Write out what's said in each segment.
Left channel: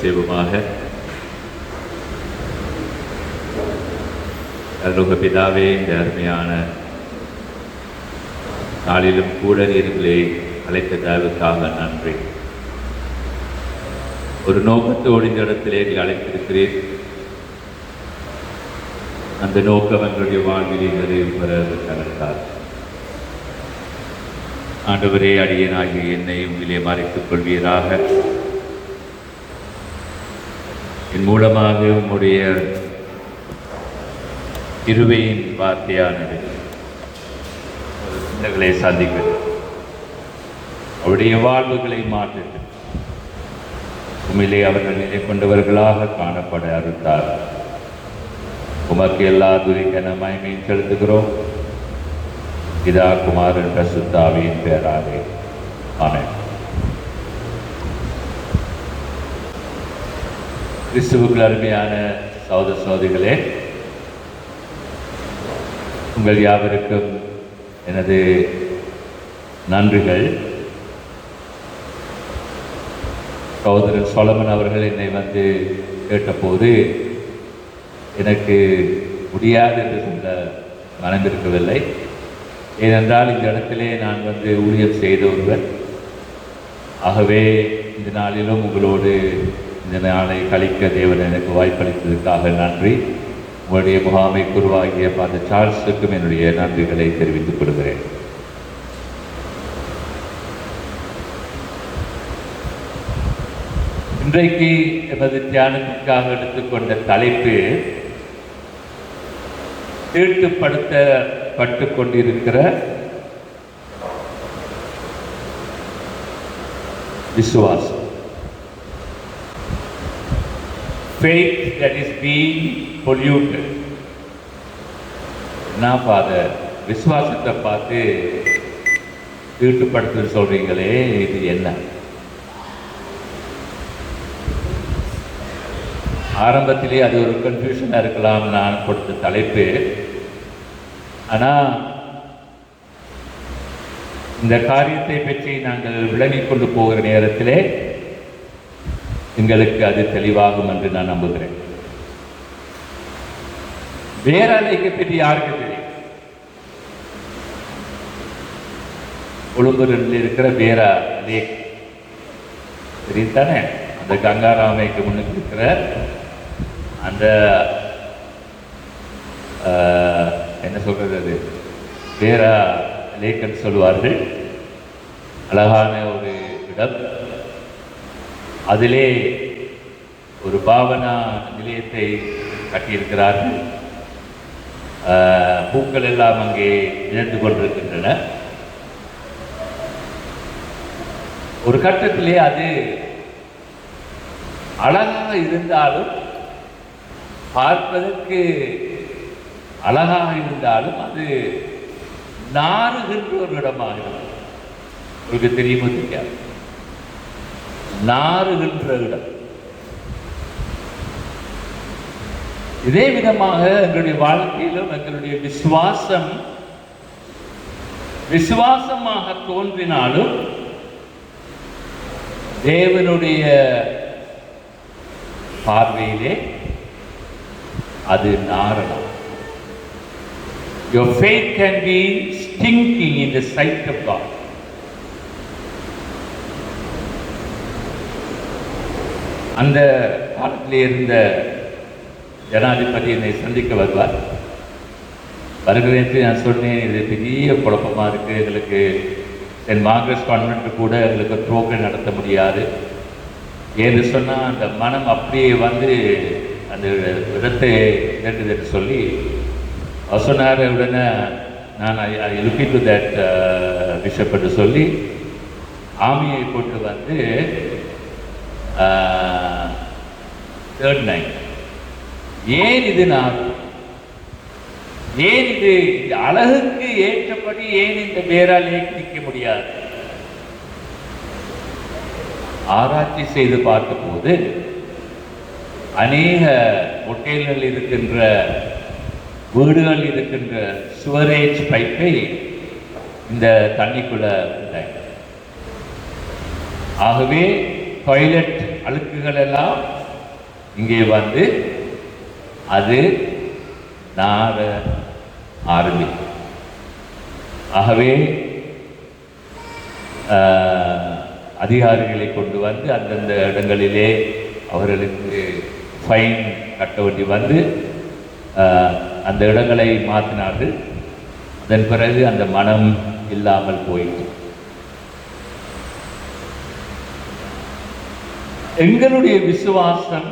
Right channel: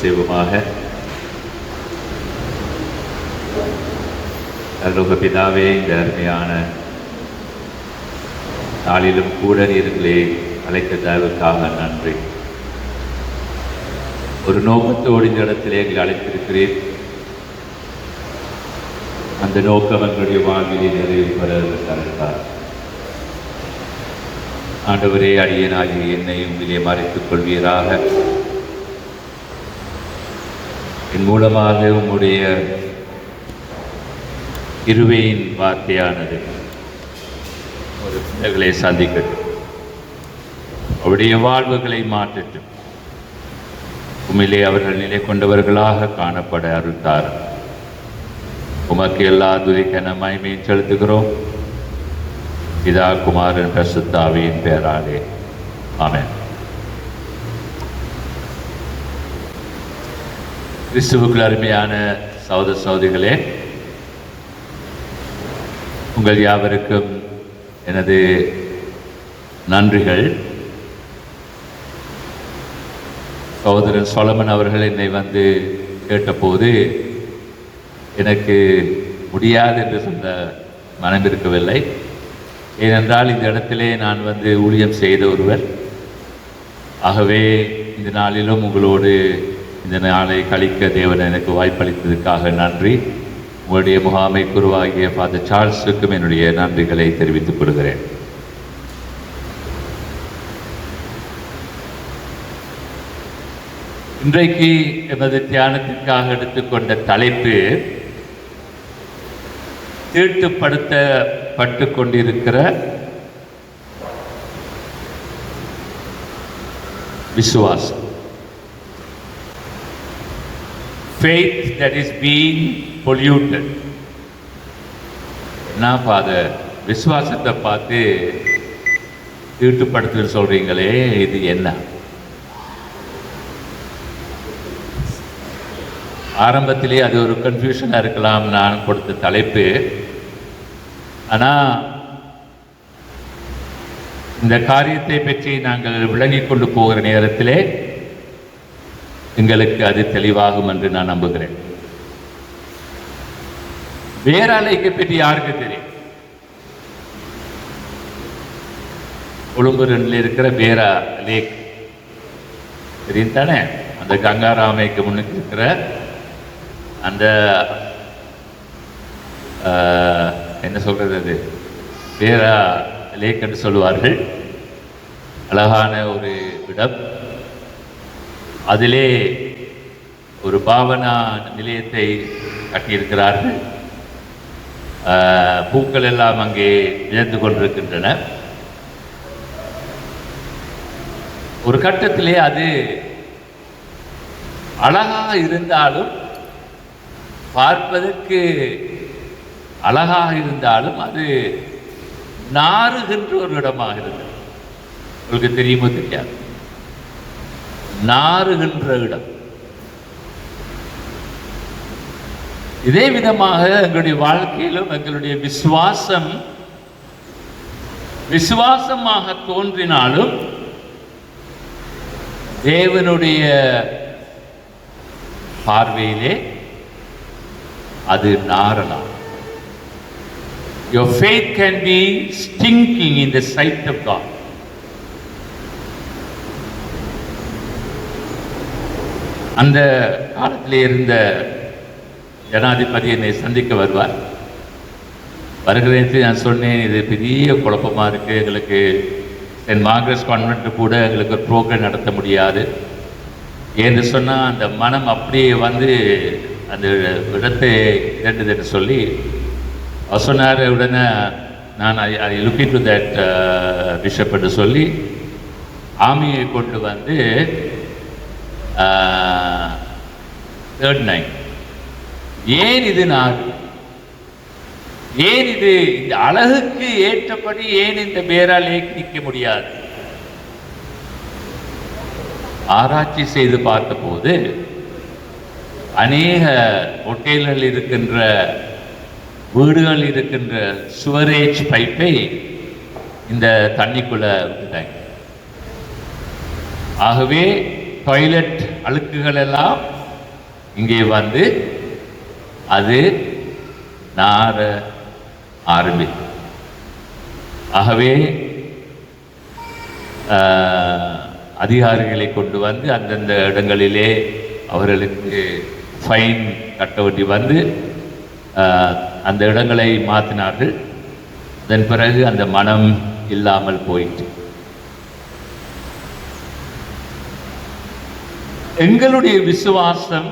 செய்வோமாக. அருள்மிகு பிதாவே, இந்த அருமையான நாளிலும் கூட நீர்களை அழைத்த தயவுக்காக நன்றி. ஒரு நோக்கத்தோடு இந்த இடத்திலே நீங்கள் அழைத்திருக்கிறீர். அந்த நோக்கம் எங்களுடைய வாழ்விலே நிறைவேறுவதற்காக ஆண்டவரே, அடியேனாகிய என்னை உங்களிலே மறைத்துக் கொள்வீராக. என் மூலமாக உம்முடைய கிருபையின் வார்த்தையானது சிந்தனைகளை சந்திக்கிறது. அவருடைய வாழ்வுகளை மாற்றிட்டு உண்மையிலே அவர்கள் நிலை கொண்டவர்களாக காணப்பட அருள்தார். உமக்கு எல்லா துதிக்கன மகிமையும் செலுத்துகிறோம். பிதா, குமாரன், பரிசுத்த ஆவியின் பெயராலே ஆமென். கிறிஸ்துவுக்குள் அருமையான சகோதர சகோதரிகளே, உங்கள் யாவருக்கும் எனது நன்றிகள். சகோதரன் சொலமன் அவர்கள் என்னை வந்து கேட்டபோது எனக்கு முடியாது என்று சொல்ல மனம் இருக்கவில்லை. ஏனென்றால் இந்த இடத்திலே நான் வந்து ஊழியம் செய்த ஒருவர். ஆகவே இந்த நாளிலும் உங்களோடு இந்த நாளை கழிக்க தேவன் எனக்கு வாய்ப்பளித்ததற்காக நன்றி. உங்களுடைய முகாமை குருவாகிய ஃபாதர் சார்ல்ஸுக்கும் என்னுடைய நன்றிகளை தெரிவித்துக் கொள்கிறேன். இன்றைக்கு எமது தியானத்திற்காக எடுத்துக்கொண்ட தலைப்பு தீட்டுப்படுத்தப்பட்டு கொண்டிருக்கிற விசுவாசம். Faith that is being polluted. நான் ஃபாதர், விசுவாசத்தை பார்த்து தீட்டுப்படுத்து சொல்றீங்களே, இது என்ன? ஆரம்பத்திலே அது ஒரு கன்ஃபியூஷனாக இருக்கலாம் நான் கொடுத்த தலைப்பு. ஆனால் இந்த காரியத்தை பற்றி நாங்கள் விளங்கிக் கொண்டு போகிற நேரத்திலே எங்களுக்கு அது தெளிவாகும் என்று நான் நம்புகிறேன். வேராலைக்கு பற்றி யாருக்கு தெரியும்? கொழும்பூரில் இருக்கிற வேரா லேக் தெரியும் தானே? அந்த கங்காராமைக்கு முன்னுக்கு இருக்கிற அந்த என்ன சொல்றது, அது வேரா லேக் என்று சொல்லுவார்கள். அழகான ஒரு இடம். அதிலே ஒரு பாவனா நிலையத்தை கட்டியிருக்கிறார்கள். பூக்கள் எல்லாம் அங்கே இழந்து கொண்டிருக்கின்றன. ஒரு கட்டத்திலே அது அழகாக இருந்தாலும், பார்ப்பதற்கு அழகாக இருந்தாலும், அது நாறுகின்ற ஒரு இடமாக இருக்கிறது. உங்களுக்கு தெரியுமோ தெரியாது? நாறுகின்ற இடம். இதே விதமாக எங்களுடைய வாழ்க்கையிலும் எங்களுடைய விசுவாசமாக தோன்றினாலும் தேவனுடைய பார்வையிலே அது Naranam. Your faith can be stinking in the sight of God. அந்த காலத்திலே இருந்த ஜனாதிபதி என்னை சந்திக்க வருவார். வருகிறேன் நான் சொன்னேன், இது பெரிய குழப்பமாக இருக்குது, எங்களுக்கு சென்ட் மார்கரெட்ஸ் கான்வென்ட் கூட எங்களுக்கு ஒரு ப்ரோக்ராம் நடத்த முடியாது என்று சொன்னால் அந்த மனம் அப்படியே வந்து அந்த இடத்தை கேட்டதுன்னு சொல்லி அவர் சொன்னார். உடனே நான் I look into that bishop என்று சொல்லி ஆமியை கொண்டு வந்து தேர்ட் நைட், ஏன் இது ஏன் இது இந்த அழகுக்கு ஏற்றபடி ஏன் இந்த பேராலே நிற்க முடியாது? ஆராய்ச்சி செய்து பார்த்தபோது அநேக ஹோட்டல்கள் இருக்கின்ற, வீடுகள் இருக்கின்ற சுவரேஜ் பைப்பை இந்த தண்ணிக்குள்ள விட்டாங்க. ஆகவே டாய்லெட் அழுக்குகள் எல்லாம் இங்கே வந்து அது நார ஆரம்பிக்கும். ஆகவே அதிகாரிகளை கொண்டு வந்து அந்தந்த இடங்களிலே அவர்களுக்கு ஃபைன் கட்ட வேண்டி வந்து அந்த இடங்களை மாற்றினார்கள். அதன் பிறகு அந்த மனம் இல்லாமல் போயிற்று. எங்களுடைய விசுவாசம்,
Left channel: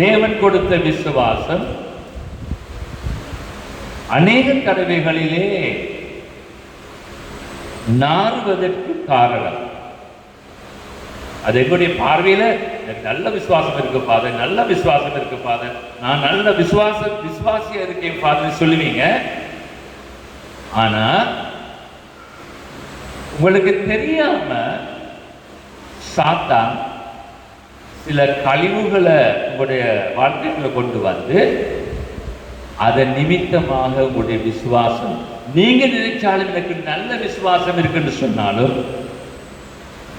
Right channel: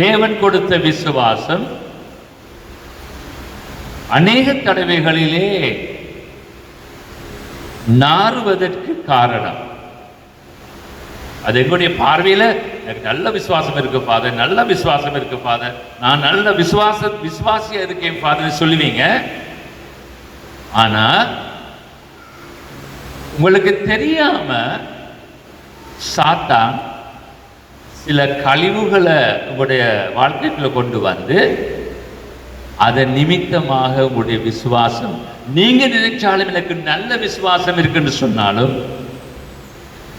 தேவன் கொடுத்த விசுவாசம் அநேக தடவைகளிலே நாறுவதற்கு காரணம். அது எங்களுடைய பார்வையில எனக்கு நல்ல விசுவாசம் இருக்கு ஃபாதர், நல்ல விசுவாசம் இருக்கு ஃபாதர், நான் நல்ல விசுவாசியா இருக்கேன் ஃபாதர் சொல்லுவீங்க. ஆனா உங்களுக்கு தெரியாம சாத்தான் சில கழிவுகளை உங்களுடைய வாழ்க்கைக்குள்ள கொண்டு வந்து அதன் நிமித்தமாக உங்களுடைய விசுவாசம், நீங்க நினைச்சாலும் எனக்கு நல்ல விசுவாசம் இருக்குன்னு சொன்னாலும்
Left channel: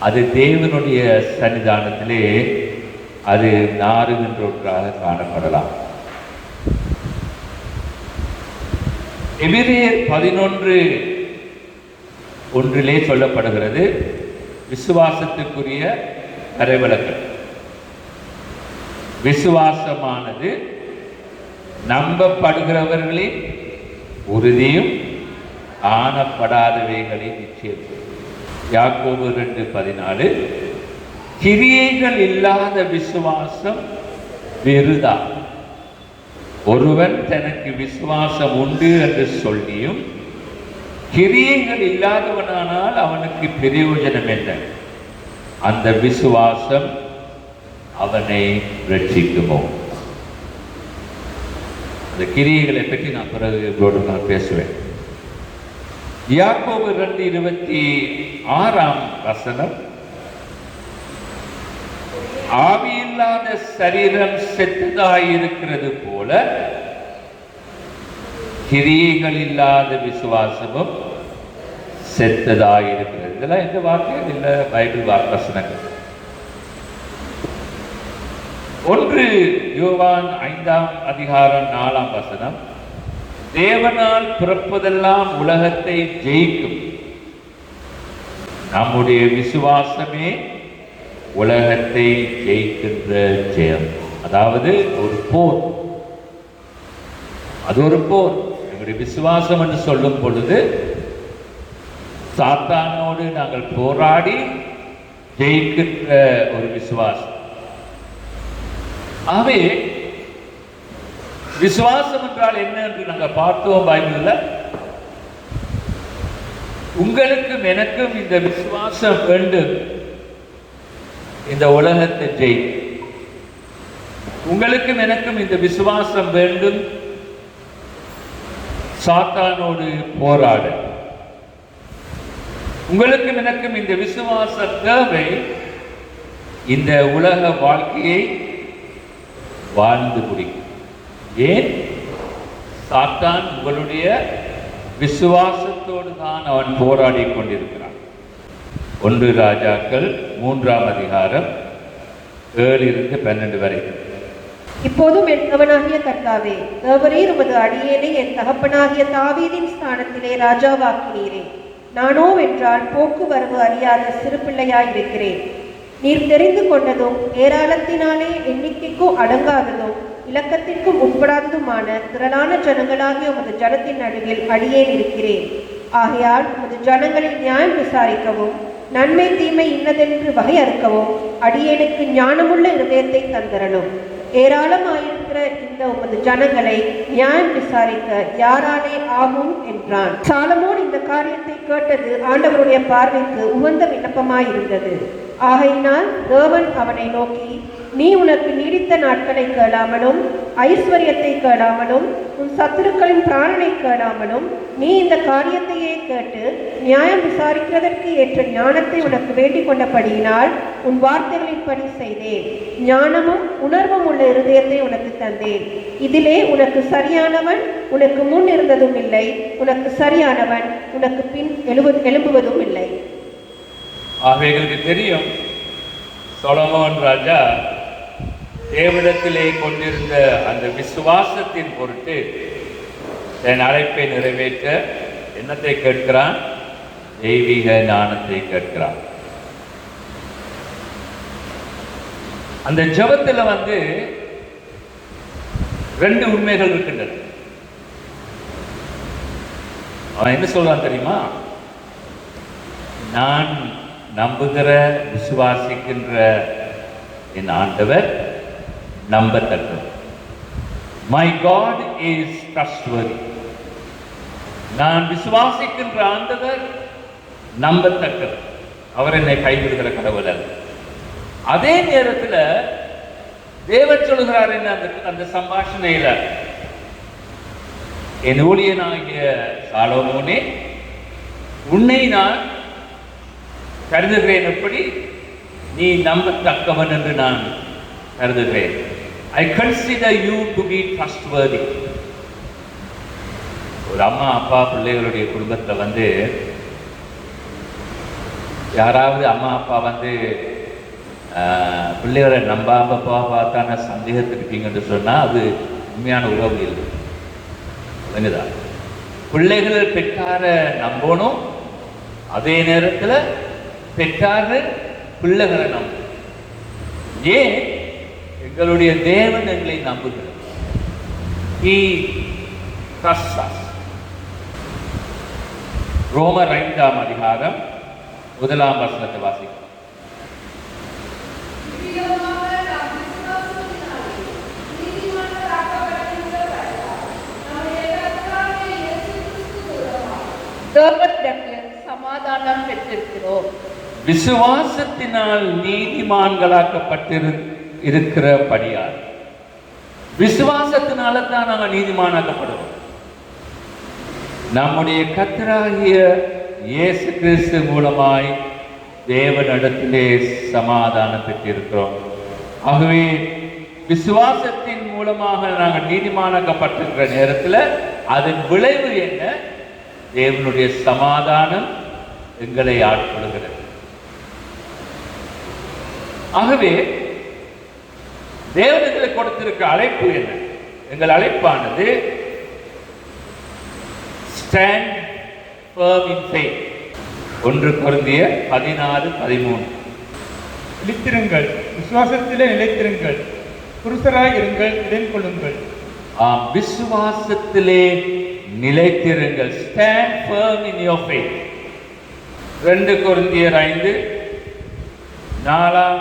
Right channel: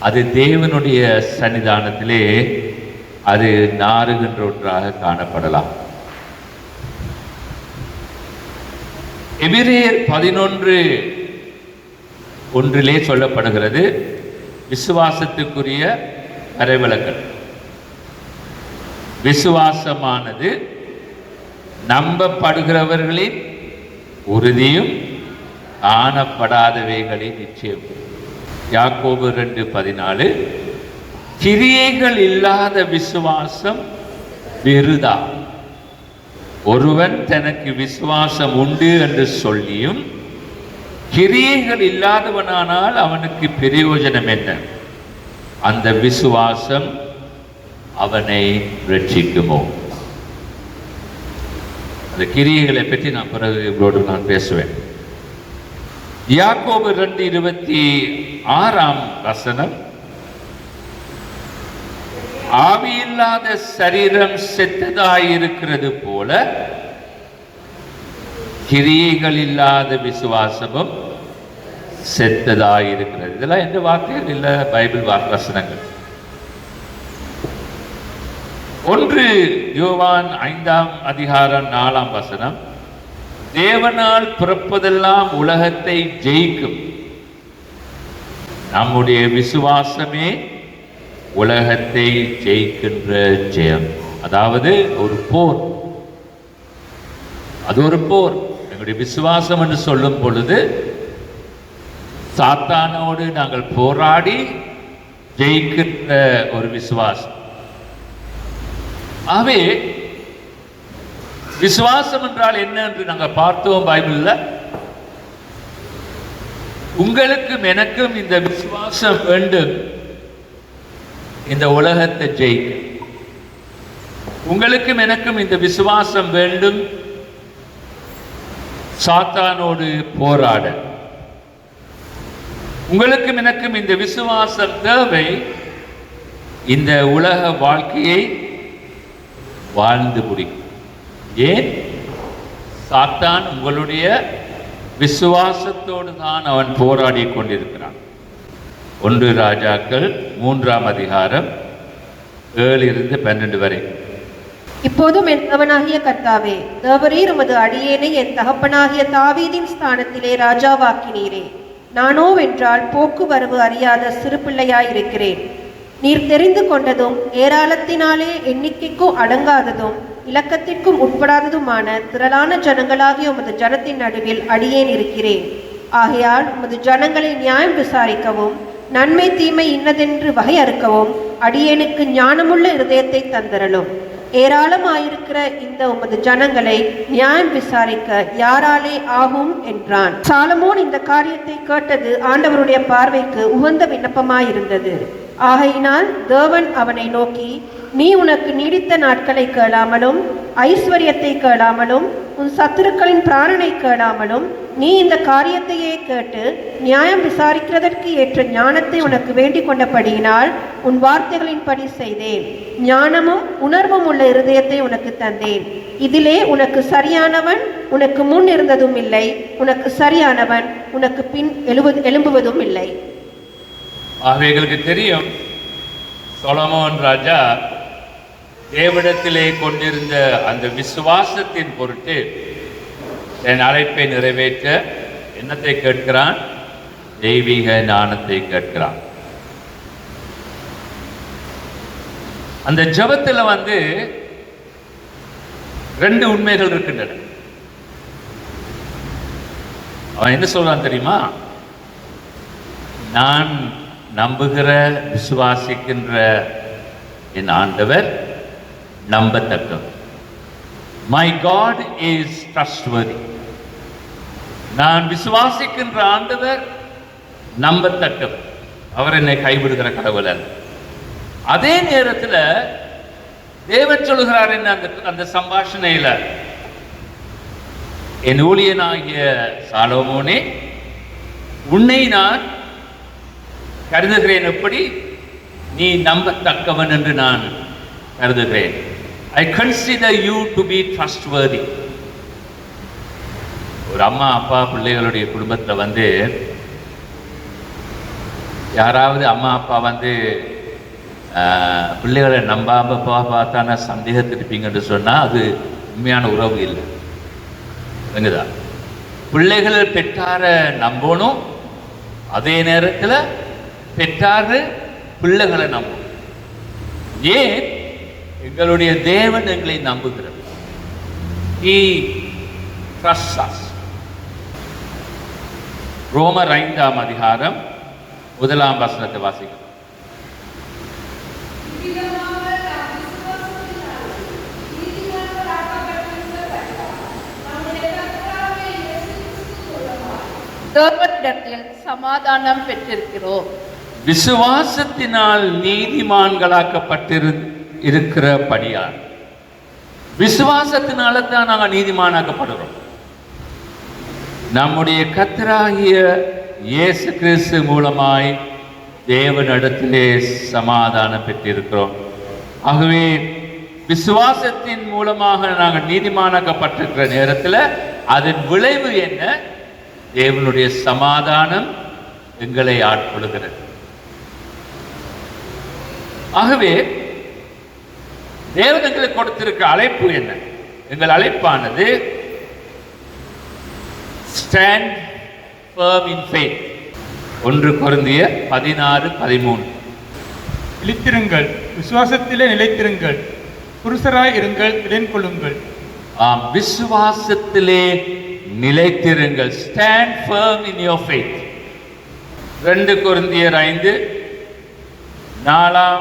அது தேவனுடைய சன்னிதானத்திலே அது நாறுகின்ற ஒன்றாக காணப்படலாம். எபிரேயர் 11:1 சொல்லப்படுகிறது விசுவாசத்துக்குரிய வரைவிலக்கல். விசுவாசமானது நம்பப்படுகிறவர்களின் உறுதியும் காணப்படாதவைகளின் நிச்சயம். யாக்கோபு 2:14 கிரியைகள் இல்லாத விசுவாசம் விருதா. ஒருவன் தனக்கு விசுவாசம் உண்டு என்று சொல்லியும் கிரியைகள் இல்லாதவனானால் அவனுக்கு பிரயோஜனம் என்ன? அந்த விசுவாசம் அவனை ரட்சிக்குமோ? அந்த கிரியைகளை பற்றி நான் பிறகு இவரோடு நான் பேசுவேன். யாக்கோபு 2:26 ஆவியில்லாத சரீரம் செத்ததாயிருக்கிறது போல கிரியைகள் இல்லாத விசுவாசமும் செத்ததாயிருக்கிறது. இதெல்லாம் எந்த வாக்குகள் இல்லை, பைபிள் வசனங்கள். 1 யோவான் 5:4 தேவனால் பிறப்பதெல்லாம் உலகத்தை ஜெயிக்கும். நம்முடைய விசுவாசமே உலகத்தை ஜெயிக்கின்ற ஜெயம். அதாவது ஒரு போர், அது ஒரு போர். எங்களுடைய விசுவாசம் என்று சொல்லும் பொழுது சாத்தானோடு நாங்கள் போராடி ஜெயிக்கின்ற ஒரு விசுவாசம். ஆகவே விசுவாசம் என்றால் என்ன என்று நாங்கள் பார்த்தோம் பைபிள்ல. உங்களுக்கும் எனக்கும் இந்த விசுவாசம் வேண்டும், இந்த உலகத்தை ஜெயிக்க. உங்களுக்கும் எனக்கும் இந்த விசுவாசம் வேண்டும், சாத்தானோடு போராட. உங்களுக்கும் எனக்கும் இந்த விசுவாசம் தேவை, இந்த உலக வாழ்க்கையை வாழ்ந்து முடிக்கும். ஏன்? சாத்தான் உங்களுடைய விசுவாசத்தோடு தான் அவன் போராடி கொண்டிருக்கிறான். 1 ராஜாக்கள் 3:7-12 வரை. இப்போதும் என் தேவனாகிய கர்த்தாவே, தேவரீர் உமது அடியேனை என் தகப்பனாகிய தாவீதின் ஸ்தானத்திலே ராஜாவாக்கினீரே. நானோ வென்றால் போக்குவரவு அறியாத சிறு பிள்ளையாயிருக்கிறேன். நீர் தெரிந்து கொண்டதும் ஏராளத்தினாலே எண்ணிக்கைக்கும் அடங்காததும் இலக்கத்திற்கும் உட்படாததுமான திரளான ஜனங்களாகிய உமது ஜனத்தின் நடுவில் அடியேன் இருக்கிறேன். ஆகையால் உமது ஜனங்களை நியாயம் விசாரிக்கவும் நன்மை தீமை இன்னதென்று வகையறுக்கவும் அடியேனுக்கு ஞானமுள்ள இருதயத்தை தந்தரலும். ஏராளமாயிருக்கிற இந்த உமது ஜனங்களை நியாயம் விசாரிக்க யாராலே ஆகும் என்றான். சாலமோன் இந்த காரியத்தை கேட்டது ஆண்டவருடைய பார்வைக்கு உகந்த விண்ணப்பமாயிருந்தது. ஆகையினால் தேவன் அவனை நோக்கி, நீ உனக்கு நீடித்த நாட்களை கேளாமலும் ஐஸ்வர்யத்தை கேளாமலும் உன் சத்துருக்களின் பிராணனை கேளாமலும் நீ இந்த காரியத்தையே கேட்டு நியாயம் விசாரிக்கிறதற்கு ஏற்ற ஞானத்தை உனக்கு வேண்டிக் கொண்டபடியினால் உன் வார்த்தைகளின்படி செய்தேன். ஞானமும் உணர்வும் உள்ள இருதயத்தை உனக்கு தந்தேன். இதிலே உனக்கு சரியானவன் உனக்கு முன் இருந்ததும் இல்லை, உனக்கு சரியானவன் உனக்கு பின் எழும்புவதும் இல்லை. எங்களுக்கு தெரியும் சொலோமோன் ராஜா தேவனிடத்திலே கொண்டிருந்த அந்த விசுவாசத்தின் பொருட்டு தன் அழைப்பை நிறைவேற்ற என்னத்தை கேட்கிறான்? தெய்வீக ஞானத்தை கேட்கிறான். அந்த ஜெபத்தில் ரெண்டு உண்மைகள் இருக்கின்றன. அவன் என்ன சொல்றான் தெரியுமா? நான் நம்புகிற விசுவாசிக்கின்ற என் ஆண்டவர் நம்பத்தக்கவர். My God is trustworthy. நான் விசுவாசிக்கின்ற ஆண்டவர் நம்பத்தக்கவர். அவர் என்னை கைவிடுகிற கடவுள் அல்ல. அதே நேரத்தில் தேவன் சொல்கிறார் என்ன அந்த சம்பாஷணையில, என் ஊழியனாகிய சாலோமோனே, உன்னை நான் கருதுகிறேன். எப்படி? நீ நம்பத்தக்கவன் என்று நான் கருதுகிறேன். I consider you to be trustworthy. ஒரு அம்மா அப்பா பிள்ளைகளுடைய குடும்பத்தில் யாராவது அம்மா அப்பா பிள்ளைகளை நம்பாம பார்த்தானா சந்தேகத்திருப்பீங்கன்னு சொன்னால் அது உண்மையான உறவு இல்லை. விளங்குதா? பிள்ளைகள் பெற்றாரை நம்பணும், அதே நேரத்தில் பெற்றாரு பிள்ளைகளை நம்பணும். ஏன்? எங்களுடைய தேவன் எங்களை நம்புகிறார். He trusts us. ரோமர் 5ஆம் அதிகாரம் 1ஆம் வசனத்தை வாசிக்கிறோம். தேவனிடத்தில் சமாதானம் பெற்றிருக்கிறோம். விசுவாசத்தினால் நீதிமான்களாக்கப்பட்டிருக்கிறபடியால், விசுவாசத்தினால தான் நாங்கள் நீதிமானாக்கப்படுறோம். நம்முடைய கர்த்தராகிய இயேசு கிறிஸ்து மூலமாய் தேவனிடத்திலே சமாதானம் பெற்றிருக்கிறோம். ஆகவே விசுவாசத்தின் மூலமாக நாங்கள் நீதிமானாக்கப்பட்டிருக்கிற நேரத்தில் அதன் விளைவு என்ன? தேவனுடைய சமாதானம் எங்களை ஆட்கொள்கிறது. ஆகவே தேவன் எங்களுக்கு கொடுத்திருக்கிற அழைப்பு என்ன? எங்கள் அழைப்பானது ஸ்டாண்ட் firm in faith. 1 கொரிந்தியர் 16:13. நிலைத்திருங்கள், விசுவாசத்திலே நிலைத்திருங்கள், புருஷராய் இருங்கள், திடன் கொள்ளுங்கள். விசுவாசத்திலே நிலைத்திருங்கள். Stand firm in your faith. 2 கொரிந்தியர் 5:4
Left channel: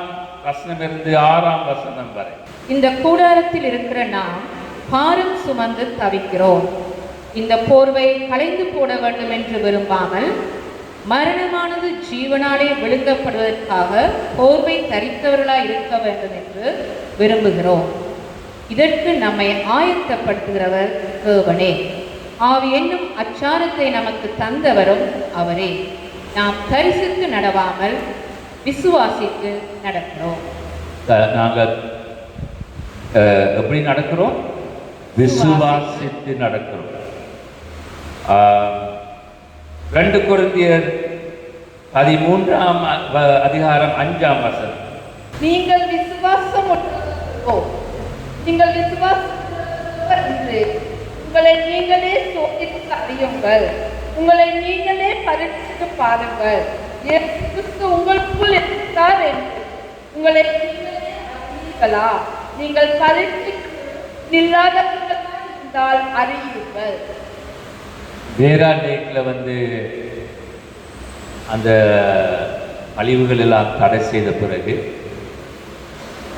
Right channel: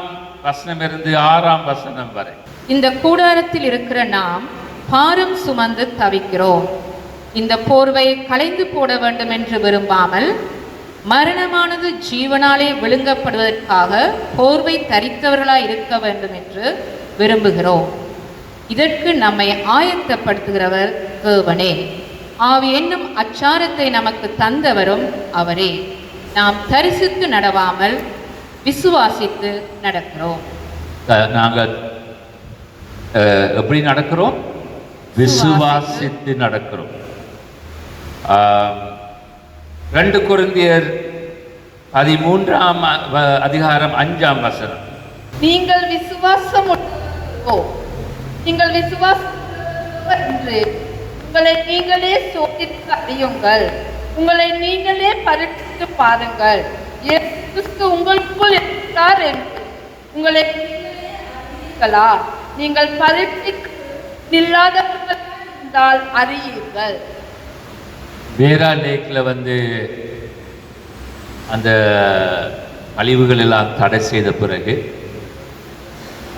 வசனமிருந்து 6ஆம் வசனம் வரை. இந்த கூடாரத்தில் இருக்கிற நாம் பாரம் சுமந்து தவிக்கிறோம். இந்த போர்வை களைந்து போட வேண்டும் என்று விரும்பாமல், மரணமானது ஜீவனாலே விழுங்கப்படுவதற்காக போர்வை தரித்தவர்களாய் இருக்க வேண்டும் என்று விரும்புகிறோம். இதற்கு நம்மை ஆயத்தப்படுத்துகிறவர் தேவனே. ஆவி என்னும் அச்சாரத்தை நமக்கு தந்தவரும் அவரே. நாம் தரிசித்து நடவாமல் விசுவாசித்து நடக்கிறோம். நாங்கள் எப்படி நடக்கிறோம்? விசுவாசித்து நடக்கிறோம். 2 கொரிந்தியர் 13ஆம் அதிகாரம் 5ஆம் வசனம். நீங்கள் விசுவாசம் உங்களை நீங்களே சோதித்து அறியுங்கள், உங்களை நீங்களே பரீட்சித்து பாருங்கள். இயேசு கிறிஸ்து உங்களுக்குள் இருக்கிறார் என்று உங்களை அறிவீர்களா? நீங்கள் பரீட்சில்லாதவர்கள் என்றால் அறியுங்கள். வேரா லேக்கில் அந்த அழிவுகள் எல்லாம் தடை செய்த பிறகு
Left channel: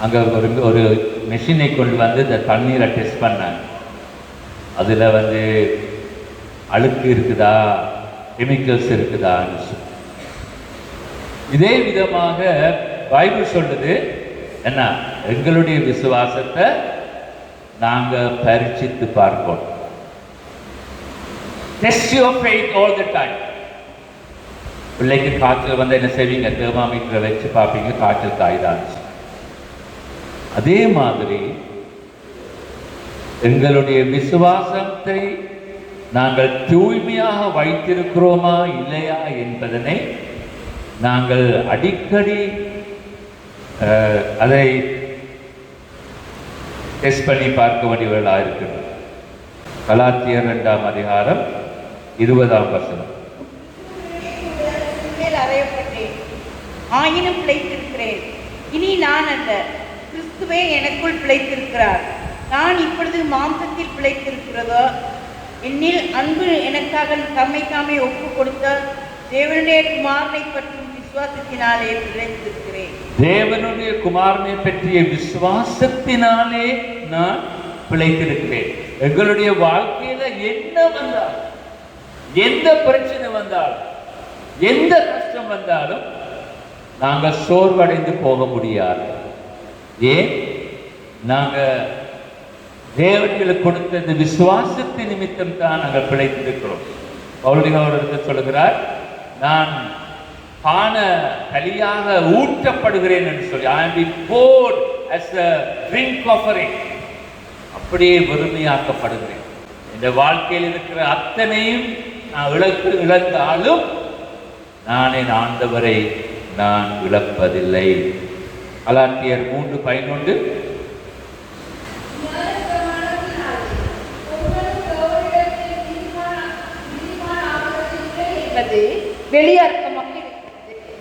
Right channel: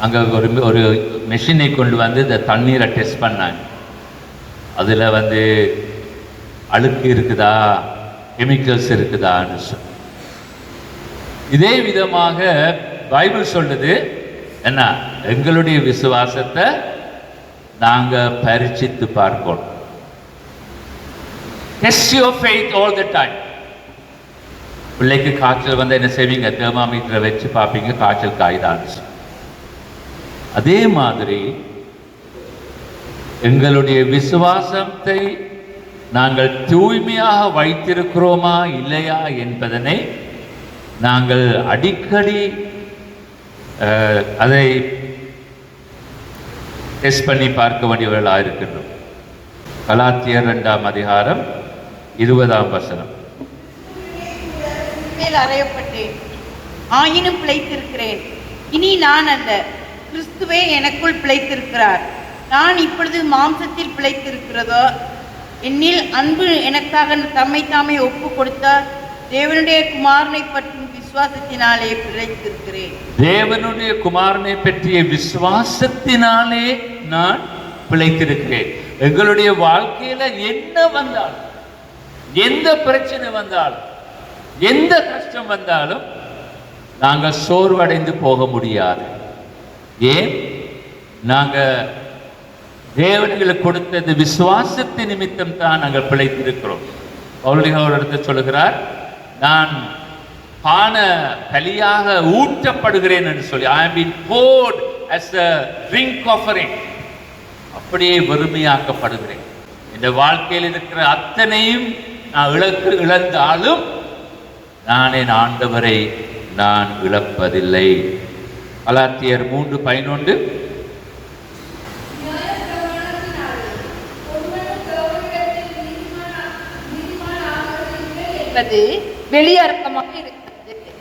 அங்கே ஒரு மெஷினை கொண்டு இந்த தண்ணீரை டெஸ்ட் பண்ணாங்க. அதில் அழுக்கு இருக்குதா, கெமிக்கல்ஸ் இருக்குதான்னு சொல்லி. இதே விதமாக பைபிள் சொல்லுது என்ன? எங்களுடைய விசுவாசத்தை நாங்கள் பரீட்சித்து பார்க்கணும். Test your faith all the time. பிள்ளைக்கு காய்ச்சல் என்ன செய்வீங்க? தெர்மாமீட்டரை வச்சு பார்ப்பீங்க, காய்ச்சல் காய்தான். அதே மாதிரி எங்களுடைய விசுவாசத்தை நாங்கள் தூய்மையாக வைத்திருக்கிறோமா இல்லையா என்பதனை நாங்கள் அடிக்கடி அதை டெஸ்ட் பண்ணி பார்க்க வேண்டியவர்களாக இருக்கின்றோம். கலாத்தியர் 2ஆம் அதிகாரம் 20ஆம் வசனம். அறையப்பட்டேன், ஆயினும் பிழைத்திருக்கிறேன். இனி நான் அல்ல, கிறிஸ்துவே எனக்குள் பிழைத்திருக்கிறார். நான் இப்பொழுது மாம்சத்தில் பிழைத்திருக்கிறதோ, என்னில் அன்பு எனக்காக தம்மை தாமே ஒப்பு கொடுத்தார் தேவனுடைய குமாரனை பற்றும் விசுவாசத்தினாலே பிழைத்திருக்கிறேன். தேவனுடைய குமாரனை பற்றிய விசுவாசத்தினாலே நான் பிழைத்திருக்கிறேன். எங்களுடைய வாழ்க்கையில என்ன வந்தால், எந்த பிரச்சனை வந்தாலும், எந்த கஷ்டம் வந்தாலும் நாங்கள் சோர்வடைந்து போக முடியாது. ஏன்? நாங்கள் தேவன்களுக்கு கொடுத்தது விசுவாசத்தின் நிமித்தம் தான் நாங்கள் பிழைத்திருக்கிறோம். பவுலினோடு சொல்லுகிறார், நான் பான பலியாக ஊற்றப்படுகிறேன் என்று சொல்லி, I am being poured as a drink offering. அப்படியே வெறுமையாக்கப்படுகிறேன். இந்த வாழ்க்கையில் இருக்கிற அத்தனையும் நான் இழந்தாலும் நான் என் ஆண்டவரை நான் இழப்பதில்லை. கலாத்தியர் 3:11. வெளியர்த்தமாக இருக்கிறது.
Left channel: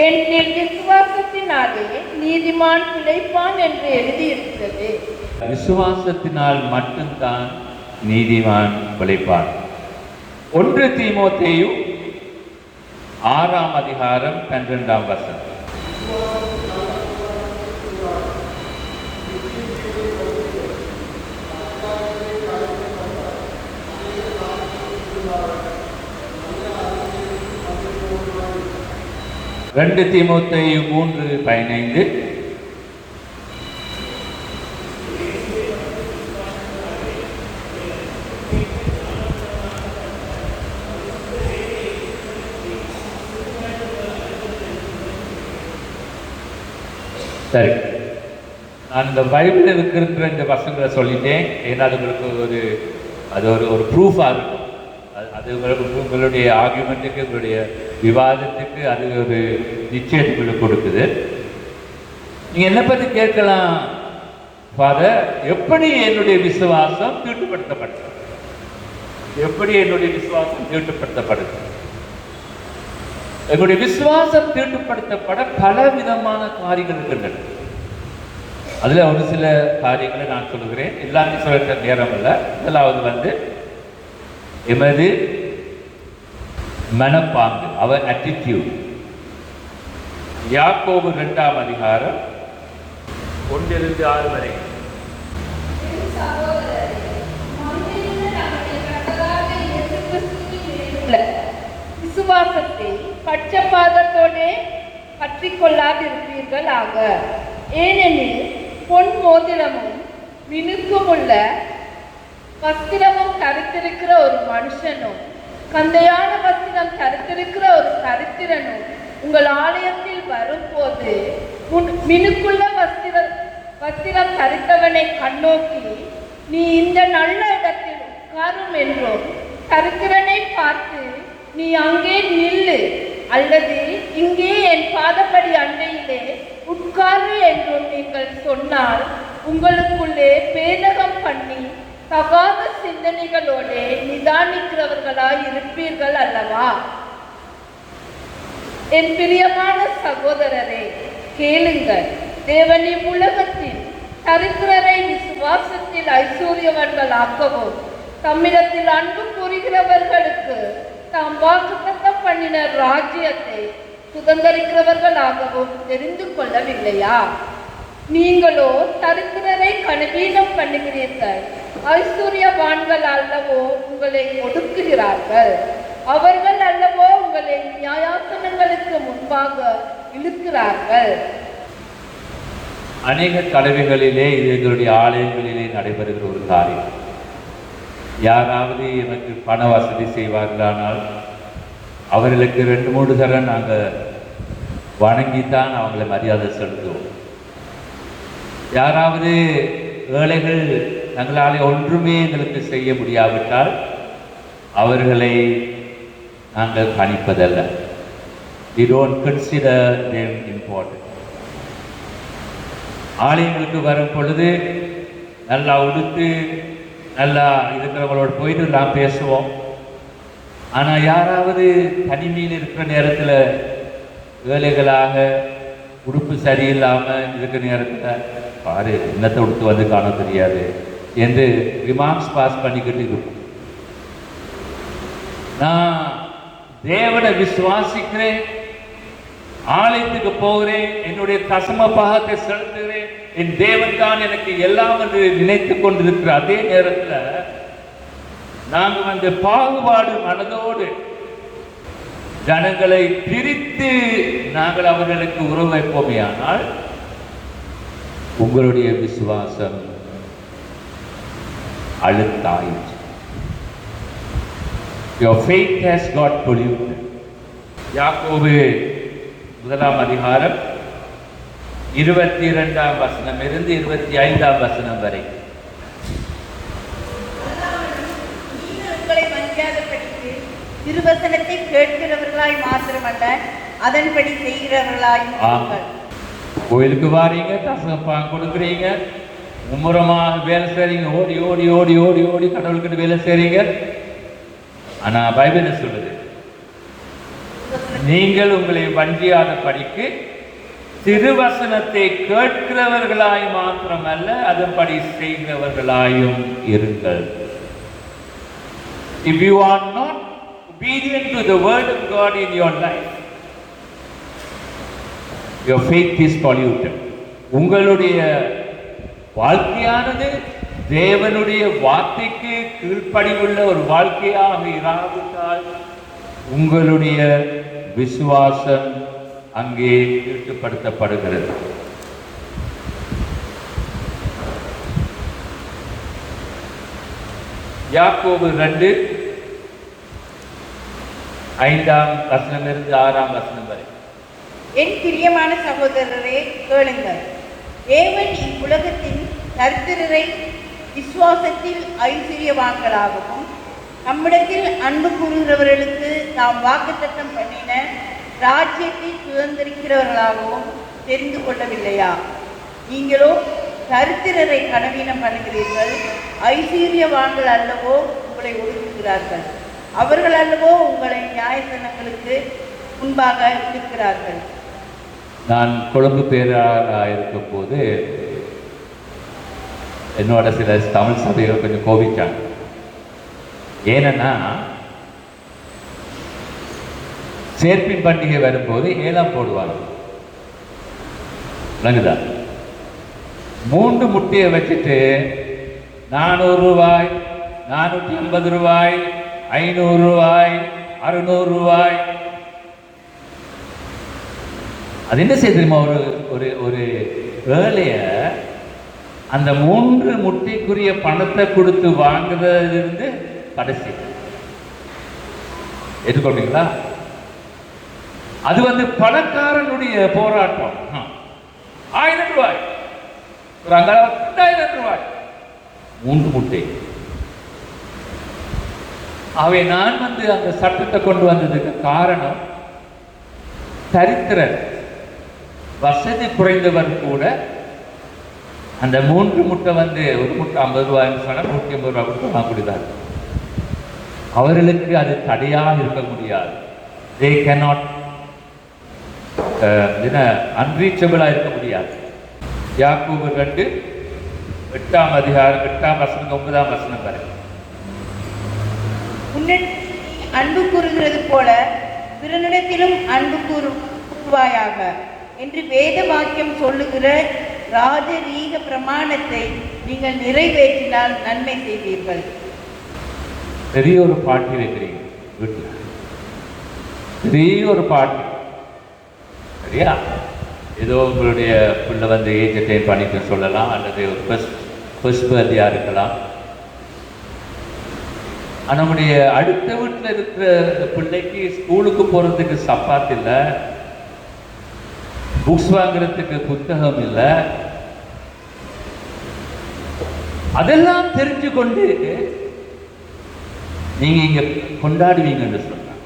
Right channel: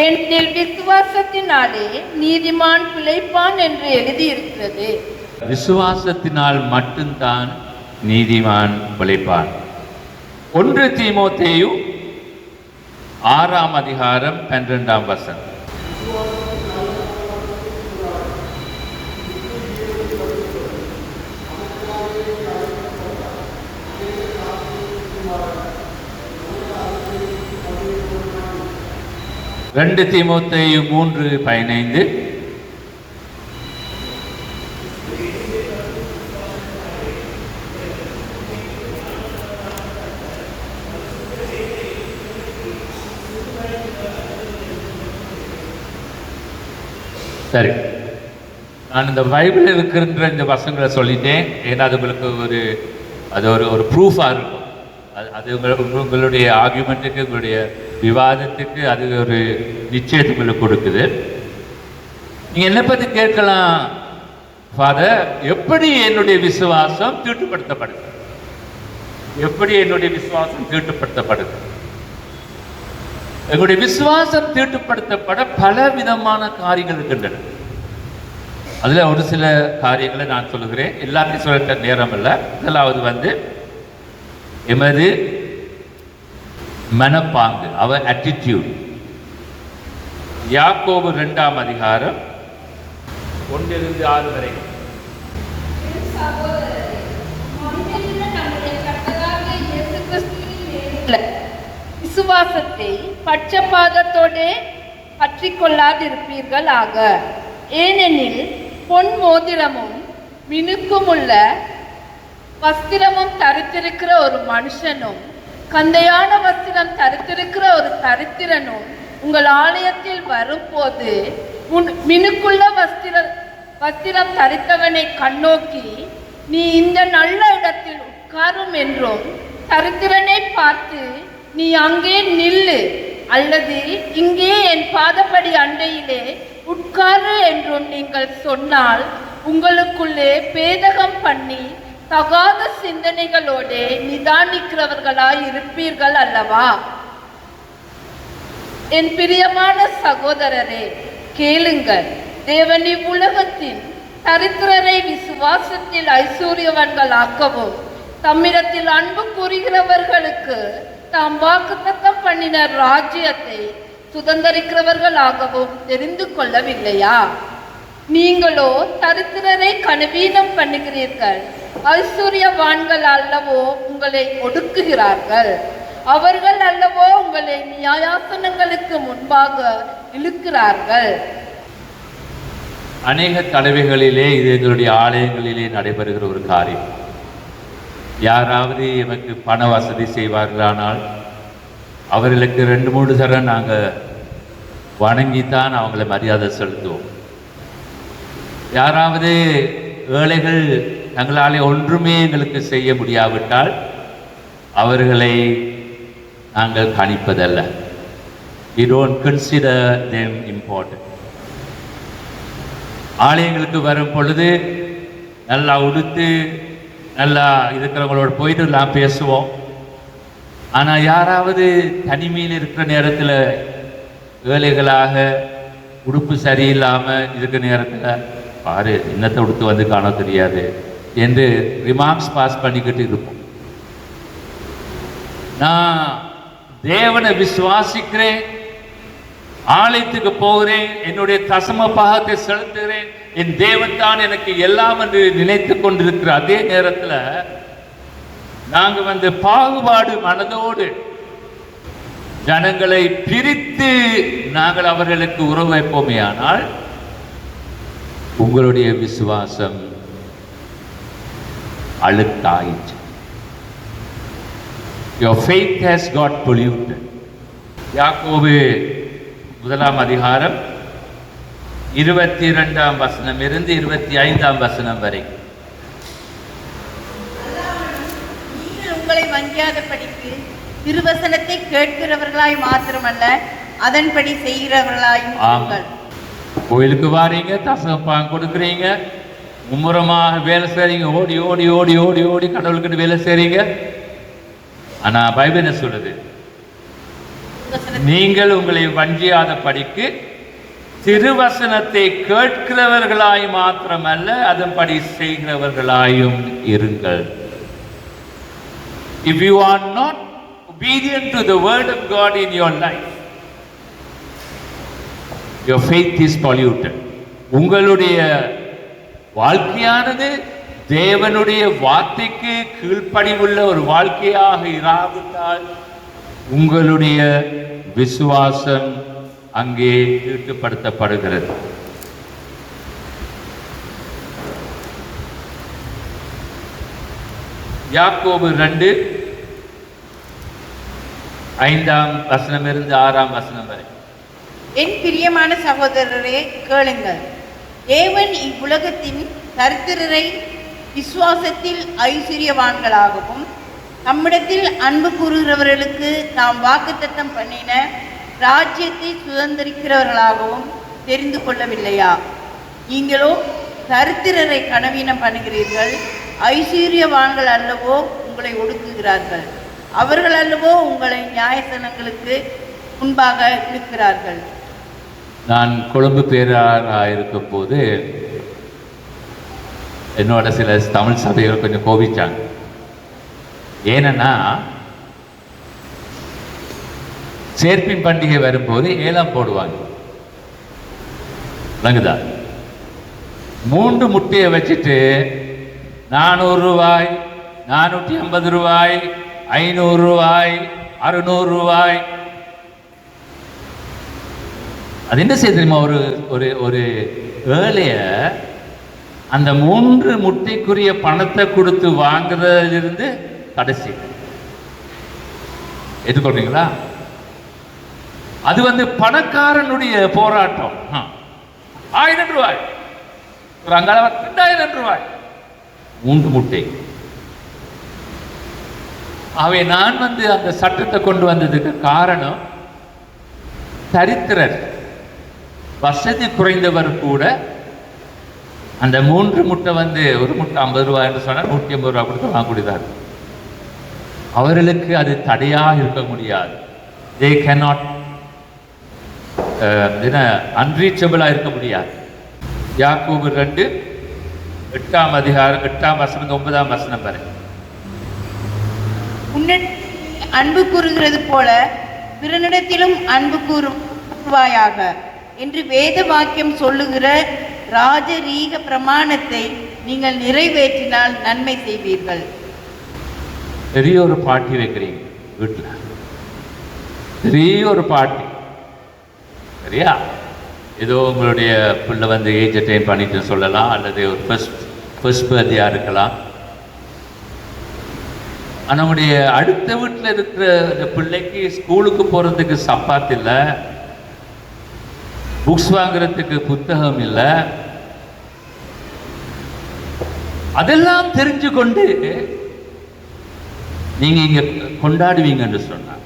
ஏனெனில் விசுவாசத்தினாலே நீதிமான் பிழைப்பான் என்று எழுதியிருக்கிறது. விசுவாசத்தினால் மட்டும்தான் நீதிமான் பிழைப்பான். 1 தீமோத்தேயு 6ஆம் அதிகாரம் 12ஆம் வசனம். ரெண்டு தீமோத்தேயு 3:15. சரி, நான் இந்த பைபிள் இருக்கின்ற இந்த வசனங்களை சொல்லிட்டேன். ஏன்னா அது உங்களுக்கு ஒரு ப்ரூஃபாக இருக்கும். அது உங்களுடைய ஆர்குமெண்ட்டுக்கு, உங்களுடைய விவாதத்துக்கு அது ஒரு நிச்சயத்தை உங்களுக்கு கொடுக்குது. நீங்கள் என்னை பற்றி கேட்கலாம், ஃபாதர், எப்படி என்னுடைய விசுவாசம் தீட்டுப்படுத்தப்படுது? எப்படி என்னுடைய விசுவாசம் தீட்டுப்படுத்தப்படுது? எங்களுடைய விசுவாசம் தீட்டுப்படுத்தப்பட பல விதமான காரியங்கள் இருக்கின்றன. அதில் ஒரு சில காரியங்களை நான் சொல்லுகிறேன். எல்லாத்தையும் சொல்ல நேரம் அல்ல. முதலாவது எமது மனப்பாங்கு, அவர் attitude. யாக்கோபு 2ஆம் அதிகாரம் 1-6 வரை. விசுவாசத்தை பட்சபாதத்தோடு பற்றி கொள்ளாதிருப்பீர்கள் ஆக. ஏனெனில் பொன் மோதிரமும் மினுக்கும் உள்ள வஸ்திரமும் தரித்திருக்கிற ஒரு மனுஷனும் கந்தையான வஸ்திரம் தரித்திருக்கிற ஒரு தரித்திரனும் உங்கள் ஆலயத்தில் வரும்போது மினுக்குள்ள வஸ்திரம் தரித்தவனை கண்ணோக்கி, நீ இந்த நல்ல இடத்தில் உட்காரும் என்றும், தரித்திரனை பார்த்து நீ அங்கே நில்லு அல்லது இங்கே என் பாதப்படி அண்டையிலே உட்காரு என்றும் நீங்கள் சொன்னால், உங்களுக்குள்ளே பேதகம் பண்ணி தகாத சிந்தனைகளோடு நிதானிக்கிறவர்களாய் இருப்பீர்கள் அல்லவா? என் பிரியமான சகோதரரே, கேளுங்கள். தேவன் இவ்வுலகத்தின் தரித்திரரை விசுவாசத்தில் ஐஸ்வர்யவான்களாக்கவும், தம்மிடத்தில் அன்பு கூறுகிறவர்களுக்கு தாம் வாக்குத்தத்தம் பண்ணின ராஜ்யத்தை சுதந்திரிக்கிறவர்களாகவும் தெரிந்து கொள்ளவில்லையா? நீங்களோ தரித்திரரை கனவீனம் பண்ணுகிறீர்கள். ஐஸ்வர்யவான்கள் அல்லவோ உங்களை ஒடுக்குகிறார்கள். அவர்கள் அல்லவோ உங்களை நியாயாசனங்களுக்கு முன்பாக இழுக்கிறார்கள். அநேக தலைவைகளிலே, இது எங்களுடைய ஆலயங்களிலே நடைபெறுகிற ஒரு காரியம். யாராவது எனக்கு பண வசதி செய்வார்களானால் அவர்களுக்கு 2-3 தரம் நாங்கள் வணங்கித்தான் அவங்கள மரியாதை செலுத்துவோம். யாராவது ஏழைகள் தங்களாலே ஒன்றுமே எங்களுக்கு செய்ய முடியாவிட்டால் அவர்களை நாங்கள் கணிப்பதல்ல. we don't consider them important. ஆலயங்களுக்கு வரும் பொழுது நல்லா உடுத்து நல்லா இருக்கிறவங்களோட போயிட்டு நான் பேசுவோம். ஆனால் யாராவது தனிமையில் இருக்கிற நேரத்தில் வேலைகளாக உடுப்பு சரியில்லாமல் இருக்கிற நேரத்தில் பாரு இன்னத்தை உடுத்து வந்து காண தெரியாது என்று ரிமார்க்ஸ் பாஸ் பண்ணிக்கிட்டு இருப்போம். நான் தேவனை விசுவாசிக்கிறேன், ஆலயத்துக்கு போகிறேன், என்னுடைய தசம பாகத்தை செலுத்துகிறேன், என் தேவன் தான் எனக்கு எல்லாம் என்று நினைத்து கொண்டிருக்கிற அதே நேரத்தில் நாங்கள் பாகுபாடு மனதோடு ஜனங்களை பிரித்து நாங்கள் அவர்களுக்கு உறவு வைப்போமே, ஆனால் உங்களுடைய விசுவாசம் அழுக்காயிற்று. Your faith has got polluted. யாக்கோபு 1 அதிகாரம் 22 வசனம் இருந்து 25 வசனம் வரை. உங்களை வஞ்சியாதபடிக்கு திருவசனத்தை கேட்கிறவர்களாய் மாத்திரமல்ல அதன்படி செய்கிறவர்களாயும் இருங்கள். கோயிலுக்கு வாரீங்க, தசமம் கொடுக்குறீங்க, மும்முரமாக வேலை செய்றீங்க, ஓடி ஓடி ஓடி ஓடி ஓடி கடவுளுக்கு வேலை செய்றீங்க. ஆனா பைபிள் என்ன சொல்லுது? நீங்கள் உங்களை வஞ்சியாத படிக்கு திருவசனத்தை கேட்கிறவர்களாய் மாத்திரமல்ல அதன்படி செய்கிறவர்களாயும் இருங்கள். If you are not obedient to the word of God in your life, your faith is polluted. உங்களுடைய வாழ்க்கையானது தேவனுடைய வார்த்தைக்கு கீழ்ப்படிவுள்ள ஒரு வாழ்க்கையாக இராவிட்டால் உங்களுடைய விசுவாசம் அங்கே ஈடுபடுத்தப்படுகிறது. யாக்கோபு 2 5 வசனமிருந்து 6 வசனம் வரை. என் பிரியமான சகோதரரே கேளுங்கள். தேவன் இவ்வுலகத்தின் கர்த்தரை விசுவாசத்தில் ஐஸ்வர்யவான்களாகவும் நம்மிடத்தில் அன்பு கூறுகிறவர்களுக்கு நாம் வாக்குத்தத்தம் பண்ணின ராஜ்யத்தை சுதந்திரிக்கிறவர்களாகவும் தெரிந்து கொள்ளவில்லையா? நீங்களோ தரித்திரரை கனவீனம் பண்ணுகிறீர்கள். ஐஸ்வர்யவான்கள் அல்லவோ உங்களை ஒடுக்குகிறார்கள், அவர்கள் அல்லவோ உங்களை நியாயசனங்களுக்கு முன்பாக இருக்கிறார்கள். நான் கொழும்பு பேராக இருக்கும் போது என்னோட சில தமிழ் சபைகள் கொஞ்சம் கோபிச்சாங்க. ஏன்னா சேர்ப்பின் பண்டிகை வரும்போது ஏலம் போடுவாங்க. விளங்குதா? 3 முட்டையை வச்சுட்டு 400 ரூபாய், 450 ரூபாய், 500 ரூபாய், 600 ரூபாய். அது என்ன செய்ய தெரியுமா? ஒரு ஒரு ஏழைய அந்த 3 முட்டைக்குரிய பணத்தை கொடுத்து வாங்குறதிலிருந்து கடைசி ஏற்றுக்கொள்றீங்களா? அது பணக்காரனுடைய போராட்டம். 1000 ரூபாய், ஒரு அங்காள 2000 ரூபாய், 3 முட்டை. ஆகவே நான் அந்த சட்டத்தை கொண்டு வந்ததுக்கு காரணம், தரித்திரர் வசதி குறைந்தவர் கூட அந்த 3 முட்டை ஒரு முட்டை 50 ரூபாய் என்று சொன்னால் 150 ரூபாய் கொடுத்து வாங்கக்கூடியதாக இருக்கும். அவர்களுக்கு அது தடையாக இருக்க முடியாது. they cannot அன்ரீச்சபிளாக இருக்க முடியாது. யாக்கோபு 2 8 அதிகாரம் 8 வசனம் 9 வசனம் வரை. அன்பு கூறுகிறது போல பிறனிடத்திலும் அன்பு கூறுவாயாக என்று வேத வாக்கியம் சொல்லுகிற ராஜரீக பிரமாணத்தை நீங்கள் நிறைவேற்றினால் நன்மை செய்வீர்கள். பெரிய ஒரு பார்ட்டி வைக்கிறீங்க வீட்டில், பெரிய ஒரு பார்ட்டி, சரியா? ஏதோ உங்களுடைய பிள்ளை ஏஜ் அட்டைன் பண்ணிட்டு சொல்லலாம், அல்லது ஒரு ஃபர்ஸ்ட் பர்த்டேயாக இருக்கலாம். நம்முடைய அடுத்த வீட்டில் இருக்கிற இந்த பிள்ளைக்கு ஸ்கூலுக்கு போகிறதுக்கு சப்பாத்து இல்லை, புக்ஸ் வாங்குறதுக்கு புத்தகம் இல்லை. அதெல்லாம் தெரிஞ்சு கொண்டு நீங்க இங்க கொண்டாடுவீங்கன்னு சொன்னாங்க.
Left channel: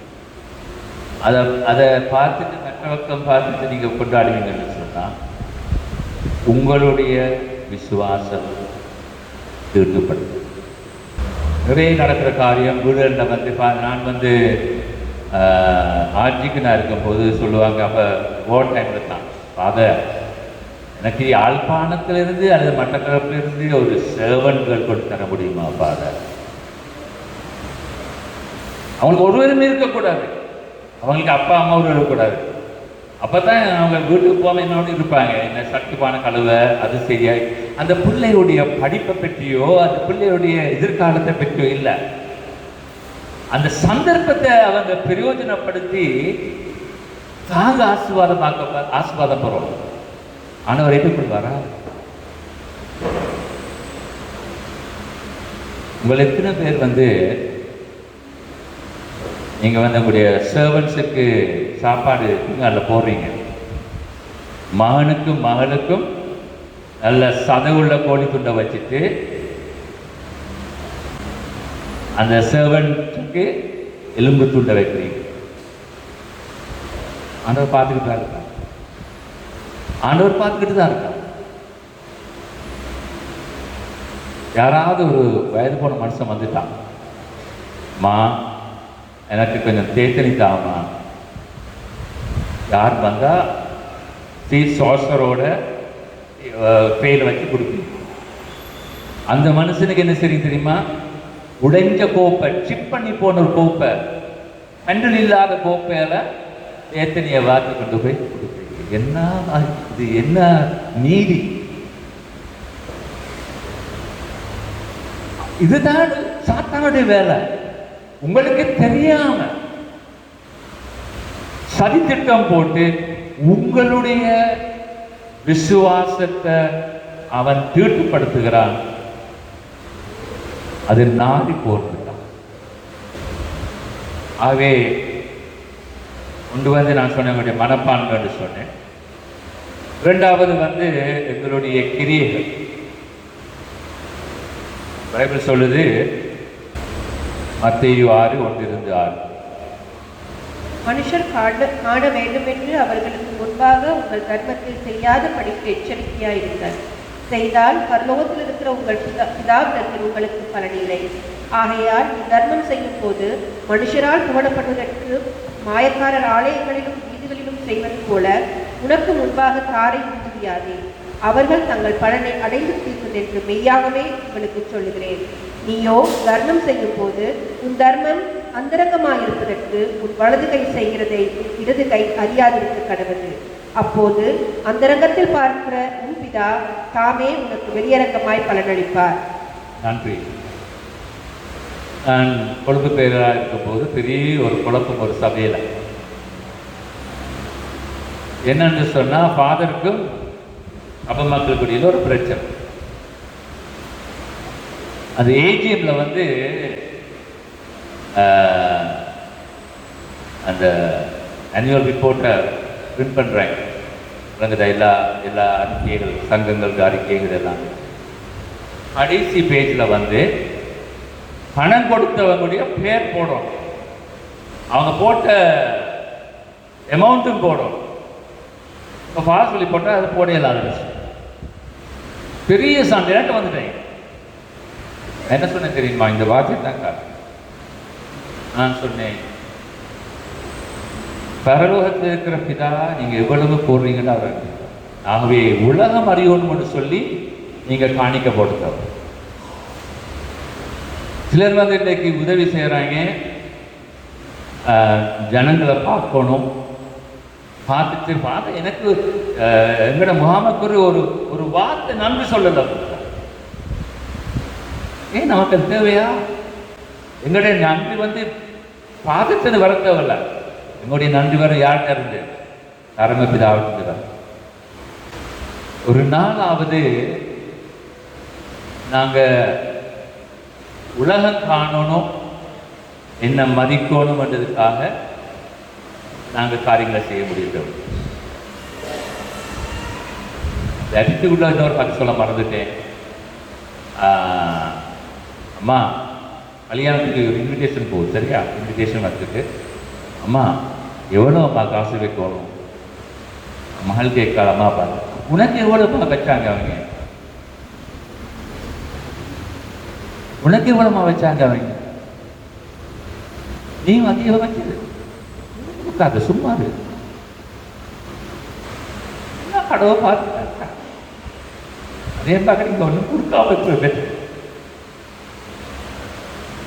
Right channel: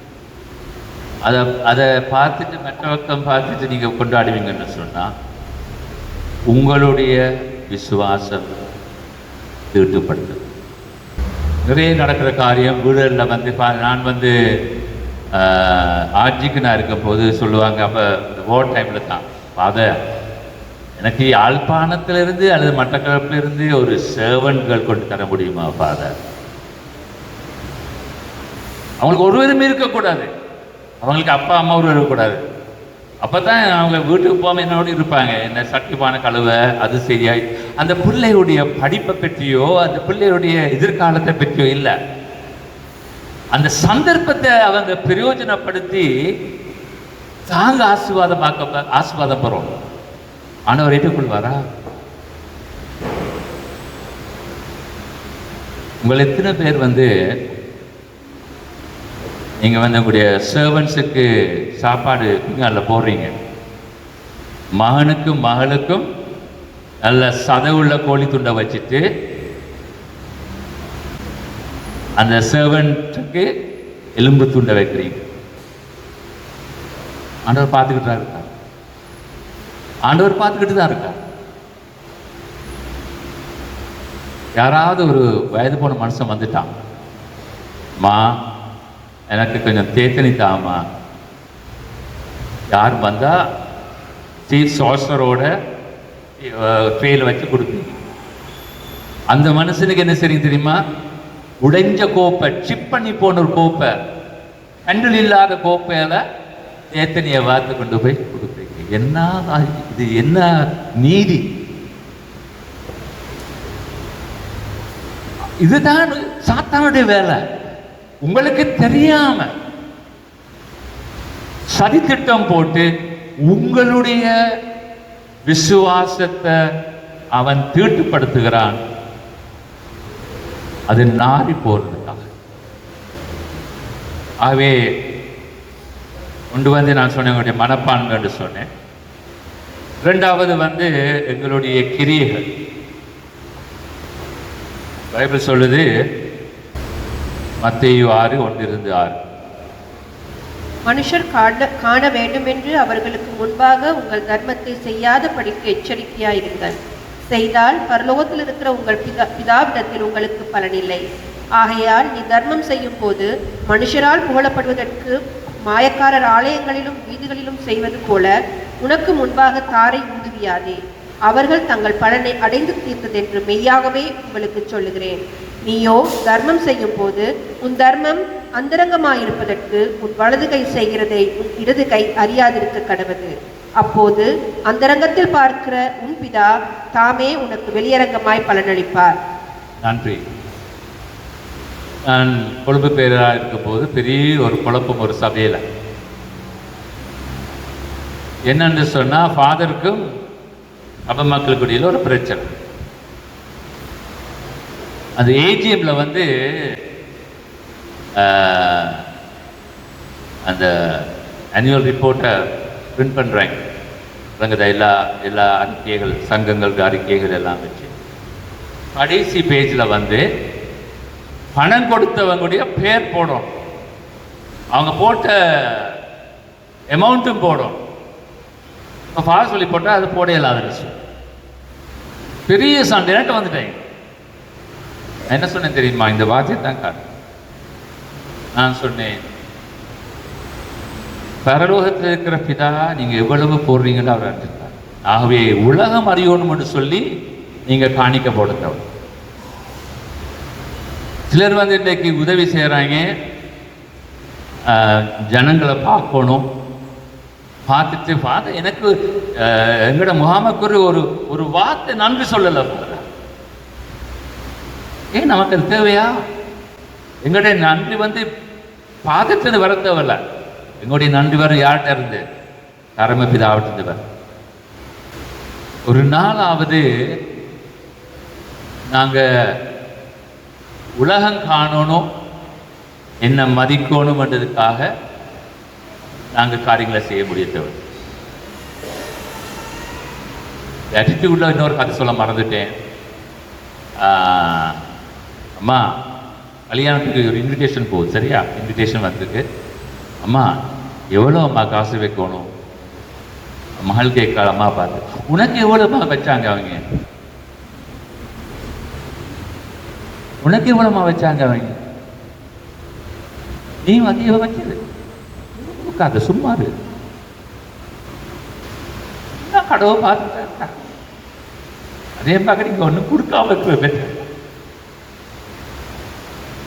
அதை பார்த்துட்டு மற்ற பக்கம் பார்த்துட்டு நீங்கள் கொண்டாடுவீங்கன்னு சொன்னால் உங்களுடைய விசுவாசம் தீட்டுப்படுது. நிறைய நடக்கிற காரியம் வீடுகளில் வந்து நான் வந்து ஆட்சிக்கு நான் இருக்கும்போது சொல்லுவாங்க, அப்போ ஓட் டைமில் தான் ஃபாதர் எனக்கு யாழ்ப்பாணத்திலிருந்து அல்லது மட்டக்களப்பிலிருந்து ஒரு சேவன்கள் கொண்டு தர முடியுமா ஃபாதர்? அவங்களுக்கு ஒருவருமே இருக்கக்கூடாது, அவங்களுக்கு அப்பா அம்மா ஒருவர் இருக்கக்கூடாது. அப்போ தான் அவங்க வீட்டுக்கு போகாமல் என்னோடு இருப்பாங்க. என்ன சட்டிப்பான கழுவை அது சரியாய் அந்த பிள்ளையுடைய படிப்பை பற்றியோ அந்த பிள்ளையுடைய எதிர்காலத்தை பற்றியோ இல்லை. அந்த சந்தர்ப்பத்தை அவங்க பிரயோஜனப்படுத்தி தாங்க ஆசீர்வாதம் பெறும். ஆனவர் ஏற்றுக்கொள்வாரா? உங்கள் எத்தனை பேர் வந்து நீங்கள் வந்து உங்களுடைய சர்வன்ஸுக்கு சாப்பாடு அதில் போடுறீங்க? மகனுக்கும் மகளுக்கும் நல்ல சதவுள்ள கோழி துண்டை வச்சுட்டு அந்த சர்வன்ஸுக்கு எலும்பு துண்டை வைக்கிறீங்க. ஆண்டவர் பார்த்துக்கிட்டு தான் இருக்கார். ஆண்டவர் பார்த்துக்கிட்டு தான் இருக்கார். யாராவது ஒரு வயது போன மனுஷன் வந்துட்டான், மா எனக்கு கொஞ்சம் தேத்தனி தாமா. யார் வந்தா சாசரோட ட்ரேல வச்சு கொடுப்பீங்க. அந்த மனுஷனுக்கு என்ன சரி தெரியுமா? உடைஞ்ச கோப்பை, சிப் பண்ணி போன ஒரு கோப்பை, ஹேண்டில் இல்லாத கோப்பையால தேத்தனியை வாத்து கொண்டு போய் கொடுப்பீங்க. என்ன இது? என்ன நீதி? இதுதான் சாத்தானுடைய வேலை. உங்களுக்கு தெரியாம சதித்திட்டம் போட்டு உங்களுடைய விசுவாசத்தை அவன் தீட்டுப்படுத்துகிறான். அது நாடி போட்டுதான். ஆகவே கொண்டு வந்து நான் சொன்ன எங்களுடைய மனப்பான்மை சொன்னேன். இரண்டாவது வந்து எங்களுடைய கிரியைகள். பைபிள் சொல்லுது, மத்தேயு 6:1-6, மனுஷர் காண வேண்டும் என்று அவர்களுக்கு முன்பாக உங்கள் தர்மத்தை செய்யாதபடிக்கு எச்சரிக்கையாயிருங்கள். செய்தால் பரலோகத்தில் இருக்கிற உங்கள் பிதாவிடத்தில் உங்களுக்கு பலனில்லை. ஆகையால் நீ தர்மம் செய்யும் போது மனுஷரால் புகழப்படுவதற்கு மாயக்காரர் ஆலயங்களிலும் வீதிகளிலும் செய்வது போல உனக்கு முன்பாக தாரை ஊதுவியாதே. அவர்கள் தங்கள் பலனை அடைந்து தீர்த்ததென்று மெய்யாகவே உங்களுக்கு சொல்லுகிறேன். நீயோ தர்மம் செய்யும் போது உன் தர்மம் அந்தரங்கமாயிருப்பதற்கு உன் வலது கை செய்கிறதை உன் இடது கை அறியாதிருக்க கடவது. அப்போது அந்தரங்கத்தில் பார்க்கிற உன் பிதா தாமே உனக்கு வெளியரங்கமாய் பலனளிப்பார். நன்றி. நான் கொழும்பு பேராக இருக்கும் போது பெரிய ஒரு குழப்பம் ஒரு சபையில். என்னன்னு சொன்னா, ஃபாதருக்கும் அப்ப மக்களுக்குடியில் ஒரு பிரச்சனை. அந்த ஏஜிஎம்ல வந்து அந்த ஆனுவல் ரிப்போர்ட்டை பிரிண்ட் பண்ணுறாங்க. எல்லா அறிக்கைகள், சங்கங்கள், அறிக்கைகள் எல்லாம் வச்சு கடைசி பேஜில் வந்து பணம் கொடுத்தவங்களுடைய பேர் போடும், அவங்க போட்ட அமௌண்ட்டும் போடும். இப்போ ஃபார் சொல்லி போட்டால் அது போட இல்லாத விஷயம். பெரிய சண்டைட்டு வந்துட்டேன். என்ன சொன்னேன் தெரியுமா? இந்த வார்த்தை தான் நான் சொன்னேன், பரலோகத்தில் இருக்கிற பிதா நீங்க எவ்வளவு போடுறீங்கன்னு அவர் அறிஞ்சிருக்கார். ஆகவே உலகம் அறியணும்னு சொல்லி நீங்க காணிக்க போடுங்க. சிலர் வந்து இன்றைக்கு உதவி செய்யறாங்க, ஜனங்களை பார்க்கணும், பார்த்துட்டு எனக்கு எங்களோட முகாமுக்கு ஒரு வார்த்தை நன்றி சொல்லல. ஏன் நமக்கு அது தேவையா? எங்களுடைய நன்றி வந்து பாதத்தில் வர தேவையில்ல. எங்களுடைய நன்றி வர யார்கிட்ட இருந்து? பரமபிதாவிட்டு வர. ஒரு நாளாவது நாங்க உலகம் காணணும், என்ன மதிக்கணும் என்றதுக்காக நாங்கள் காரியங்களை செய்ய முடியாது. ஆட்டிடியூட்ல இன்னொரு கதை சொல்ல மறந்துட்டேன். அம்மா கல்யாணத்துக்கு ஒரு இன்விடேஷன் போகுது, சரியா? இன்விடேஷன் வந்திருக்கு. அம்மா எவ்வளோ அம்மா காசு வைக்கணும்? மகள் கேட்க அம்மா பாரு, உனக்கு எவ்வளோமா வச்சாங்க அவங்க? உனக்கு எவ்வளோமா வச்சாங்க அவங்க? நீ அதிகம் வச்சது கொடுக்காத, சும்மா கடவை பார்த்து அதே பார்க்க நீங்க ஒன்றும் கொடுக்காம இருப்பீங்க.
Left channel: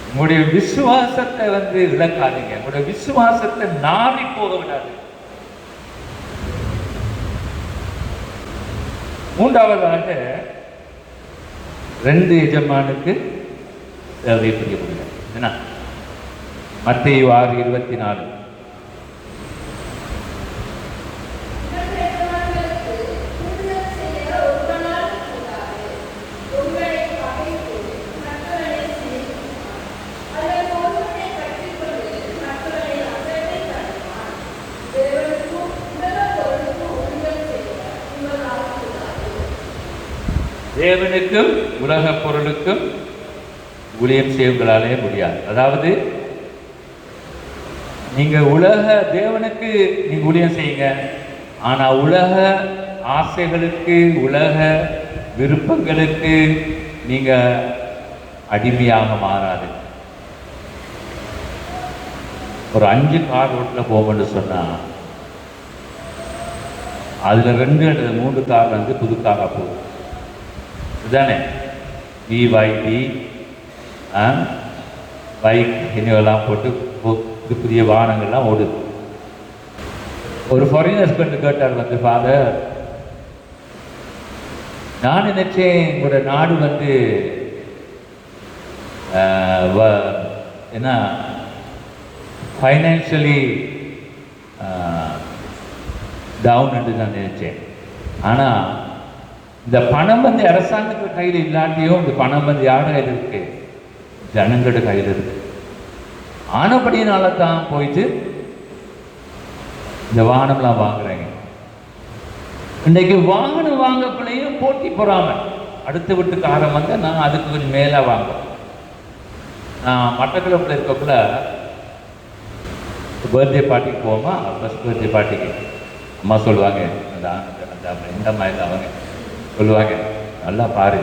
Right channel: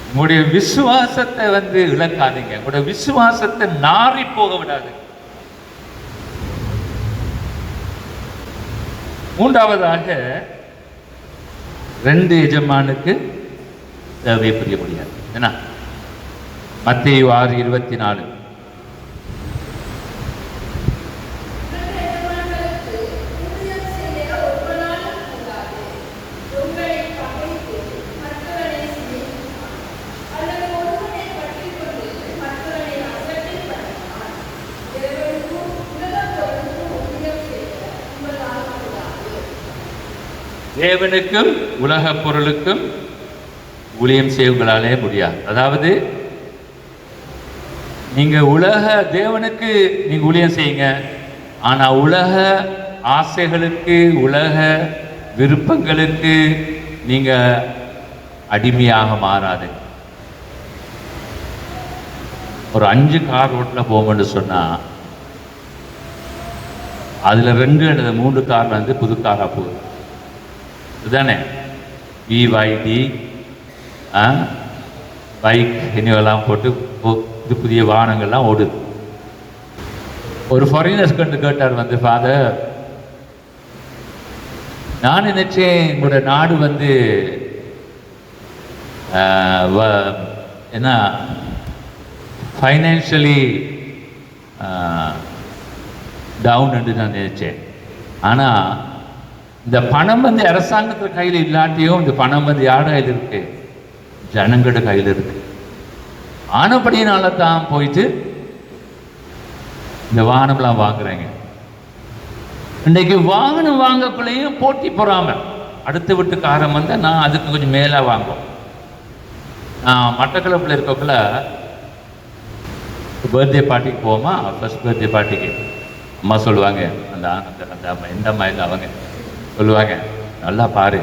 உங்களுடைய விசுவாசத்தை இழக்காதீங்க. உங்களுடைய விசுவாசத்தை நாறி போக விடாது. மூன்றாவதாக 2 எஜமானுக்கு தேவை புரிய முடியாது. என்ன? மத்தேயு 6:24. தேவனுக்கும் உலக பொருளுக்கும் ஊழியம் செய்வங்களாலே முடியாது. அதாவது நீங்க தேவனுக்கு நீங்க ஊழியம் செய்யுங்க, ஆனா உலக ஆசைகளுக்கு உலக விருப்பங்களுக்கு நீங்க அடிமையாக மாறாது. ஒரு 5 கார் ரோட்ல போவோம்னு சொன்னா அதுல 2 அல்லது 3 கார் புது காரா போகுது. இதுதானே BYD பைக் என்னெல்லாம் போட்டு புது புதிய வாகனங்கள்லாம் ஓடுது. ஒரு ஃபாரினர்ஸ் கேட்டார் ஃபாதர், நான் நினைச்சேன் எங்களோட நாடு என்ன ஃபைனான்ஷியலி டவுன் என்று நான் நினைச்சேன். ஆனால் இந்த பணம் அரசாங்கத்து கையில் இல்லாட்டியும் இந்த பணம் யாரோட கையில் இருக்கு? ஜனங்களோட கையில் இருக்கு. ஆனபடியினால தான் போயிட்டு இந்த வாகனம்லாம் வாங்குறாங்க. இன்னைக்கு வாகனம் வாங்கக்குள்ளேயும் போட்டி பொறாமல். அடுத்து வீட்டுக்காரன் நான் அதுக்கு கொஞ்சம் மேலே வாங்குவோம். மட்டக்களப்பில் இருக்கக்குள்ள பர்த்டே பார்ட்டிக்கு போவோமா, ஃபர்ஸ்ட் பர்த்டே பார்ட்டிக்கு அம்மா சொல்லுவாங்க, அந்த எந்த மாதிரி அவங்க சொல்லுவாங்க, நல்லா பாரு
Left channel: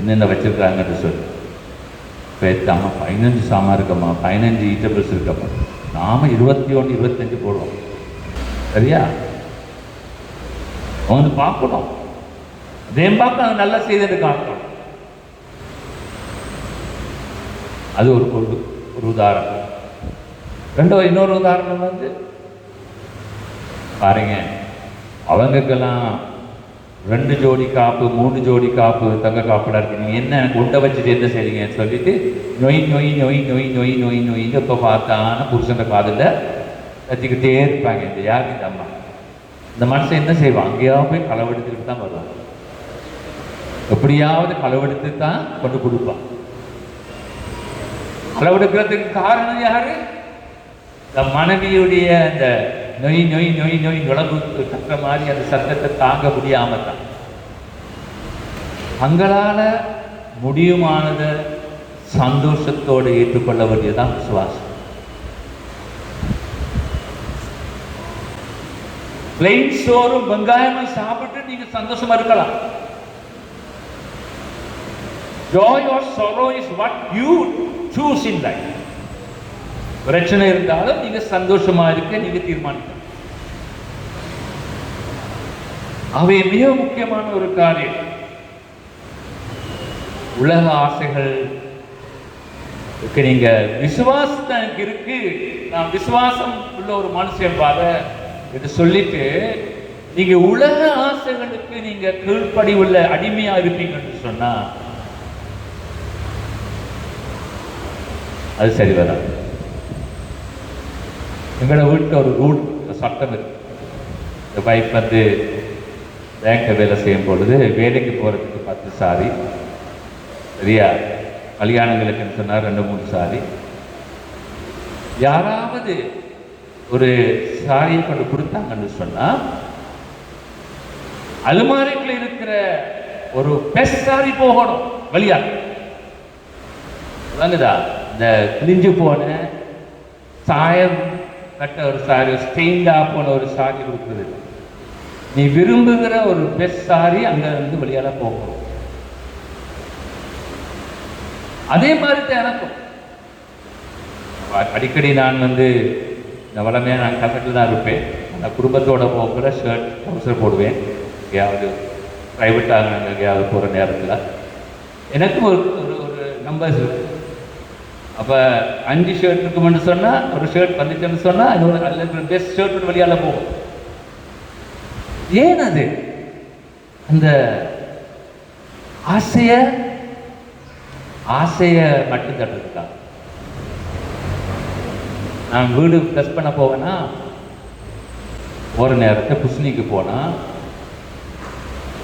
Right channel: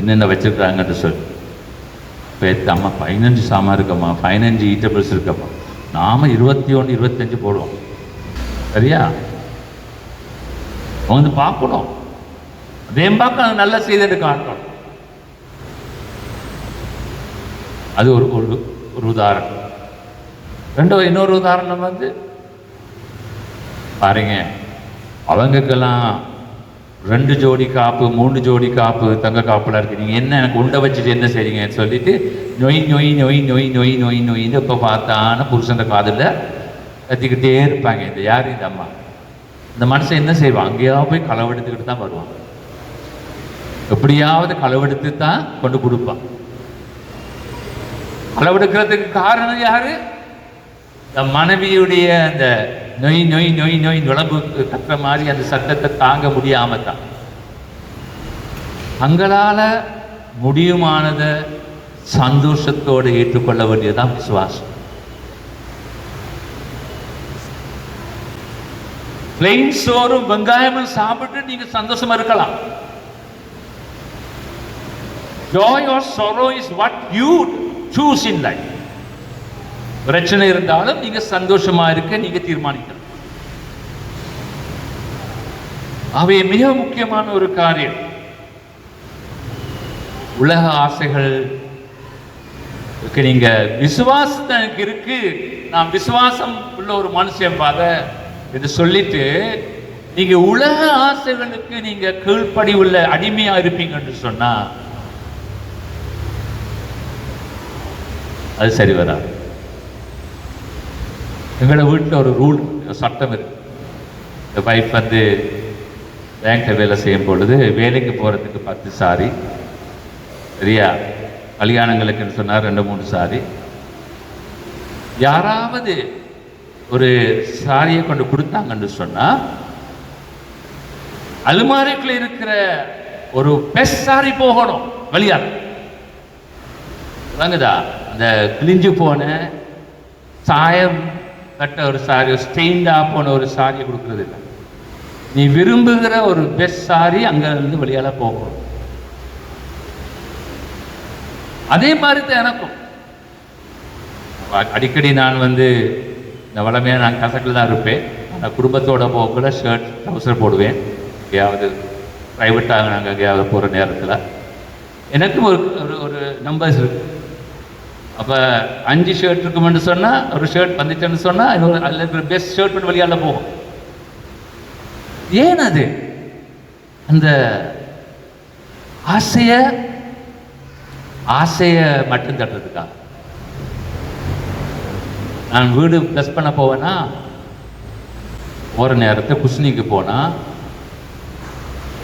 என்னென்ன வச்சிருக்காங்கன்னு சொல்லு. இப்போ அம்மா 15 சாமான் இருக்கம்மா, 15 ஈட்டபிள்ஸ் இருக்கப்பா, நாம 21 25 போடுவோம். சரியா? பார்க்கணும். அதே பார்க்க நல்லா செய்து காட்டணும். அது ஒரு உதாரணம். இன்னொரு உதாரணம் பாருங்க, அவங்களுக்கெல்லாம் 2 ஜோடி காப்பு 3 ஜோடி காப்பு தங்க காப்புலாம் இருக்கு. நீங்கள் என்ன குண்டை வச்சுட்டு என்ன செய்றீங்கன்னு சொல்லிட்டு நொய் நொய் நொய் நொய் நொய் நொய் நொய்ன்னு இப்போ பார்த்தான்னு புருஷன் காதில் கத்திக்கிட்டே இருப்பாங்க. இந்த யார்? இந்த அம்மா. இந்த மனுஷன் என்ன செய்வான்? அங்கேயாவது போய் களவெடுத்துக்கிட்டு தான் வருவான். எப்படியாவது களவெடுத்து தான் கொண்டு கொடுப்பான். களவெடுக்கிறதுக்கு காரணம் யாரு? இந்த மனைவியுடைய அந்த நொய் நொய் நொய் நொய் விளம்பு கட்டுற மாதிரி அந்த சத்தத்தை தாங்க முடியாம தான். தங்களால முடியுமானதை சந்தோஷத்தோடு ஏற்றுக்கொள்ள வேண்டியதுதான் விசுவாசம். பிளைன் சோறும் வெங்காயமும் சாப்பிட்டு நீங்க சந்தோஷமா இருக்கலாம். Joy or sorrow is what you choose in life. பிரச்சனை இருந்தாலும் நீங்க சந்தோஷமா இருக்க நீங்க தீர்மானிக்கலாம். அவை மிக முக்கியமான ஒரு காரியம். உலக ஆசைகள் நீங்க விசுவாசம் எனக்கு இருக்கு, நான் விசுவாசம் உள்ள ஒரு மனுஷன் என்று சொல்லிட்டு நீங்க உலக ஆசைகளுக்கு நீங்க கீழ்ப்படி உள்ள அடிமையா இருப்பீங்கன்னு சொன்னா அது சரி வராது. எங்களோட வீட்டில் ஒரு ரூல், சட்டம் இருக்கு. இந்த வைஃப் பேங்க்ல வேலை செய்யும் பொழுது வேலைக்கு போறதுக்கு 10 சாரி, சரியா? கல்யாணங்களுக்குன்னு சொன்னா 2-3 சாரி. யாராவது ஒரு சாரியை கொண்டு கொடுத்தாங்கன்னு சொன்னா அலுமாரிக்குள்ள இருக்கிற ஒரு பெஸ்ட் சாரி போகணும் வழியா. இந்த கிழிஞ்சு போன சாயம் கட்ட ஒரு சாரி, ஸ்டெயின்டா போன ஒரு சாரி கொடுக்குறது. நீ விரும்புகிற ஒரு பெஸ்ட் சாரி அங்க இருந்து வெளியால போகும். அதே மாதிரி தான் எனக்கும். அடிக்கடி நான் வந்து வளமையாக நான் கசக்கில் தான் இருப்பேன். நான் குடும்பத்தோட போகக்குள்ள ஷர்ட் ட்ரௌசர் போடுவேன். எங்கேயாவது ப்ரைவேட்டாக நாங்கள் எங்கேயாவது போகிற நேரத்தில் எனக்கும் ஒரு ஒரு நம்பர்ஸ் இருக்கு. அப்போ 5 ஷர்ட் இருக்குமென்னு சொன்னால், ஒரு ஷர்ட் வந்துச்சுன்னு சொன்னால் இன்னொரு அதில் பெஸ்ட் ஷர்ட் ஒன்று வெளியால் போகும். ஏன் அது அந்த ஆசையை மட்டும் தட்டுறதுக்கா? நான் வீடு ப்ளஸ் பண்ண போவேன்னா ஒரு நேரத்தை குஸ்னிக்கு போனால்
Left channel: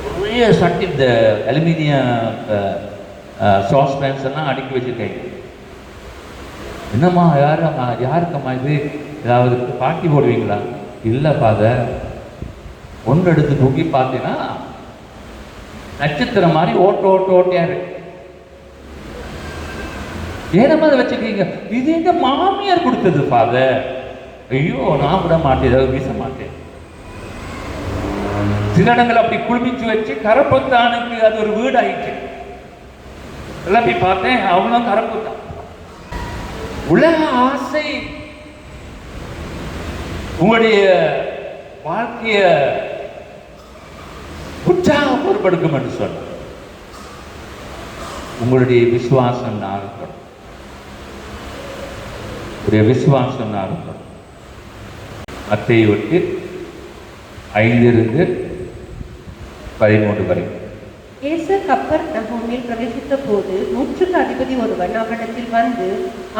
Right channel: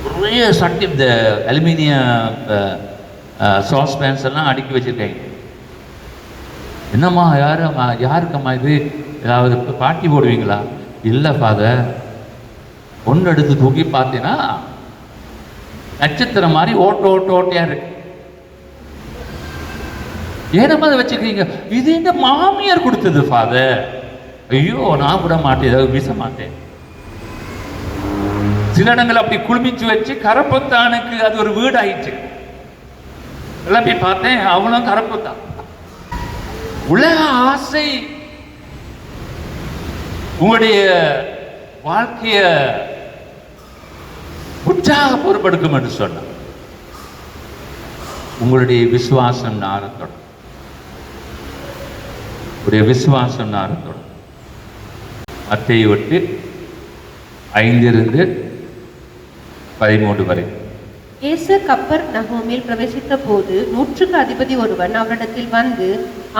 நிறைய சட்டி இந்த அலுமினியம் சாஸ்பேன்ஸ் எல்லாம் அடுக்கி வச்சுருக்கேன். என்னம்மா யாருக்கம்மா இது ஏதாவது பாட்டி போடுவீங்களா? இல்லை ஃபாதர். ஒன்று எடுத்து தூக்கி பார்த்தீங்கன்னா நட்சத்திரம் மாதிரி ஓட்டையா இருக்கு. ஏனம்மா அதை வச்சுக்கிறீங்க? இது எங்க மாமியார் கொடுத்தது ஃபாதர். ஐயோ, நான் விட மாட்டேன், ஏதாவது வீச மாட்டேன். சில இடங்கள் அப்படி குழுமிச்சு வச்சு கரப்பத்தானுக்கு அது ஒரு வீடு ஆயிடுச்சு. எல்லாம் போய் பார்த்தேன், அவனும் கரப்பத்தான். உலக ஆசை உங்களுடைய வாழ்க்கைய உற்சாகப்படுத்தும் என்று சொன்ன உங்களுடைய விசுவாசம் நாரப்படும். உடைய விசுவாசம் நாரப்படும். மத்தேயு 8:5-13 வரை. இயேசு கப்பர்நகூமில் பிரவேசித்த போது 100க்கு அதிபதி ஒருவன் அவரிடத்தில் வந்து,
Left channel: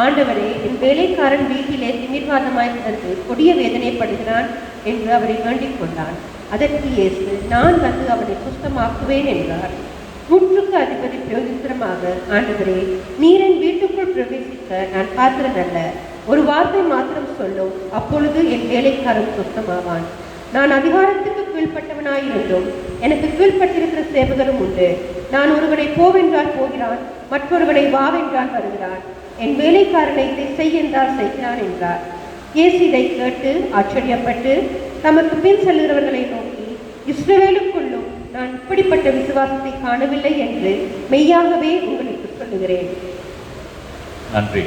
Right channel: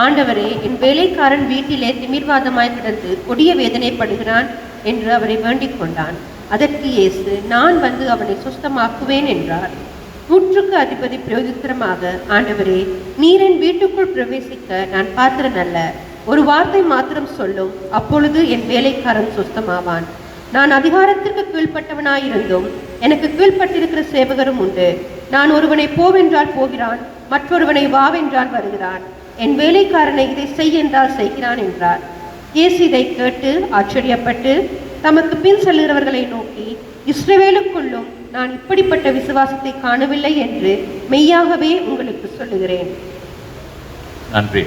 ஆண்டவரே, என் வேலைக்காரன் வீட்டிலே திமிர்வாதமாய் கிடந்து கொடிய வேதனைப்படுகிறான் என்று அவரை வேண்டிக் கொண்டான். அதற்கு இயேசு, நான் வந்து அவனை சுத்தமாக்குவேன் என்றார். 100க்கு அதிபதி பிரயோஜனமாக, ஆண்டவரே, நீர் என் வீட்டுக்குள் பிரவேசிக்க நான் பாத்திரன் அல்ல. ஒரு வார்த்தை மாத்திரம் சொல்லும், அப்பொழுது என் வேலைக்காரன் சுத்தமாவான். நான் அதிகாரத்துக்கு கீழ்ப்பட்டவனாயிருந்தும் எனக்கு கீழ்ப்பட்டிருக்கிற சேவகரும் உண்டு. நான் ஒருவனை போவென்றால் போகிறான், மற்றொருவனை வாவென்றால் வருகிறான். என் வேலைக்காரனை இதை செய் என்றால் செய்கிறான் என்றார். இயேசு இதை கேட்டு ஆச்சரியப்பட்டு தமக்கு பின் செல்கிறவர்களை நோக்கி, இஸ்ரவேலுக்குள்ளும் நான் இப்படிப்பட்ட விசுவாசத்தை காணவில்லை என்று மெய்யாகவே உங்களுக்கு சொல்லுகிறேன். நன்றி.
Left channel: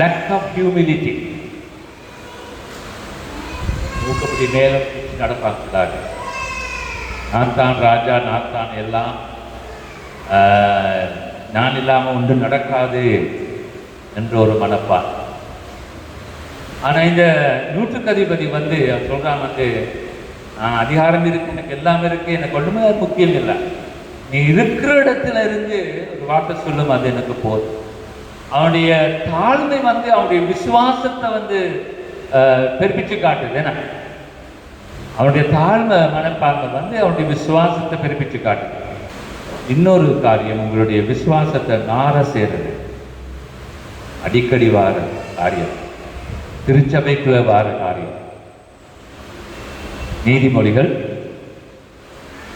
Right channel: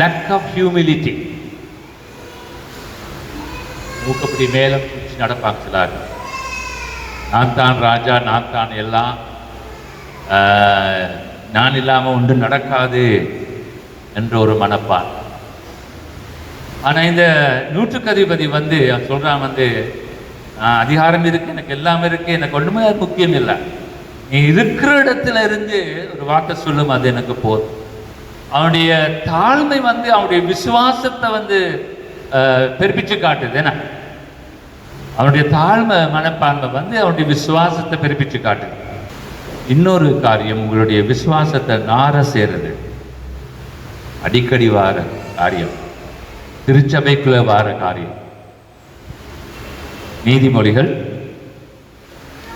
lack of humility. மூக்கப்படி மேல நடப்பாங்க சிலர். நான் தான் ராஜா, நான் தான் எல்லாம், நான் இல்லாமல் ஒன்று நடக்காது என்ற ஒரு மனப்பா. ஆனால் இந்த 100க்கு அதிபதி வந்து சொல்கிறான், அதிகாரம் இருக்கு, எனக்கு எல்லாம் இருக்கு, எனக்கு ஒன்றுமே முக்கியம் இல்லை, நீ இருக்கிற இடத்துல இருந்து ஒரு வார்த்தை சொல்லும், அது எனக்கு போதும். அவனுடைய தாழ்மை அவனுடைய விசுவாசத்தை பெருப்பிச்சு காட்டுது. என்ன அவனுடைய தாழ்மை மனப்பான்மை அவனுடைய விசுவாசத்தை பெருப்பிச்சு காட்டுது. இன்னொரு காரியம், உங்களுடைய விசுவாசத்தை நார சேருது. அடிக்கடி வார காரியம், திருச்சபைக்குள்ள வார காரியம். நீதிமொழிகள்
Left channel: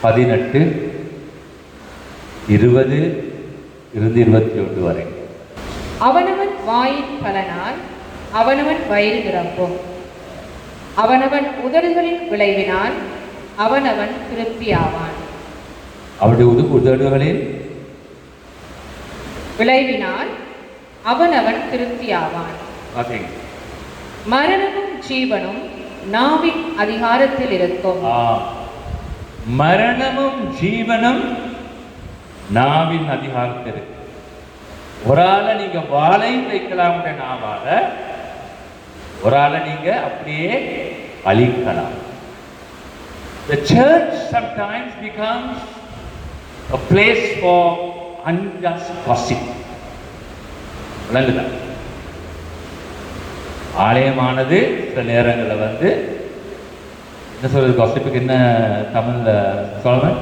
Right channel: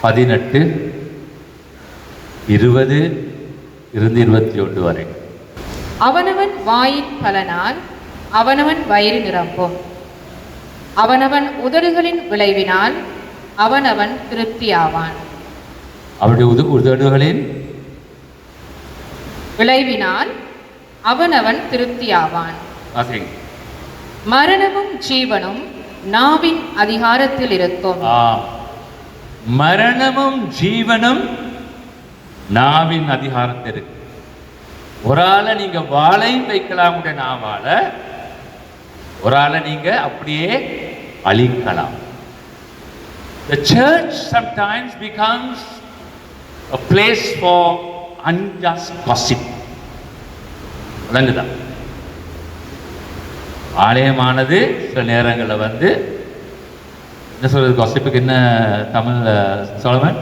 18:20-21 வரை. அவனவன் வாயின் பலனால் அவனவன் வயிறு நிரம்பும். அவனவன் உதடுகளின் விளைவினால் அவனவன் திருப்தியாவான். அவருடைய உதடுகளின் விளைவினால் அவனவன் திருப்தியாவான். மரணமும் ஜீவனும் நாவின் அதிகாரத்தில் இருக்கும். மரணமும் ஜீவனும் நாவின் அதிகாரத்தில் இருக்கு. ஒரு ஆளை நீங்க வாளை வைக்கலாம், நாவால ஒரு ஆளை நீங்க அப்படியே அழிக்கலாம். The church sometimes becomes a place for unjust gossip. விளங்குதா? ஆலயமானது சில நேரங்களில் என்ன சொல்றது, gossipக்கு என்ன தமிழ்ல சொல்லுவேன்,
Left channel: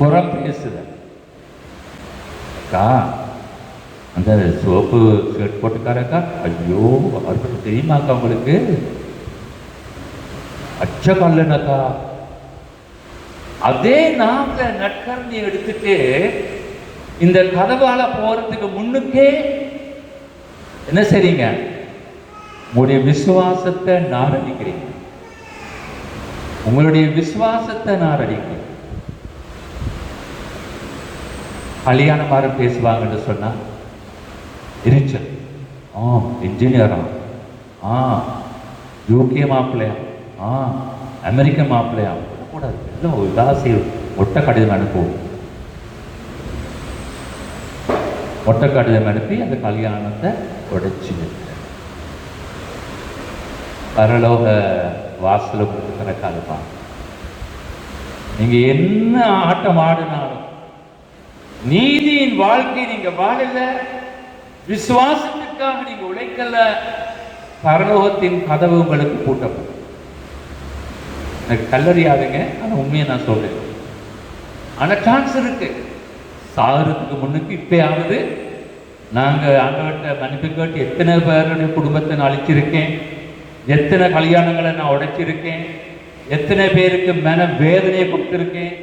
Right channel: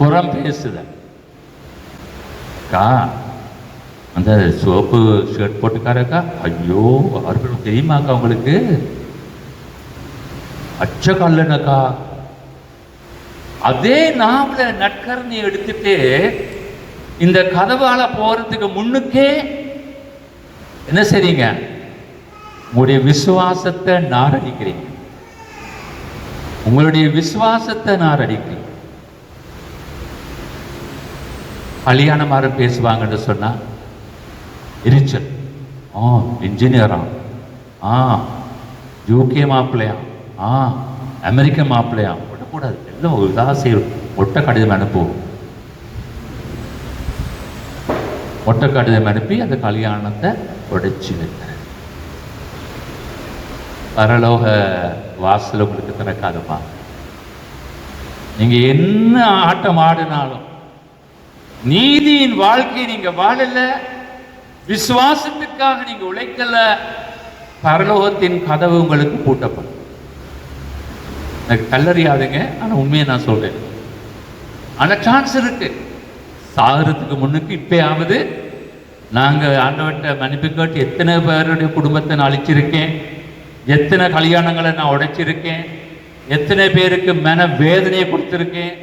புறம் பேசுது. அந்த சோப்பு ஷர்ட் போட்டுக்காரக்கா, ஐயோ அவர்கள் தெரியுமாக்கா உங்களுக்கு, அச்ச கல்லனக்கா. அதே நாங்க நட்கரணியை எடுத்துட்டு இந்த கதவால போறதுக்கு முன்னுக்கே என்ன செய்றீங்க? உங்களுடைய விசுவாசத்தை நாரடிக்கிறீங்க. உங்களுடைய விசுவாசத்தை நாரடிக்கிறீங்க. கல்யாணமாரம் பேசுவாங்கன்னு சொன்னா எரிச்சல். இன்ஜினியரா, யூகே மாப்பிள்ளையா, அமெரிக்க மாப்பிள்ளையா கூடாது. எல்லாம் உதாசி ஒட்ட கடிதம் அனுப்புவோம். ஒட்ட கடிதம் அனுப்பி அந்த கல்யாணத்தை உடைச்சு பரலோக வாசல உங்களுக்கு திறக்காதுப்பாங்க. நீங்க என்ன ஆட்டம் ஆடினாலும் நீதியின் வாழ்க்கை நீங்க வாழல, விசுவாசத்துக்காக நீங்க உழைக்கல, பரலோகத்தின் கதவு உங்களுக்கு பூட்டப்படும். எனக்கு கல்லறியாதுங்க, ஆனா உண்மையை நான் சொல்றேன். ஆனா சான்ஸ் இருக்கு. சாகரத்துக்கு முன்னுக்கு இப்பயாவது நாங்க ஆண்டவர்கிட்ட மன்னிப்பு கேட்டு எத்தனை பேருடைய குடும்பத்தை நான் அழிச்சிருக்கேன், எத்தனை கல்யாணங்களை நான் உடைச்சிருக்கேன், எத்தனை பேருக்கு மன வேதனையை கொடுத்திருக்கேன்.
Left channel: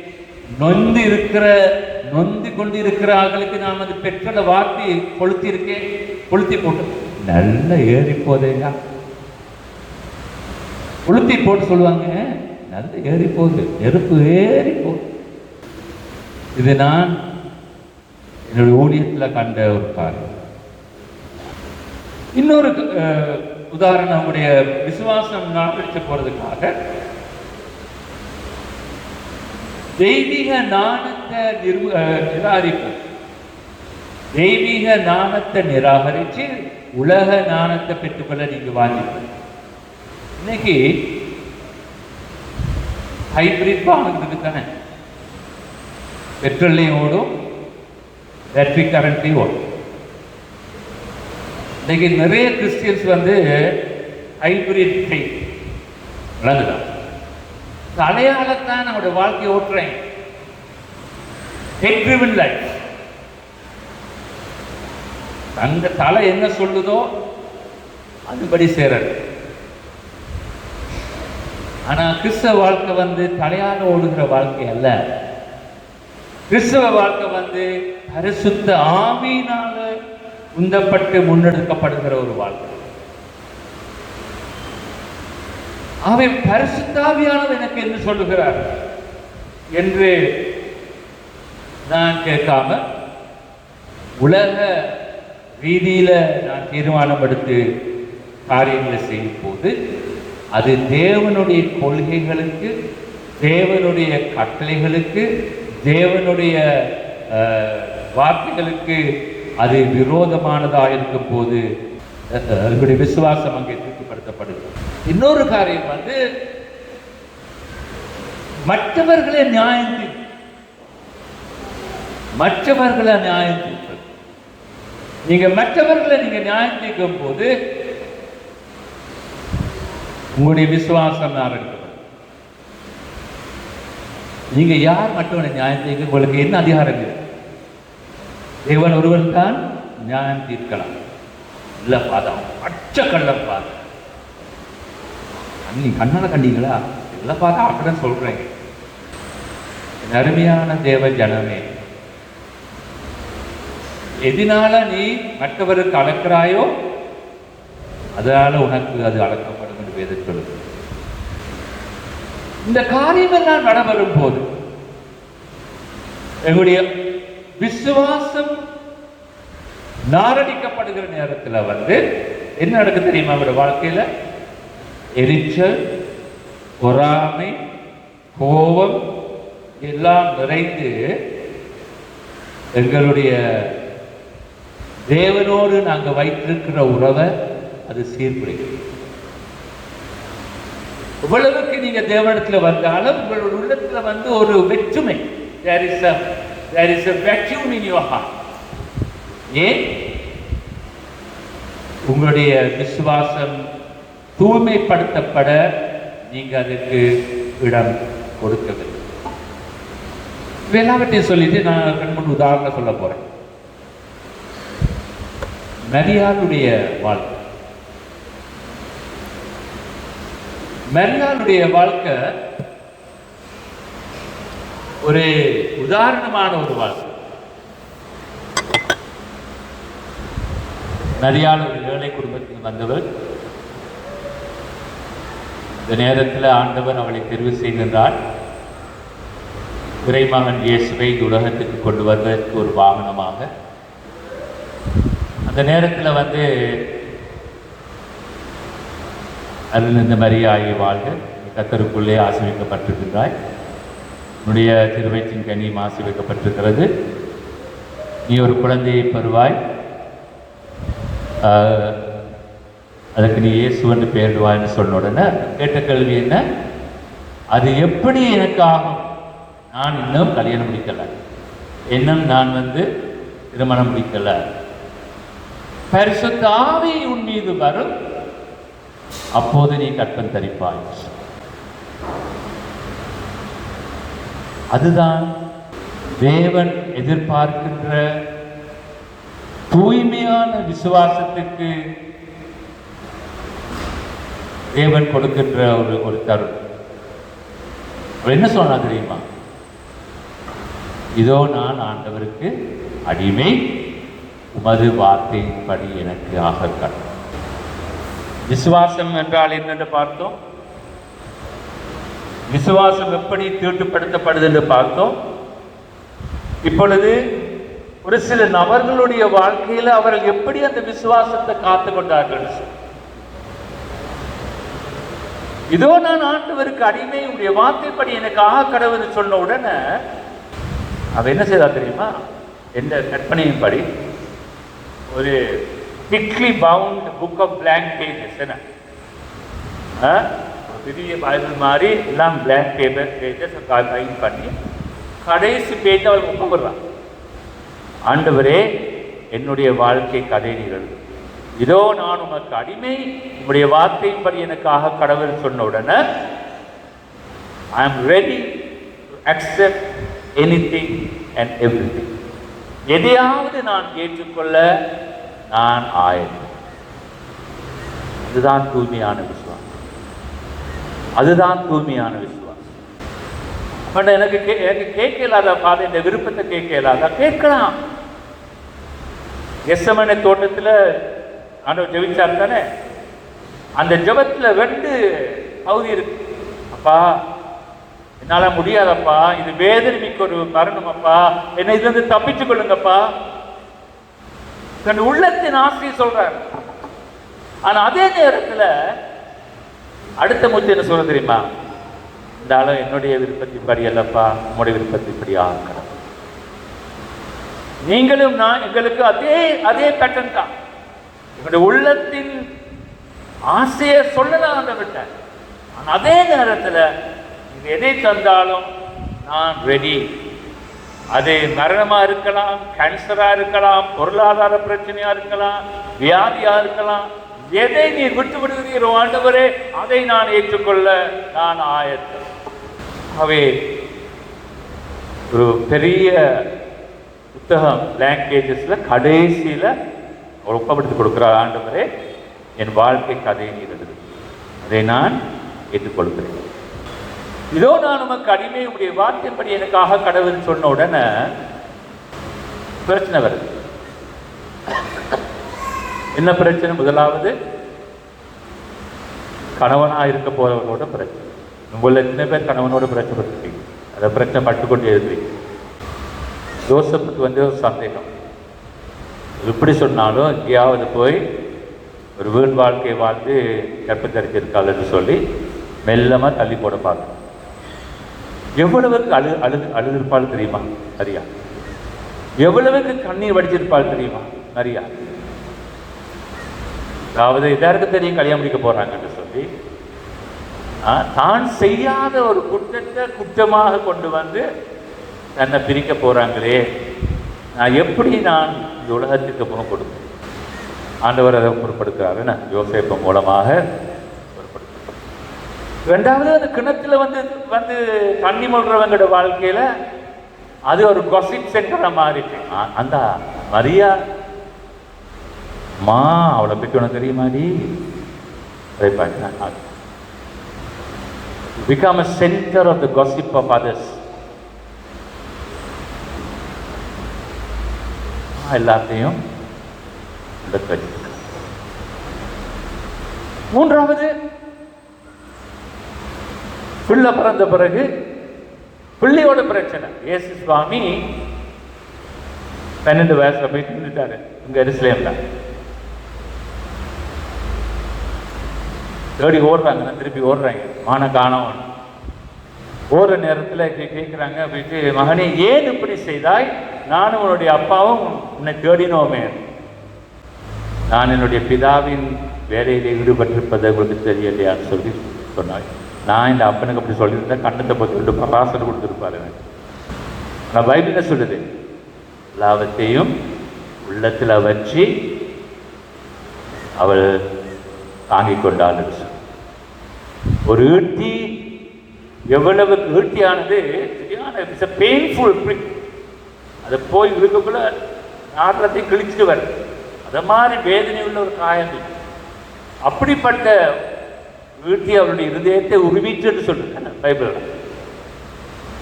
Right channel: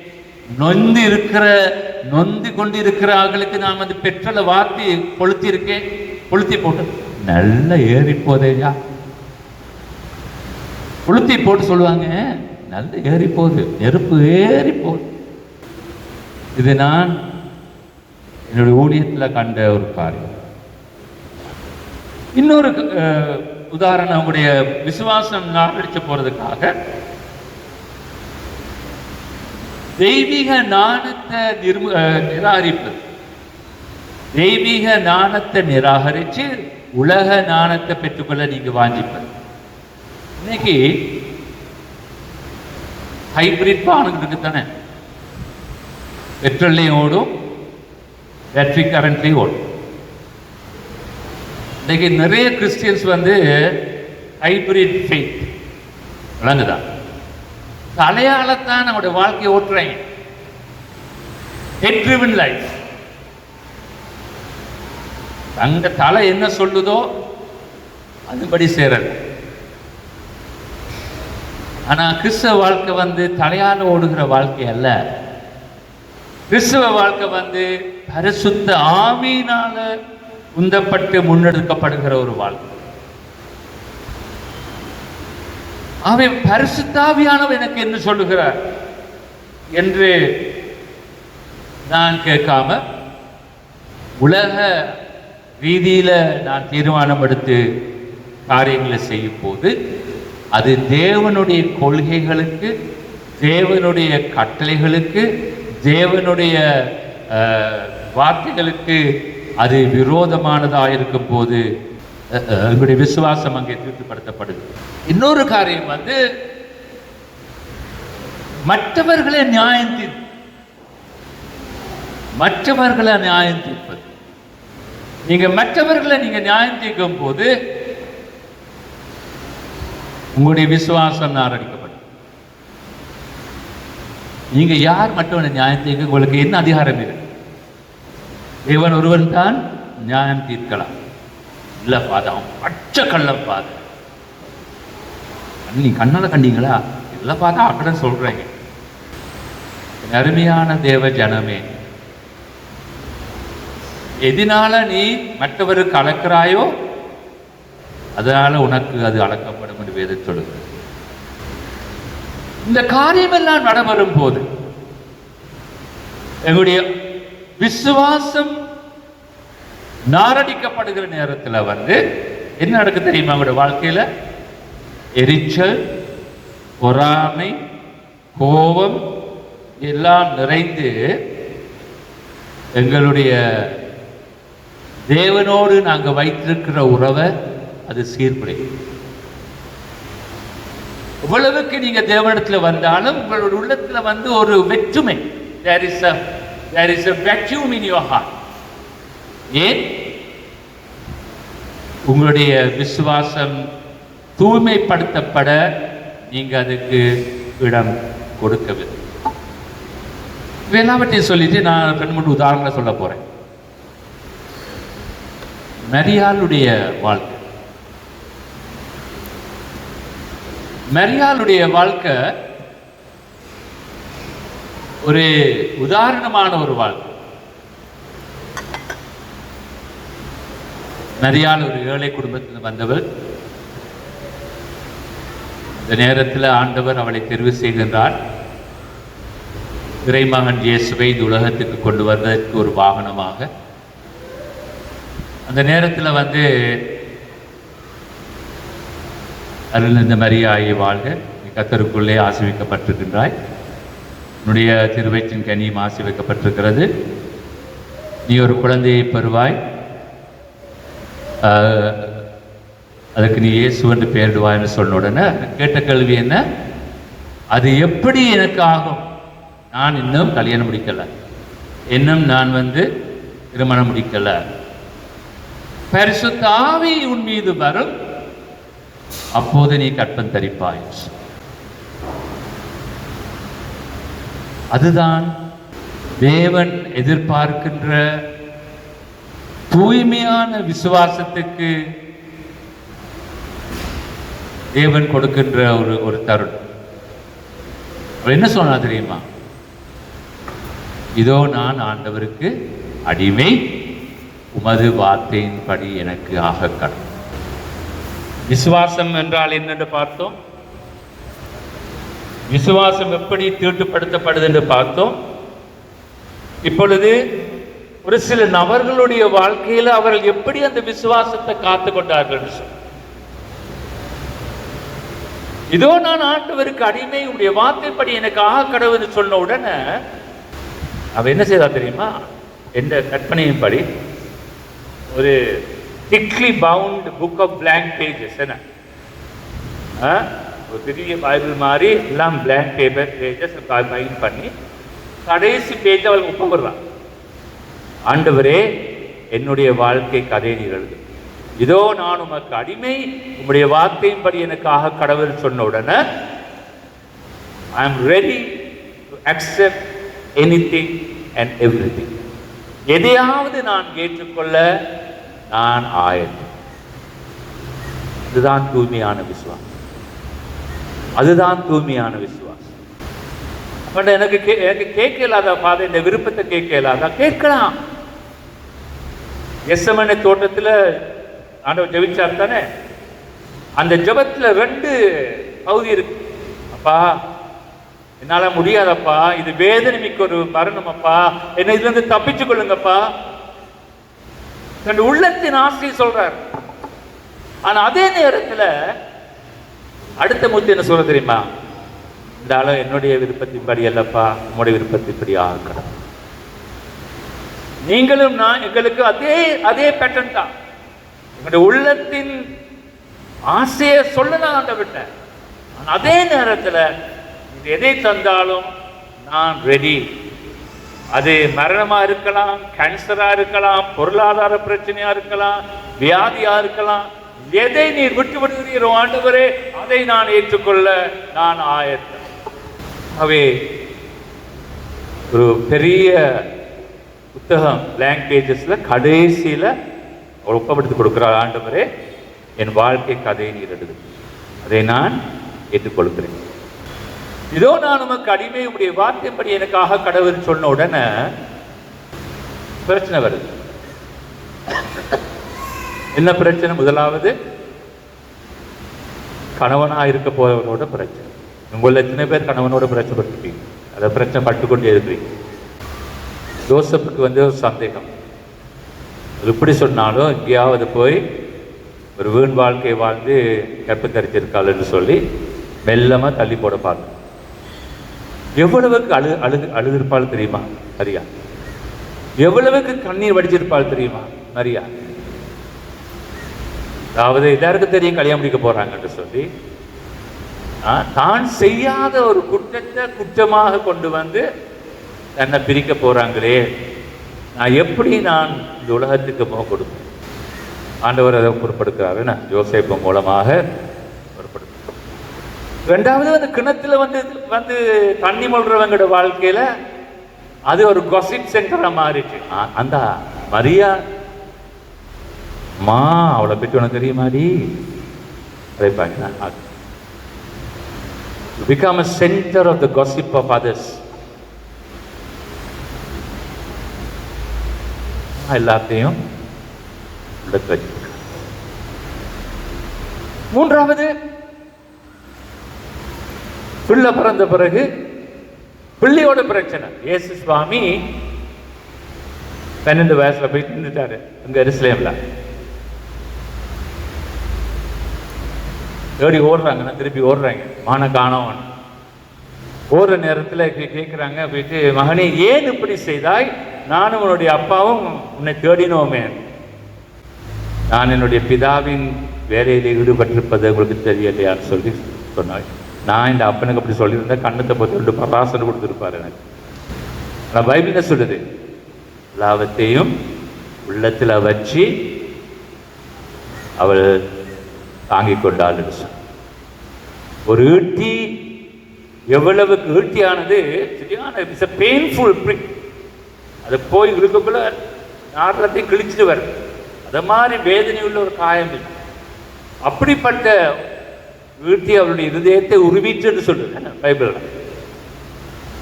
நொந்து கொண்டு இருக்கிறவர்களுக்கு நான் அந்த பெட்ரோலை வார்த்தை கொளுத்தி இருக்கேன். கொளுத்தி போட்டு நல்லா ஏறி போதேயா, கொளுத்தி போட்டு சொல்லுவாங்க, நல்ல ஏறி போகுது, நெருப்பு ஏறி போகுது. இது நான் என்னுடைய ஊழியத்தில் கண்ட ஒரு காரணம். இன்னொரு உதாரணம், நம்முடைய விசுவாசம் நாட்டடிச்சு போறதுக்காக தெய்வீக நாணத்தை நிராகரிப்பு. தெய்வீக நாணத்தை நிராகரிச்சு உலக நாணத்தை பெற்றுக்கொள்ள நீங்க வாங்கிப்ப. இன்னைக்கு ஹைபிரிட் வாகனம் இருக்கு தானே, பெட்ரோல்லையும் ஓடும், பேட்டரி கரண்ட்லையும் ஓடும். இன்னைக்கு நிறைய கிறிஸ்டியன்ஸ் வந்து ஹைபிரிட் ஃபெய்த் விளங்குதான், தலையாளத்தான் நம்முடைய வாழ்க்கையை ஓட்டுறேன். Head driven life. தங்க தலை என்ன சொல்லுதோ அதுபடி சேரல். ஆனா கிறிஸ்தவ வாழ்க்கை வந்து தலையால ஓடுகிற வாழ்க்கை அல்ல. கிறிஸ்தவ வாழ்க்கை வந்து பரிசுத்த ஆவியினால உந்தப்பட்டு முன்னெடுக்கப்படுகிற ஒரு வாழ்க்கை. அவை பரிசுத்தாவியானவர் எனக்கு என்ன சொல்லுகிறார் என்று நான் கேட்காம உலக ரீதியில நான் தீர்மானம் எடுத்து காரியங்களை செய்யும் போது அது தேவனுடைய கொள்கைகளுக்கு, தேவனுடைய கட்டளைகளுக்கு, தேவனுடைய வார்த்தைகளுக்கு அது விரோதமானதாக இருக்கும் போது எங்களுடைய விசுவாசம் அங்கே திருப்திப்படுத்தப்படுது. இன்னொரு காரியம் வந்து மற்றவர்களை நியாயம் தீர்ப்பது. நீங்க மற்றவர்களை நீங்க நியாயம் தீர்க்கும் போது உங்களுடைய விசுவாசம் நாரடிக்கப்படும். நீங்க யார் மற்றவனை நியாயம் தீர்க்க உங்களுக்கு என்ன அதிகாரம் இருக்கு? தேவன் ஒருவன் தான் நியாயம் தீர்க்கலாம். இல்ல பாதா பச்சை கள்ளம் பாதா, நீ கண்ணால கண்டீங்களா? இல்ல பாதா அப்படி சொல்றேங்க. அருமையான தேவ ஜனமே, எதனால நீ மற்றவருக்கு அளக்கிறாயோ அதனால உனக்கு அது அளக்கப்படும் என்று வேதம் சொல்லுது. இந்த காரியம் எல்லாம் நடைபெறும் போது எங்களுடைய விசுவாசம் நாரடிக்கப்படுகிற நேரத்தில் வந்து என்ன நடக்குது தெரியுமா? அவங்களுடைய வாழ்க்கையில எரிச்சல், பொறாமை, கோபம் எல்லாம் நிறைந்து எங்களுடைய தேவனோடு நாங்கள் வைத்திருக்கிற உறவை அது சீர்குலைக்கும். இவ்வளவுக்கு நீங்க தேவனிடத்தில் வந்தாலும் உங்களுடைய உள்ளத்தில் வந்து ஒரு வெற்றுமை, there is a vacuum in your heart. ஏன்? உங்களுடைய விசுவாசம் தூய்மைப்படுத்தப்பட நீங்க அதுக்கு இடம் கொடுக்கவில்லை. எல்லாவற்றையும் சொல்லிட்டு நான் 2-3 உதாரணம் சொல்ல போறேன். மரியாளுடைய வாழ்க்கை. மரியாளுடைய வாழ்க்கை ஒரு உதாரணமான ஒரு வாழ்க்கை. மரியாள் ஒரு ஏழை குடும்பத்தில் வந்தவர். இந்த நேரத்தில் ஆண்டவர் அவளை தெரிவு செய்கின்றார். இறைமகன் இயேசுவை இந்த உலகத்துக்கு கொண்டு வருவதற்கு ஒரு வாகனமாக. அந்த நேரத்தில் அருள் இந்த மரியாயை வாழ்க, கர்த்தருக்குள்ளே ஆசீர்வதிக்கப்பட்டிருக்கின்றாய், உன்னுடைய திருவயிற்றின் கனியும் ஆசீர்வதிக்கப்பட்டிருக்கிறது, நீ ஒரு குழந்தையை பெறுவாய், அதுக்கு நீ இயேசு என்று பெயரிடுவாய்ன்னு சொன்ன உடனே கேட்ட கேள்வி என்ன? அது எப்படி எனக்கு ஆகும்? நான் இன்னும் கல்யாணம் முடிக்கலை, இன்னும் நான் திருமணம் முடிக்கலை. பரிசுத்த ஆவி உன் மீது வரும், அப்போது நீ கற்பம் தரிப்பாய். அதுதான் தேவன் எதிர்பார்க்கின்ற தூய்மையான விசுவாசத்துக்கு தேவன் கொடுக்கின்ற ஒரு தருணம். என்ன சொன்னா தெரியுமா? இதோ நான் ஆண்டவருக்கு அடிமை, உமது வார்த்தையின்படி எனக்கு ஆக கடவுள். விசுவாசம் என்றால் என்னென்று பார்த்தோம். விசுவாசம் எப்படி தீட்டுப்படுத்தப்படுது என்று பார்த்தோம். இப்பொழுது ஒரு சில நபர்களுடைய வாழ்க்கையில் அவர்கள் எப்படி அந்த விசுவாசத்தை காத்து கொண்டார்கள். இதோ நான் ஆண்டவருக்கு அடிமை, உடைய வார்த்தைப்படி எனக்கு ஆக கடவுள் சொன்ன உடனே அவன் என்ன செய்தா தெரியுமா? என்ற கற்பனையின்படி ஒரு thickly bound book of blank pages, என்ன ஒரு பெரிய பைபிள் மாதிரி எல்லாம் blank pages பைண்ட் பண்ணி கடைசி பேஜ் அவள் ஒப்புக்கொள்றான். ஆண்டவரே, என்னுடைய வாழ்க்கை கதை நிகழ்வு, இதோ நான் உமக்கு அடிமை, உங்களுடைய வார்த்தையின்படி எனக்காக கடவுள் சொன்ன உடனே I am ready to accept anything and everything. எதையாவது நான் ஏற்றுக்கொள்ள நான் ஆயத்தம். அதுதான் தூய்மையான விசுவாசம். அதுதான் தூய்மையான விசுவாசம். எனக்கு கேட்க இல்லாத பாதை, இந்த விருப்பத்தை கேட்க இல்லாத கேட்கலாம். எஸ்எம்என்ஏ தோட்டத்தில் ஆண்டவர் ஜெபிச்சார் தானே, அந்த ஜெபத்தில் 2 பகுதி இருக்கு. அப்பா, என்னால முடியாதப்பா, இது வேதனை மிக்க ஒரு மரணம் அப்பா, என்னை இதுல இருந்து தப்பிச்சு கொள்ளுங்கப்பா. தன் உள்ளத்தின் ஆசையை சொல்றார். ஆனா அதே நேரத்தில் அடுத்த முத்து என்ன சொல்ல தெரியுமா? இந்த ஆளு என்னுடைய விருப்பத்தின்படி அல்லப்பா, உங்களுடைய விருப்பத்தின்படி ஆகணும். நீங்களும் நான் எங்களுக்கு அதே பேட்டர்ன் தான். உங்களுடைய உள்ளத்தின் ஆசையை சொல்லலாம் அந்த விட்டேன். ஆனா அதே நேரத்தில் எதை தந்தாலும் நான் ரெடி. அது மரணமா இருக்கலாம், கேன்சரா இருக்கலாம், பொருளாதார பிரச்சனையா இருக்கலாம், வியாதியா இருக்கலாம். எதை நீ விட்டு விடுகிறீரோ ஆண்டவரே, அதை நான் ஏற்றுக்கொள்ள நான் ஆயத்தம். ஆகவே ஒரு பெரிய புத்தகம் blank pagesல கடைசியில அவர் ஒப்பப்படுத்தி கொடுக்கிறார். ஆண்டவரே, என் வாழ்க்கை கதையை எழுது, அதை நான் ஏற்றுக்கொள்கிறேன். இதோ நான் உமக்கு அடிமை, உடைய வார்த்தைப்படி எனக்காக கடவுள் சொன்ன உடனே பிரச்சனை வருது. என்ன பிரச்சனை? முதலாவது கணவனா இருக்க போறவங்களோட பிரச்சனை. உங்களை எத்தனை பேர் கணவனோட பிரச்சனை பட்டுருக்கீங்க? அதை பிரச்சனை பட்டுக்கொண்டே இருக்கிறீங்க. ஜோசப்புக்கு ஒரு சந்தேகம், எப்படி சொன்னாலும் எங்கேயாவது போய் ஒரு வீண் வாழ்க்கையை வாழ்ந்து கற்பத்தரிச்சிருக்காள்னு சொல்லி மெல்லமா தள்ளி போட பார்க்கணும். எவ்வளவுக்கு அழுதிருப்பாள் தெரியுமா மரியா? எவ்வளவுக்கு கண்ணீர் வடிச்சிருப்பாள் தெரியுமா மரியா? அதாவது எல்லாருக்கும் தெரியும் கல்யாணம் முடிக்க போறாங்கன்னு சொல்லி தான் செய்யாத ஒரு குற்றத்தை குற்றமாக கொண்டு வந்து தன்னை பிரிக்க போறாங்களே, நான் எப்படி நான் இந்த உலகத்துக்கு முக கொடுப்பேன்? ஆண்டவர் அதை பொறுப்படுத்துறாரு, நான் யோசேப்பு மூலமாக பொறுப்படுத்த. ரெண்டாவது அந்த கிணத்துல வந்து தண்ணி மொழ்றவங்களோட வாழ்க்கையில அது ஒரு காசிப் சென்டரா மாறிச்சு. அந்த மரியா அவளை பற்றி உனக்கு தெரியுமாடி? அதை பார்க்க become a center of the gossip of others. எல்லாத்தையும் மூன்றாவது, பிள்ளை பிறந்த பிறகு பிள்ளையோட பிரச்சனை. இயேசு சுவாமி 12 வயசுல போயிட்டு இருந்துட்டாரு இங்க எருசலேம்ல. தேடி ஓடுறாங்க, திருப்பி ஓடுறாங்க, மான காணோம். ஓடுற நேரத்தில் கேட்குறாங்க, போயிட்டு மகனே ஏன் இப்படி செய்தாய்? நானும் உன்னுடைய அப்பாவும் உன்னை தேடினோமே. நான் என்னுடைய பிதாவின் வேலையில் ஈடுபட்டிருப்பது உங்களுக்கு தெரியலையான்னு சொல்லி சொன்னாய். நான் இந்த அப்பனுக்கு அப்படி சொல்லியிருந்தேன், கண்ணத்தை பார்த்து பராசனை கொடுத்துருப்பாரு. நான் பைபிள சொல்லுது, எல்லாவற்றையும் உள்ளத்தில் வச்சு அவள் தாங்கிக் கொண்டாள். ஒரு ஈட்டி எவ்வளவு ஈட்டியானது சரியான பெயின்ஃபுல் பிரிக். அதை போய் இருக்குள்ள நாட்டத்தை கிழிச்சிட்டு வர, அதை மாதிரி வேதனை உள்ள ஒரு காயம். அப்படிப்பட்ட ஈட்டி அவருடைய இருதயத்தை உருவிட்டுன்னு சொல்லுது பைபிள்.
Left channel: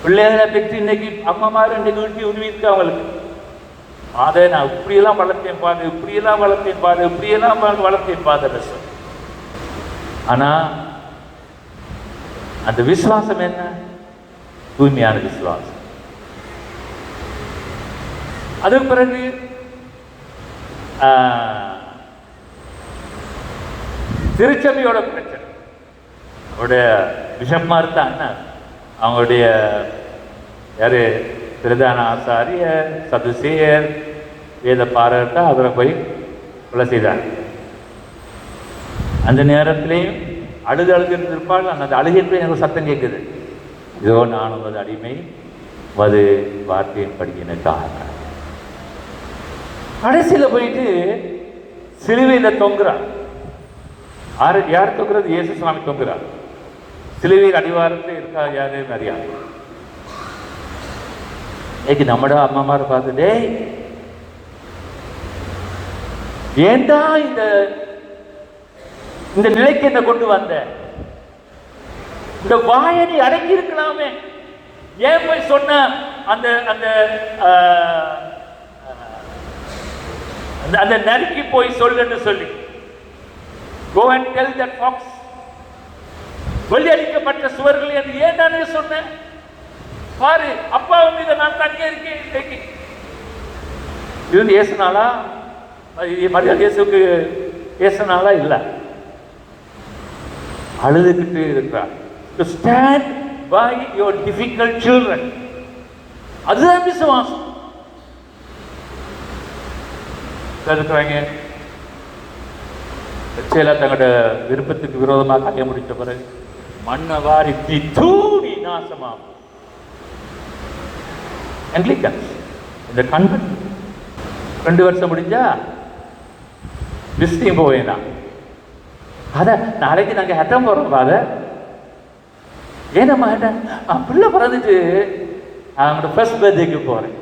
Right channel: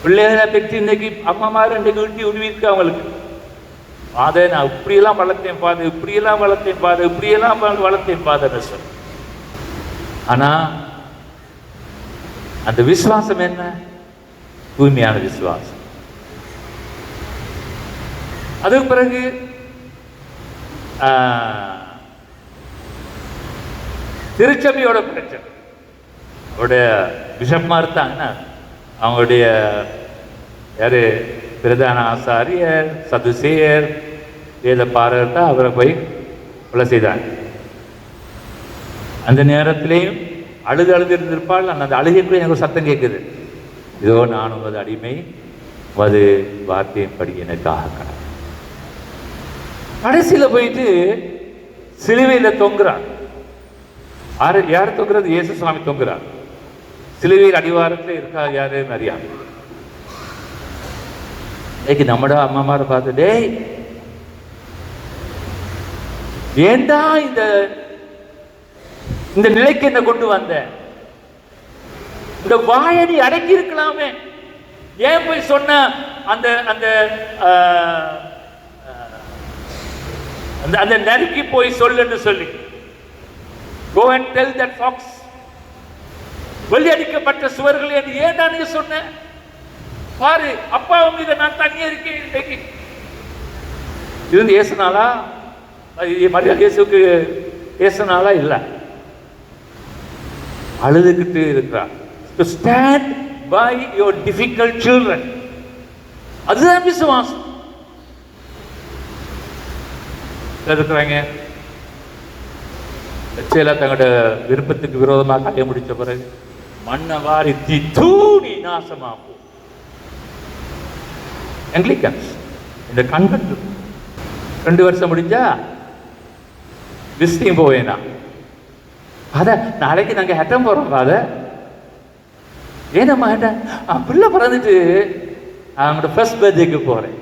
பிள்ளைகளை பெற்று இன்னைக்கு அம்மாமார் இன்றைக்கு ஈட்டி உருவிருக்கு அவங்களுக்கு. அதை நான் இப்படியெல்லாம் வளர்த்தேன் பாது, இப்படியெல்லாம் வளர்த்தேன் பாது, இப்படியெல்லாம் வளர்த்தேன் பாத. ஆனா அந்த விசுவாசம் என்ன? தூய்மையான விசுவாசம். அதுக்கு பிறகு திருச்சபையோட பிரச்சனை. அவருடைய பிஷப்மார் தான் அவங்களுடைய யாரு பிரதான ஆசாரியர், சதுசேயர், வேத பாரர் தான் அவரை போய் கொலை செய்தாங்க. அந்த நேரத்திலேயும் அழுது இருந்திருப்பாள். அந்த அழுகின்ற எனக்கு சத்தம் கேட்குது, இதோ நான் உங்களது அடிமை, அது வார்த்தையின் படி எனக்காக. கடைசியில் போயிட்டு சிலுவையில் தொங்குறான். யார் தொங்குறது? இயேசு சுவாமி தொங்குறார். சிலுவையில் அடிவாரத்தில் இருக்கா யாரு? மரியா. இன்னைக்கு நம்மட அம்மாமாரை பார்த்துட்டே ஏண்டா இந்த நிலைக்கு என்ன கொண்டு வந்த? இந்த வாயனை அடங்கி இருக்கலாமே, ஏன் போய் சொன்ன அந்த அந்த அந்த நறுக்கி போய் சொல்லுன்னு சொல்லி, go and tell that fox, வெளியடிக்கப்பட்ட சுவர்கள் என்று ஏன் தானே சொன்னேன்? பாரு, அப்பாவும் மீது நான் தனியே இருக்கேன். இன்னைக்கு இது ஏசுனாலா? மரியாதை இயேசுக்கு ஏசுனாலா? இல்ல, அழுதுகிட்டு இருக்கிறார். To stand by your difficult children. அதுதான் விசுவாசம். இருக்கிறாங்க தங்களோட விருப்பத்துக்கு விரோதமாக கல்ய முடிச்ச பிறகு மண்ணை வாரி தூணி நாசமாகும். ஆங்கிலிக்கன்ஸ் இந்த கன்வென்ட் 2 வருஷம் முடிஞ்சா விசிட்டிங் போவேனா? அத நாளைக்கு நாங்க ஹெட்டம் போறோம். அத ஏனம்மா ஹெட்டம்? பிள்ளை பிறந்துட்டு அவங்களோட ஃபர்ஸ்ட் பர்த்டேக்கு போறேன்.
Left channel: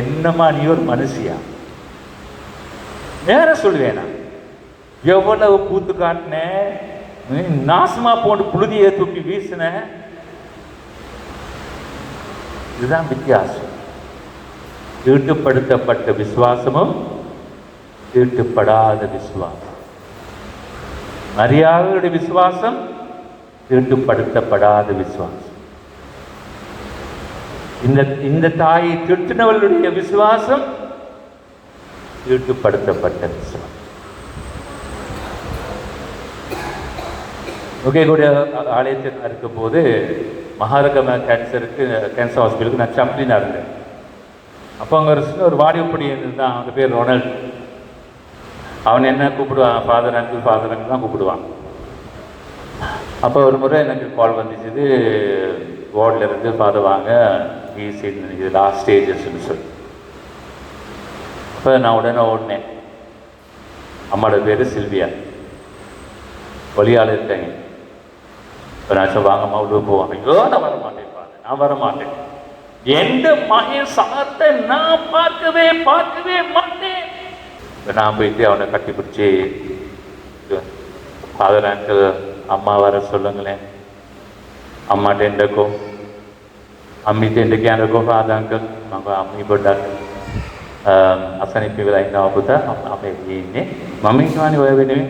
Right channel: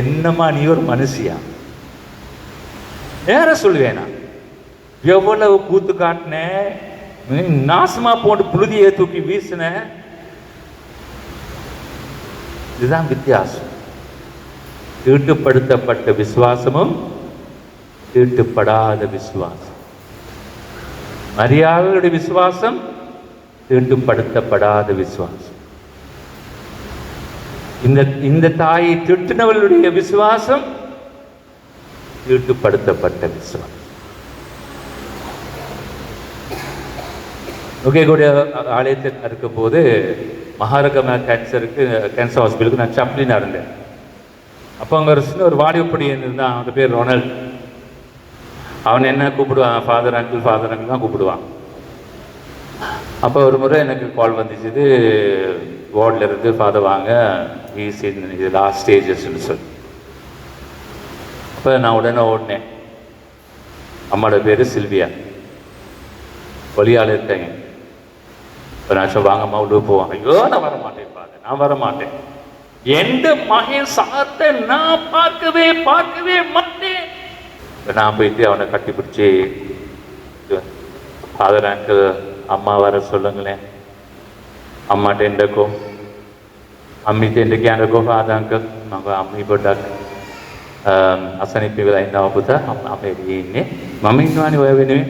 என்னம்மா நீ ஒரு மனுஷியா? நேர சொல்லுவேனா? எவ்வளவு கூத்து காட்டின, நாசமா போட்டு புழுதியை தூக்கி வீசின. இதுதான் வித்தியாசம். தீட்டுப்படுத்தப்பட்ட விசுவாசமும் தீட்டுப்படாத விசுவாசம். மரியாதையுடைய விசுவாசம் தீட்டுப்படுத்தப்படாத விசுவாசம். இந்த தாயை திட்டினவர்களுடைய விசுவாசம் தீட்டுப்படுத்தப்பட்ட விசுவாசம். நுகைகூடிய ஆலயத்தில் இருக்கும் போது மகாரகமா கேன்சர் ஹாஸ்பிட்டலுக்கு நான் சப்ளினா இருந்தேன். அப்போ அங்கே ஒரு வாடிப்படி இருந்தான், அவன் பேர் ரொனால்ட். அவன் என்ன கூப்பிடுவான்? ஃபாதர் அங்கிள் தான் கூப்பிடுவான். அப்போ ஒரு முறை எனக்கு கால் வந்துச்சு, வார்டில் இருந்து ஃபாதர் வாங்க, இது லாஸ்ட் ஸ்டேஜஸ்ன்னு சொல்லி. அப்போ நான் உடனே ஓடினேன். அம்மாவோட பேர் சில்வியா, ஒலியால் இருக்காங்க. இப்போ நான் வாங்கம்மா உள்ள போவாங்க. ஐயோ நான் வர மாட்டேன். எந்த மகன் சாத்தை நான் பார்க்கவே மாட்டேன். இப்போ நான் போயிட்டு அவனை கட்டி பிடிச்சி, ஃபாதர் அங்கிள் அம்மா வர சொல்லுங்களேன், அம்மாட்ட எண்டக்கோ අම්මිට එන්න කියනකො ආදාංක මම අම්මි පොඩ්ඩක් අසනීප වෙලා ඉන්නවා පුතා. අපේ ඉන්නේ මම ඉන්නවානේ ඔය වෙනුවෙන්.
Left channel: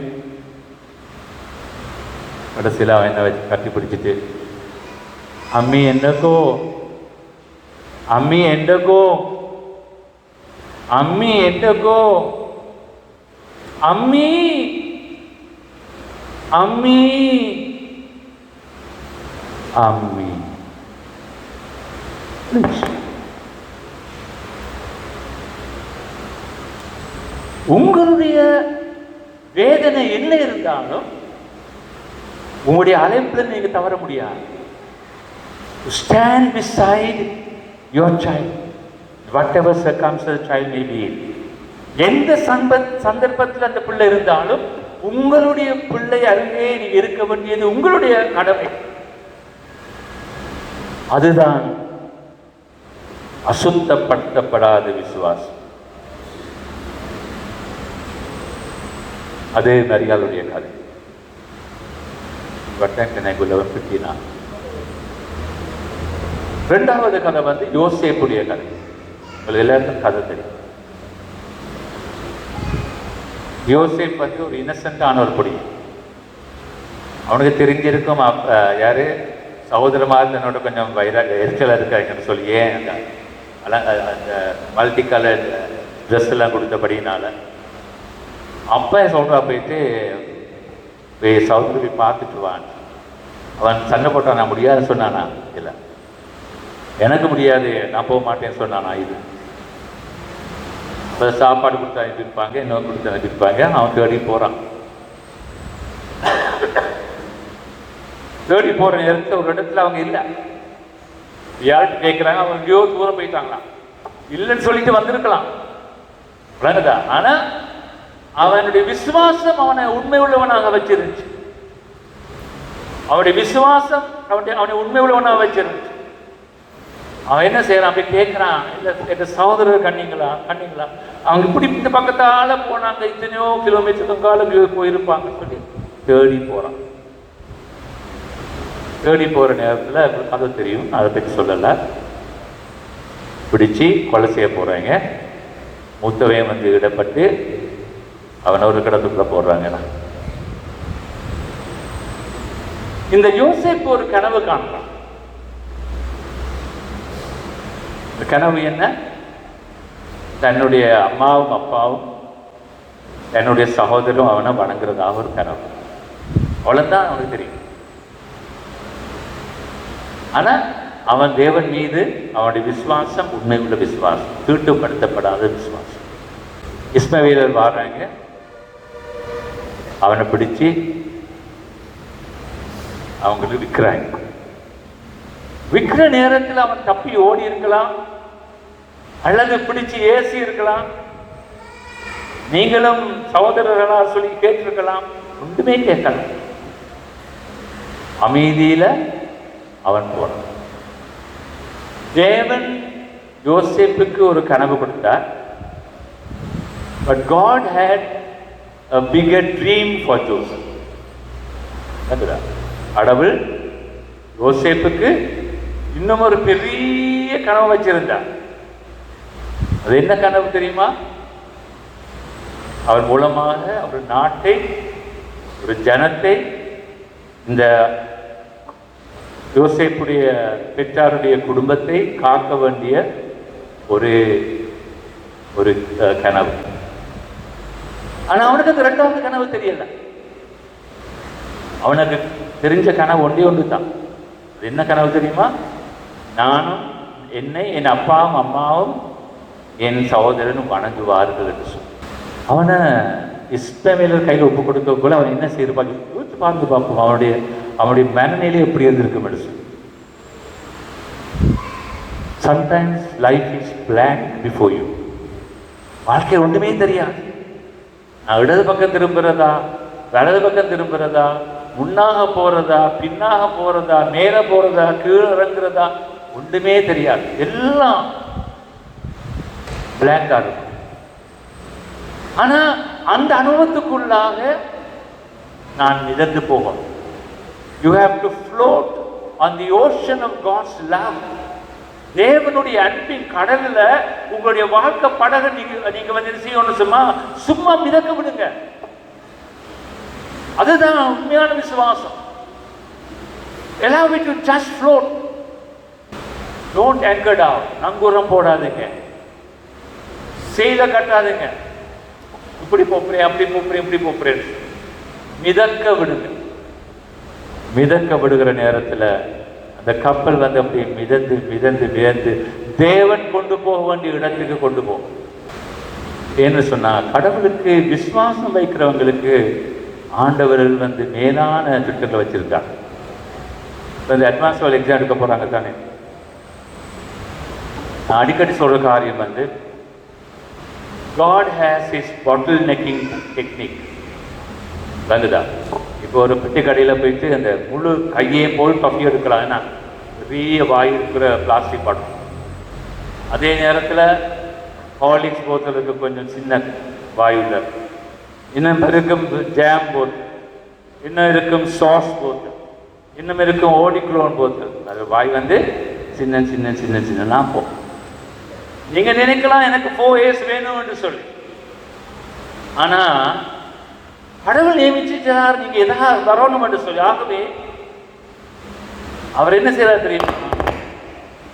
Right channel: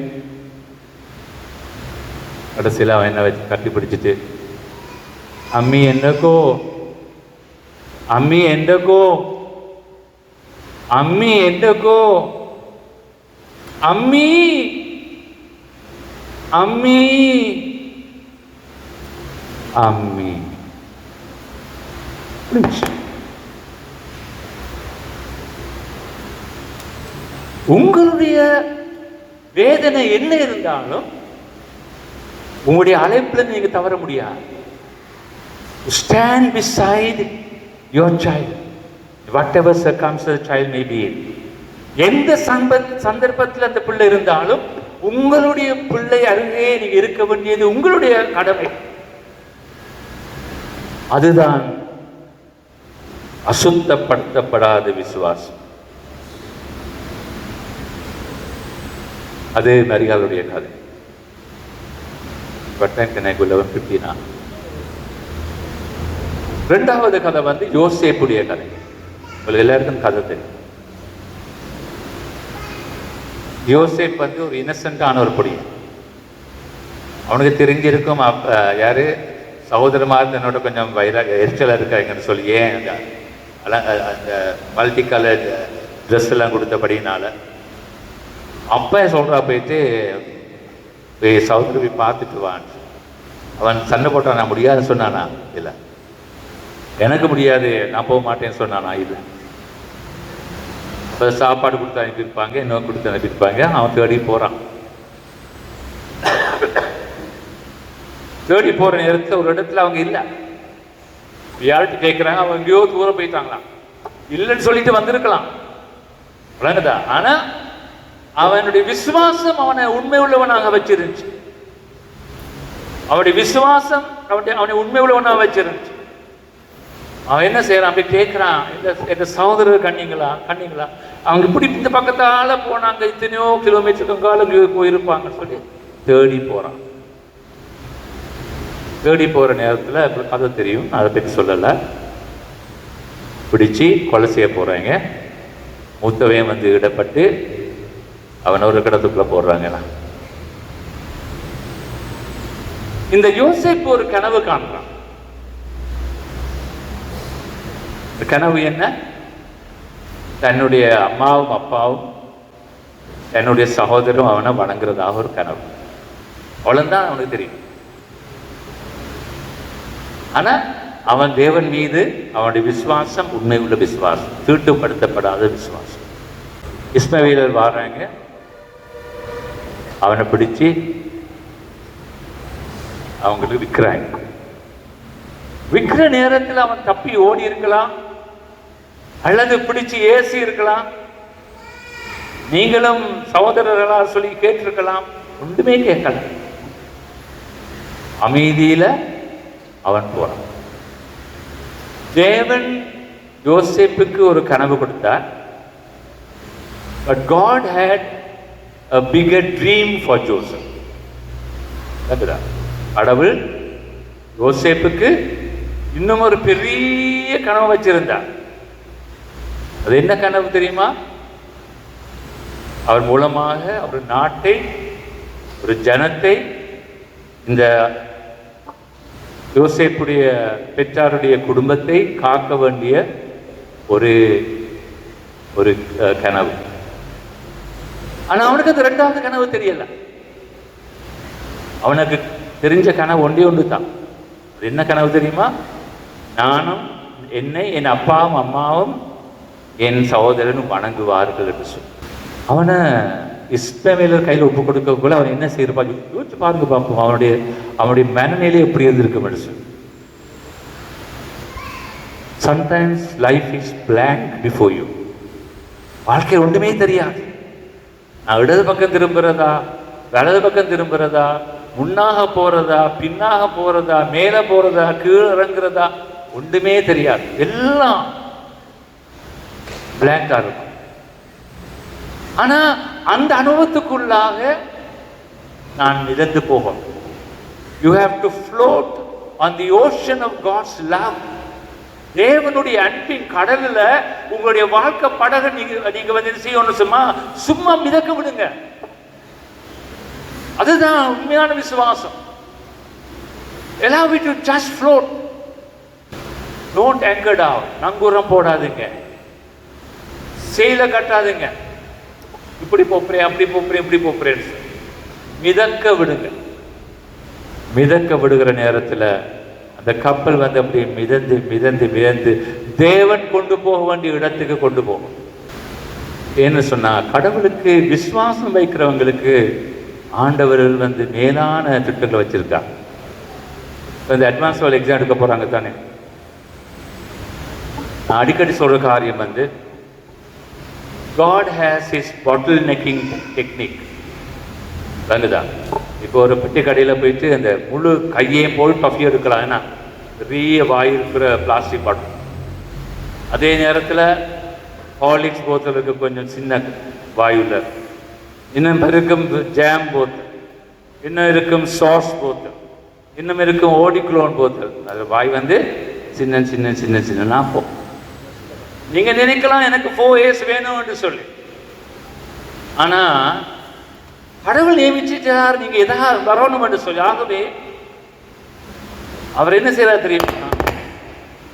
கடைசியில் அவன் என்ன வச்சு கட்டி பிடிச்சிட்டு, அம்மி எண்டக்கோ, அம்மி எண்டக்கோ, அம்மி எண்டக்கோ, அம்மி அம்மி அம்மி. உங்களுடைய வேதனை என்ன இருந்தாலும் உங்களுடைய அழைப்புல நீங்க தவற முடியாது. Stand beside your child, whatever circumstance the child may be in. எந்த சந்தர்ப்பத்தில் அந்த பிள்ளை இருந்தாலும் உங்களுடைய பிள்ளை அருகே நீங்க இருக்க வேண்டியது உங்களுடைய கடமை. அதுதான் அசுத்தப்படுத்தப்படாத விசுவாசம். அது மரியாளுடைய கதை. இரண்டாவது கதை வந்து யோசேப்புடைய கதை. உங்களுக்கு எல்லாருக்கும் கதை தெரியும். யோசேப் வந்து ஒரு இன்னசென்டான ஒரு பொடி. அவனுக்கு தெரிஞ்சிருக்கும் யாரு சகோதரமாக தன்னோட கொஞ்சம் எரிச்சலாக இருக்காங்கன்னு சொல்லி, ஏன் அந்த மல்டி கலர் ட்ரெஸ் எல்லாம் கொடுத்தபடினால அப்பா சொல்றா போயிட்டு சகோதரி பார்த்துட்டு வான். அவன் சண்டை போட்டான். நான் முடியாதுன்னு சொன்னானா? இல்லை, எனக்கு முடியாது, நான் போக மாட்டேன்னு சொன்னானா? இது சாப்பாடு கொடுத்து அனுப்பியிருப்பாங்க, இன்னும் கொடுத்து அனுப்பியிருப்பாங்க. அவன் தேடி போறான். தேடி போற நேரத்தில் ஒரு இடத்துல அவங்க இல்லை. யார்கிட்ட கேட்கிறாங்க, அவங்க எங்கேயோ தூரம் போயிட்டாங்களா. இல்லைன்னு சொல்லிட்டு வந்திருக்கலாம், ஆனா அவனுடைய விசுவாசம் அவனை உண்மை உள்ளவனாக வச்சிருந்துச்சு. அவனுடைய விசுவாசம் அவனை உண்மை உள்ளவனாக வச்சிருந்துச்சு. அவன் என்ன செய்யறான், அப்படி கேட்கிறான், என் சகோதரர் கண்ணீங்களா கண்ணீங்களா? அவங்க இப்படி இந்த பக்கத்தால போனாங்க, இத்தனையோ கிலோமீட்டர் தொங்காலும் போயிருப்பாங்க சொல்லி தேடி போறான். தேடி போற நேரத்தில் அது தெரியும், அதை பற்றி சொல்லலை. பிடிச்சி கொலை செய்ய போறாங்க. மூத்தவன் வந்து இடப்பட்டு அவனை ஒரு கடத்துக்குள்ள போடுறாங்க. இந்த யோசேப்பு ஒரு கனவு காண்றான். இந்த கனவு என்ன? தன்னுடைய அம்மாவும் அப்பாவும் தன்னுடைய சகோதரரும் அவனை வணங்குறதாக ஒரு கனவு. அவ்வளவுதான் அவனுக்கு தெரியும். ஆனா அவன் தேவன் மீது அவனுடைய விசுவாசம் உண்மை உள்ள விசுவாசம், தீட்டுப்படுத்தப்படாத விசுவாசம். இஸ்மவேலர் வாராங்க, அவனை பிடிச்சு அவங்களுக்கு விற்கிறாங்க. விற்கிற நேரத்தில் அவன் தப்பி ஓடி இருக்கலாம், அல்லது பிடிச்சு ஏசி இருக்கலாம். நீங்களும் சகோதரர்களா சொல்லி கேட்டிருக்கலாம், ஒன்றுமே கேட்கலாம். அமைதியில அவன் போறான். தேவன் யோசேப்புக்கு ஒரு கனவு கொடுத்தார். But God had a bigger dream for Joseph. கடவுள் யோசேப்புக்கு இன்னும் ஒரு பெரிய கனவு வச்சிருந்தார். அது என்ன கனவு தெரியுமா? அவர் மூலமாக ஒரு நாட்டை, ஒரு ஜனத்தை, இந்த யோசேப்புடைய பெற்றாருடைய குடும்பத்தை காக்க வேண்டிய ஒரு ஒரு கனவு. ஆனா அவனுக்கு அது இரண்டாவது கனவு தெரியல. அவனுக்கு தெரிஞ்ச கனவு ஒன்றே ஒன்று தான். என்ன கனவு தெரியுமா? நானும் என்னை என் அப்பாவும் அம்மாவும் என் சகோதரனும் வணங்குவார்கள் என்று சொல்லி அவனை இஸ்மவேலர் கையில் ஒப்பு கொடுக்கக்குள்ள அவன் என்ன செய்யறான் யோசிச்சு பாருங்க பார்ப்போம். அவனுடைய மனநிலை எப்படி இருந்திருக்க மனுஷன். Sometimes life is blank before you. வாழ்க்கை ஒன்றுமே தெரியாது. நான் இடது பக்கம் திரும்புறதா, வலது பக்கம் திரும்புறதா, முன்னாக போறதா, பின்னாக போறதா, மேல போறதா, கீழே இறங்குறதா, ஒன்றுமே தெரியாது. எல்லாம் பிளாங்கா இருக்கும். ஆனா அந்த அனுபவத்துக்குள்ளாக நான் மிதந்து போகும். You have to float on the ocean of God's love. தேவனுடைய அன்பின் கடல்ல உங்களுடைய வாழ்க்கை படகு நீங்க வந்து செய்யணும். சும்மா மிதக்க விடுங்க. அதுதான் உண்மையான விசுவாசம். allow it to just float. Don't anchor down. நங்கூரம் போடாதீங்க, செயல கட்டாதீங்க. இப்படி போறேன், அப்படி போறேன், இப்படி போறேன். மிதக்க விடுங்க. மிதக்க விடுகிற நேரத்தில் அந்த கப்பல் வந்து அப்படி மிதந்து மிதந்து மிதந்து தேவன் கொண்டு போக வேண்டிய இடத்துக்கு கொண்டு போகும். ஏன்னு சொன்னா, கடவுளுக்கு விசுவாசம் வைக்கிறவங்களுக்கு ஆண்டவர்கள் வந்து மேலான திட்டங்களை வச்சிருக்காங்க. இந்த அட்வான்ஸ் லெவல் எக்ஸாம் எடுக்க போறாங்க தானே, நான் அடிக்கடி சொல்ற காரியம் வந்து God has his bottlenecking technique. வலுதா இப்போ ஒரு பெட்டி கடையில் போயிட்டு அந்த முழு கையையும் போய் பஃபியும் எடுக்கலாம்னா பெரிய வாய் இருக்கிற பிளாஸ்டிக் பாட்டில், அதே நேரத்தில் ஹார்லிக்ஸ் போத்தலுக்கு கொஞ்சம் சின்ன வாயுல, இன்னும் இருக்கும் ஜாம் போத்தல், இன்னும் இருக்கும் சாஸ் போத்தல், இன்னும் இருக்கும் ஓடிக்ளோன் போத்தல். அது வாய் வந்து சின்ன சின்ன சின்ன சின்னனா போகும். நீங்க நினைக்கலாம் எனக்கு 4 years வேணும் என்று சொல்லி, ஆனா கடவுள் நியமிச்சுட்டார் நீங்க எதாவது வரணும் என்று சொல்லி. ஆகவே அவர் என்ன செய்யறார் தெரியுமா,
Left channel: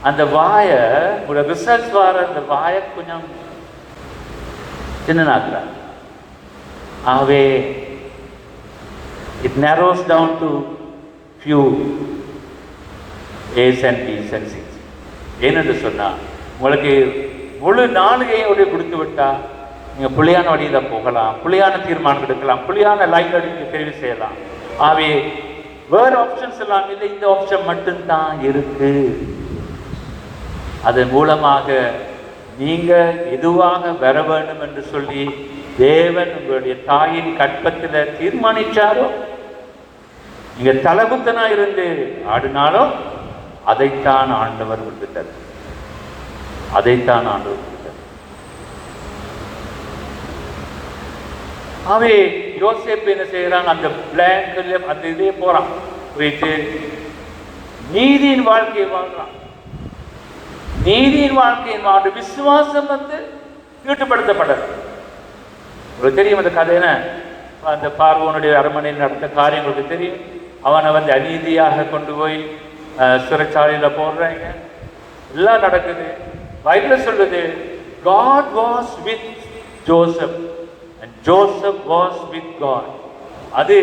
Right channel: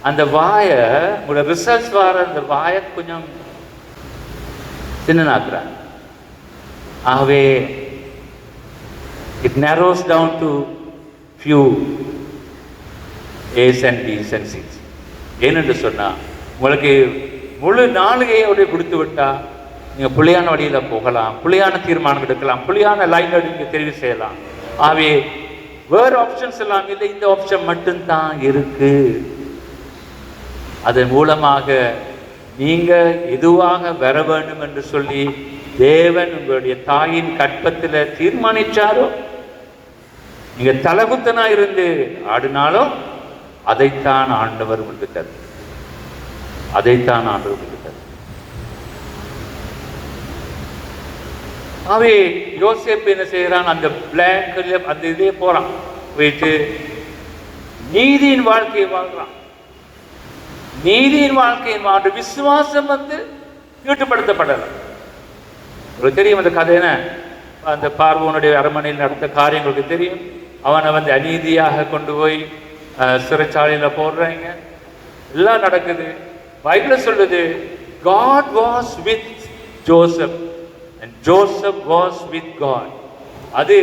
அந்த வாயை உங்களோட ரிசல்ட்ஸ் வர அந்த வாயை கொஞ்சம் சின்னனாக்குறார். ஆகவே it narrows down to few A's and B's and C's. ஏனென்று சொன்னா, உங்களுக்கு முழு நாளிகையோட கொடுத்து விட்டா நீங்க புள்ளியான வழியில போகலாம், புள்ளியான தீர்மானம் எடுக்கலாம், புள்ளியான லைன் நீங்க தெரிவு செய்யலாம். ஆகவே வேற ஆப்ஷன்ஸ் எல்லாம் இல்லை, இந்த ஆப்ஷன் மட்டும்தான் இருக்கு. அதன் மூலமாக நீங்க எதுவாக வர வேண்டும் என்று சொல்லி தேவன் உங்களுடைய தாயின் கற்பத்தில் தீர்மானிச்சாரோ, நீங்க தலகுத்தனா இருந்து ஆடினாலோ அதைத்தான் ஆண்டவர் கொடுத்தார். அதைத்தான் ஆண்டவர் கொடுத்தார். அவை யோசேப்பு என்ன செய்யறான், அந்த பிளாங்க்ல அந்த இதே போறான், போயிட்டு நீதியின் வாழ்க்கையை வாழ்றான். நீதியின் வாழ்க்கையின் வாழ்க்கை விசுவாசம் வந்து ஈட்டுப்படுத்தப்படல. உங்களுக்கு தெரியும் அந்த கதை என்ன, அந்த பார்வோனுடைய அரண்மனையில் நடந்த காரியங்களுக்கு தெரியும். அவனை வந்து அநீதியாக கொண்டு போய் சிறைச்சாலையில போடுறாங்க, எல்லாம் நடக்குது. பைபிள் சொல்லுது God was with Joseph and Joseph was with God. அது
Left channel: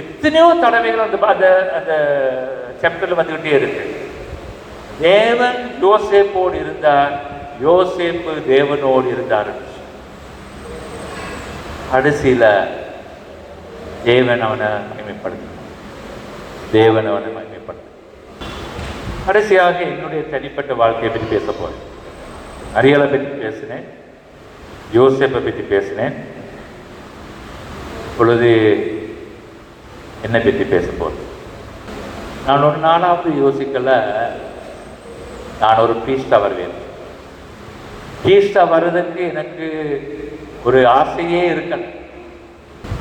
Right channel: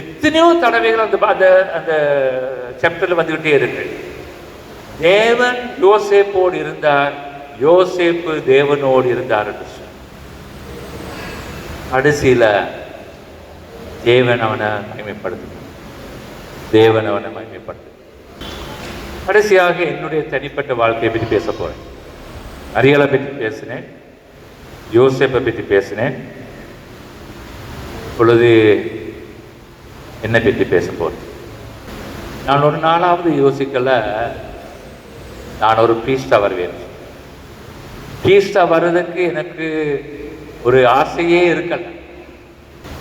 எத்தனையோ தடவைகள் அந்த சாப்டர்ல வந்துகிட்டே இருக்கு. தேவன் யோசேப்போடு இருந்தார், யோசேப்பு தேவனோடு இருந்தார். கடைசியில தேவன் அவனை மகிமைப்படுத்தினார். தேவன் அவனை மகிமைப்படுத்தினார். கடைசியாக என்னுடைய தனிப்பட்ட வாழ்க்கையை பற்றி பேச போறேன். அரியலை பற்றி பேசினேன், யோசேப்பை பற்றி பேசினேன். இப்பொழுது என்னை பற்றி பேச போறேன். நான் ஒரு நாளாவது யோசிக்கல, நான் ஒரு பிரீஸ்டா வருவேன். பிரீஸ்டா வர்றதுக்கு எனக்கு ஒரு ஆசையே இருக்கல.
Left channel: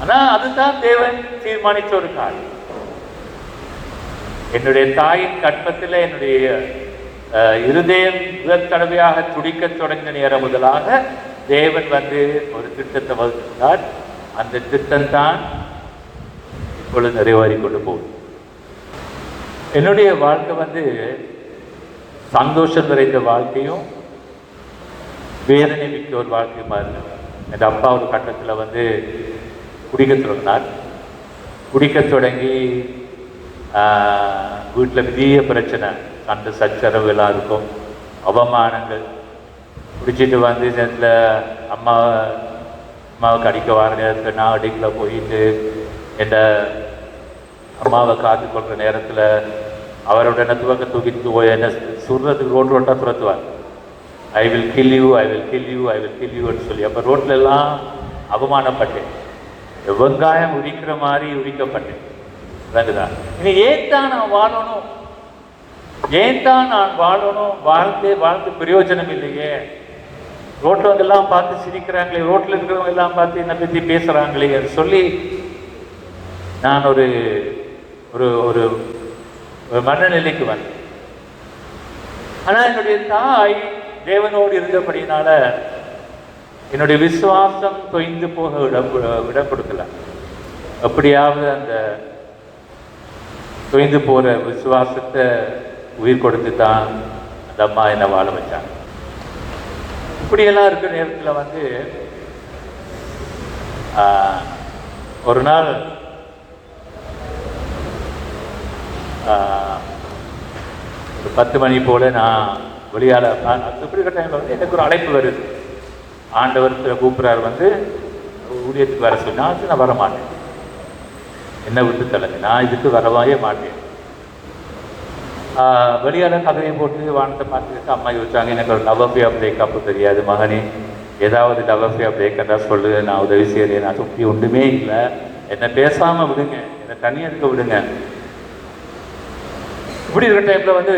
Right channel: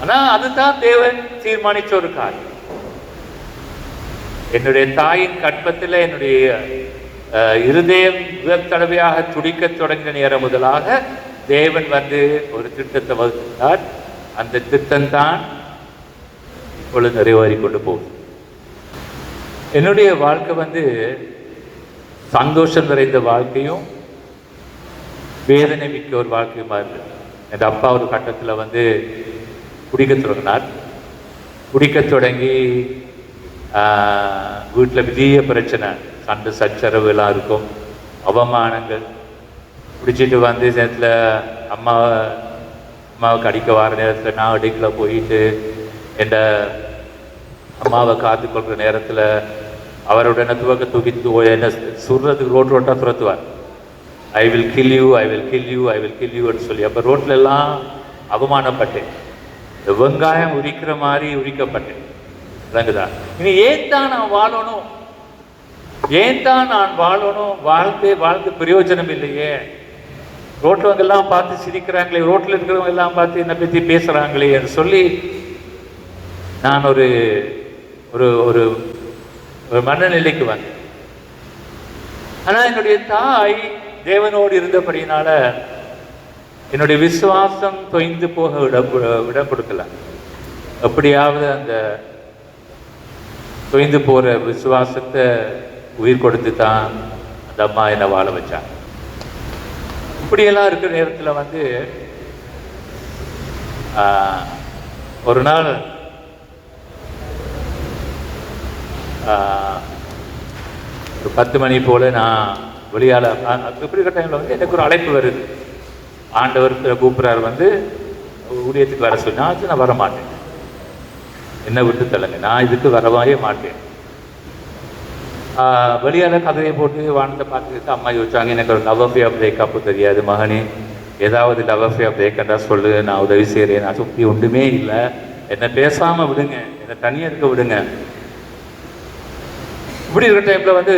ஆனா அதுதான் தேவன் தீர்மானிச்ச ஒரு காரியம். என்னுடைய தாயின் கற்பத்தில் என்னுடைய இருதயம் முதல் தடவையாக துடிக்க தொடங்கின நேரம் முதலாக தேவன் வந்து ஒரு திட்டத்தை வகுத்தார். அந்த திட்டம் தான் இப்பொழுது நிறைவேறி கொண்டு போகும். என்னுடைய வாழ்க்கை வந்து சந்தோஷம் நிறைந்த வாழ்க்கையும் வேதனை மிக்க ஒரு வாழ்க்கையுமா இருக்கு. என் அப்பா ஒரு கட்டத்தில் வந்து குடிக்க தொடங்கினார். குடிக்க தொடங்கி வீட்டில் பெரிய பிரச்சனை, சண்டை சச்சரவு எல்லாம் இருக்கும், அவமானங்கள். குடிச்சிட்டு வந்து நேரத்தில் அம்மாவுக்கு அடிக்க வர நேரத்தில் நான் அடிக்கல போயிட்டு என் அம்மாவை காத்துக்கொள்கிற நேரத்தில் அவரோட துவக்க தூக்கிட்டு போய் என்ன சுடுறதுக்கு ரோட்டாக துரத்துவார். I will kill you, I will kill you, I will kill யூன்னு சொல்லி. அப்போ ரோட்ல எல்லாம் அவமானப்பட்டேன், வெங்காயம் உரிக்கிற மாதிரி உரிக்கப்பட்டேன். விளங்குதான்? இனி ஏன் தான் நான் வாழணும், ஏன் தான் நான் வாழணும், வாழ்ந்து பிரயோஜனம் இல்லையே, ரோட்லவங்க எல்லாம் பார்த்து சிரிக்கிறாங்களே, ரோட்ல இருக்கிறவங்க எல்லாம் பார்த்து என்னை பற்றி பேசுறாங்களே என்று சொல்லி நான் ஒரு ஒரு ஒரு ஒரு மனநிலைக்கு வந்தேன். ஆனால் என்னுடைய தாய் தேவனோடு இருந்தபடினால என்னுடைய விசுவாசம் தொய்ந்து போக இடம் கொடுக்கல. எப்படியாவது அந்த தொய்ந்து போகிற விசுவாசத்தை உயிர் கொடுத்து தான் அந்த அம்மா என்னை வாழ வச்சாங்க. இப்படியெல்லாம் இருக்கிற நேரத்தில் வந்து ஒரு நாள் ஒரு 10 மணி போல் நான் வெளியால் இப்படிக்கிற டைமில் வந்து எனக்கு ஒரு அழைப்பு வருது. ஆண்டவர் கூப்பிட்றாரு வந்து ஊழியத்துக்கு வர சொன்னால் நான் வர மாட்டேன், என்ன விட்டு தள்ளுங்க, நான் இதுக்கு வரவே மாட்டேன். வெளியால் கதையை போட்டு வானத்தை பார்த்துக்கிட்டு அம்மா யோசிச்சாங்க, எனக்கு ஒரு லவ் அஃபேர் பிரேக்கப்பு தெரியாது மகனே, ஏதாவது லவ் அஃபேர் பிரேக்கண்டா சொல்லு, நான் உதவி செய்கிறேன். நான் சுற்றி ஒன்றுமே இல்லை, என்னை பேசாமல் விடுங்க, என்னை தண்ணி எடுக்க விடுங்க. இப்படி இருக்கிற டைமில் வந்து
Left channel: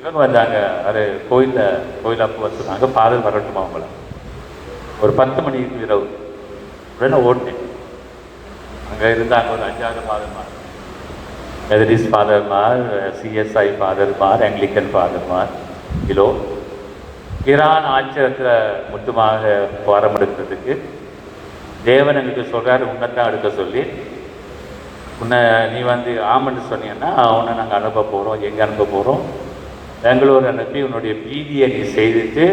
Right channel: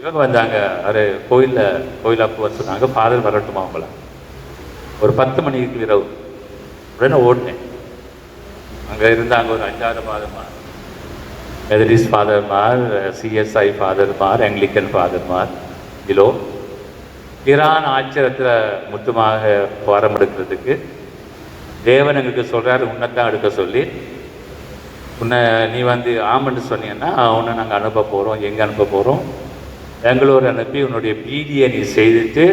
இவங்க வந்தாங்க, ஒரு கோயிலாக வர சொன்னாங்க, ஃபாதர் வரட்டுமா அவங்கள. ஒரு 10 மணிக்கு இரவு உடனே ஓடினேன். அங்கே இருந்தாங்க ஒரு 5-6 ஃபாதர்மார், மெதடிஸ்ட் ஃபாதர்மார், சிஎஸ்ஐ ஃபாதர்மார், ஆங்கிலிக்கன் ஃபாதர்மார். இதோ ஈரான் ஆச்சரியத்தில் மொத்தமாக வாரம் எடுக்கிறதுக்கு தேவன் எங்களுக்கு சொல்கிறாரு, உன்னைத்தான் எடுக்க சொல்லி, உன்னை நீ வந்து ஆமன்னு சொன்னீங்கன்னா அவனை நாங்கள் அனுப்ப போகிறோம். எங்கே அனுப்ப போகிறோம்? பெங்களூர் அனுப்பி உன்னுடைய பிடியை நீ செய்துட்டு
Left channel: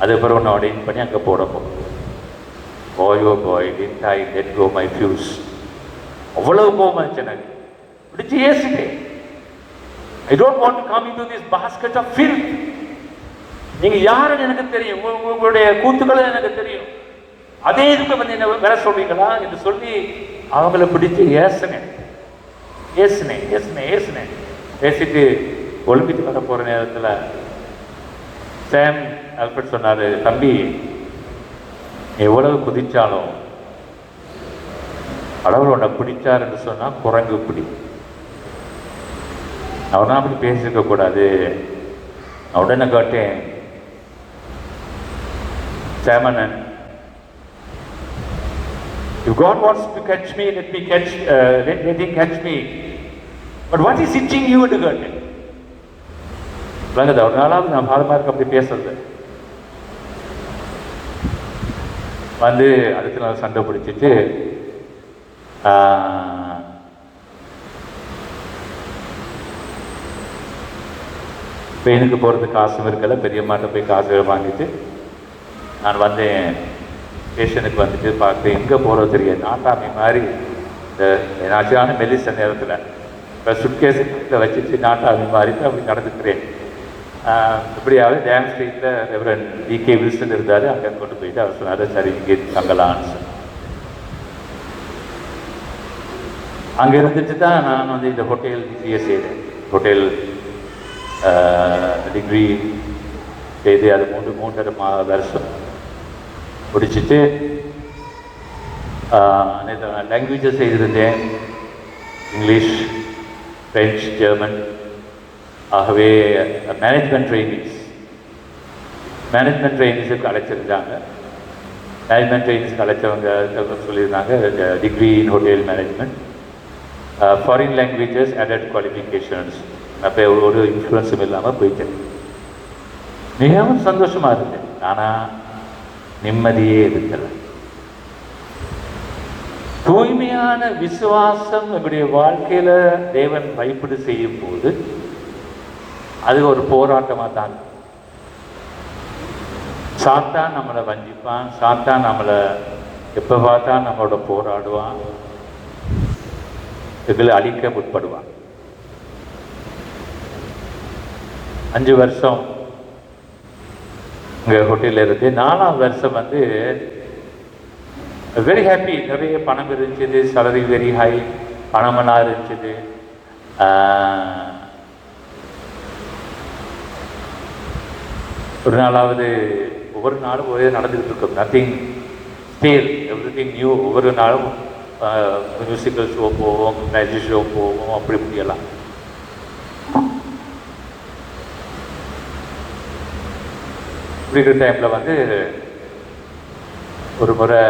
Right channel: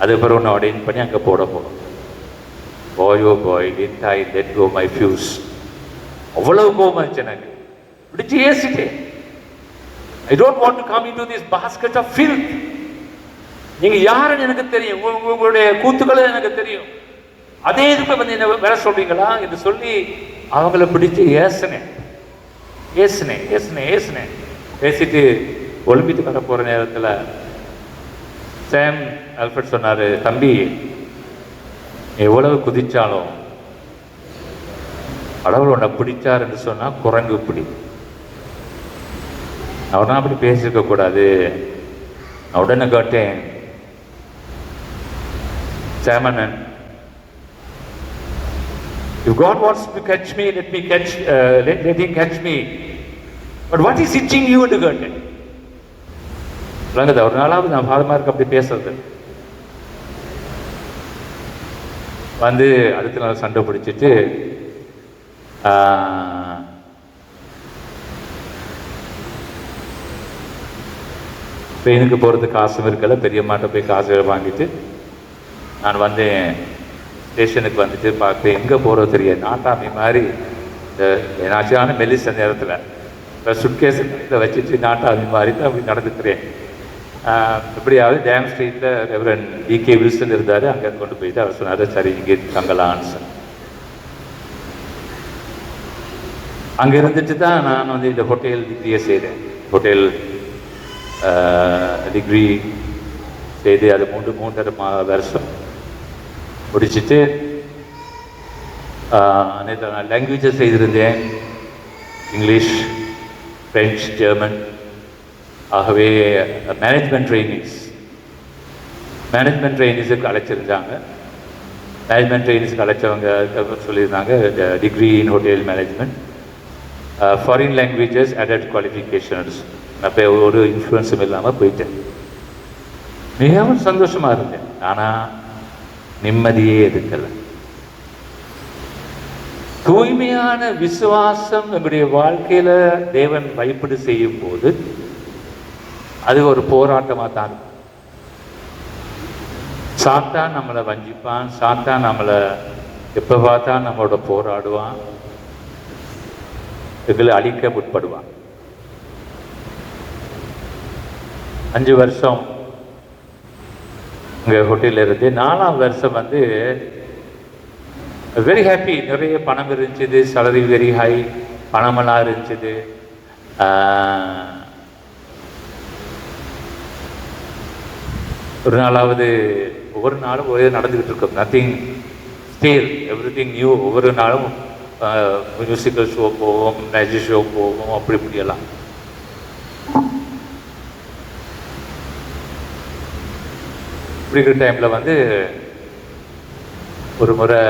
அதுக்கப்புறம் உன்னை அடைன் பண்ணி அங்கே போட போகிறோம். Boy oh boy did I let go my fuse. அவ்வளவு கோபம் இருந்துச்சு எனக்கு. பிடிச்சி ஏசிட்டேன். I don't want to come into this basket of filth. நீங்கள் யாருன்னு எனக்கு தெரியும், உங்களுடைய கூத்துக்களும் எனக்கு தெரியும். அதே இதுக்கு வந்து என்ன வேலை சொல்றீங்களா என்று சொல்லி அவங்கள பிடிச்சி ஏசினேன். பேசிட்டு ஒலிம்பிக்கு வர போகிற நேரத்தில் சாம் ஆல்ஃபர்ட் சொன்னார், தம்பி எவ்வளவு குதிச்சாலும் கடவுள் உன்னை பிடிச்சாருன்னு சொன்னால் குரங்கு பிடி. அவனா அப்படி பேசியிருக்க கூடாது. நான் உடனே கேட்டேன், சாமனன், if God wants to catch me, let him catch me. But what is itching you to get it? ஒரு நாளாவது நான் பாலமாக அப்படி பேசுறது வந்து அடுத்த நாள் சண்டை பிடிச்சிட்டு ட்ரெயினுக்கு போகிறதுக்கு காசும் இருக்கல, பெரியம்மாட்ட போய் காசு வாங்கிட்டு நான் வந்தேன். ஸ்டேஷனுக்கு வந்துட்டு பார்க்குறேன், எங்கே போகிறது தெரியாது. நாட்டாமை மாதிரி இந்த என்னாச்சியான மெல்லிச நேரத்தில் சுட்கேஸு இதை வச்சுட்டு நாட்டாமை மாதிரி தான் அப்படி நடந்துக்கிறேன். இப்படியாவது டேம் ஸ்ட்ரீட்டில் ரெவரண்ட் டிகே வில்சன் இருந்தார், அங்கே கொண்டு போயிட்டு அவர் சொன்னார், சரி இங்கே தங்கலான்னு சொல்லி. அங்கே இருந்துட்டு தான் நான் வந்து இந்த ஹோட்டல் டிகிரியை செய்தேன். ஹோட்டல் டிகிரி செய்து அது 3.5 வருஷம் முடிச்சுட்டு லாங்குவேஜஸ் செய்திருந்தேன், இங்கிலீஷ், ஃப்ரெஞ்ச், ஜெர்மன். ஆகவே மேனேஜ்மெண்ட் ட்ரெயினிஸுக்கு அழைச்சிருந்தாங்க. மேனேஜ்மெண்ட் ட்ரெயினிஸுக்கு அழைச்சவங்க சொல்லியிருந்தாங்க, degree in hotel management, foreign languages, adult qualifications. அப்போ ஒரு இன்ஃப்ளூயன்ஸும் இல்லாமல் போயிட்டேன். மிகவும் சந்தோஷமாக இருந்தேன். ஆனால் நிம்மதியே இருக்கலை. தூய்மையான விசுவாசம் நம்முடைய வாழ்க்கையில் தேவன் வைப்பீடு செய்யும் போது அது ஒரு போராட்டமாக தான். சாத்தான் நம்மளை வஞ்சிப்பான், சாத்தான் நம்மளை எப்போ பார்த்தா நம்மளோட போராடுவான், எங்களை அழிக்க முற்படுவான். 5 வருஷம் இங்கே ஹோட்டலில் இருந்து 4ஆம் வருஷம் வந்து வெரி ஹாப்பி. நிறைய பணம் இருந்துச்சு, சேலரி வெரி ஹை, பணமெல்லாம் இருந்துச்சு. ஒரு நாளாவது ஒவ்வொரு நாளும் ஒரே நடந்துக்கிட்டு இருக்கும். நத்திங் ஸ்டேல், எவ்ரி திங் நியூ. ஒவ்வொரு நாளும் மியூசிக்கல் ஷோ போவோம், மேஜிக் ஷோ போவோம், அப்படி இப்படியெல்லாம். இப்படி இருக்கிற டைமில் வந்து ஒரு முறை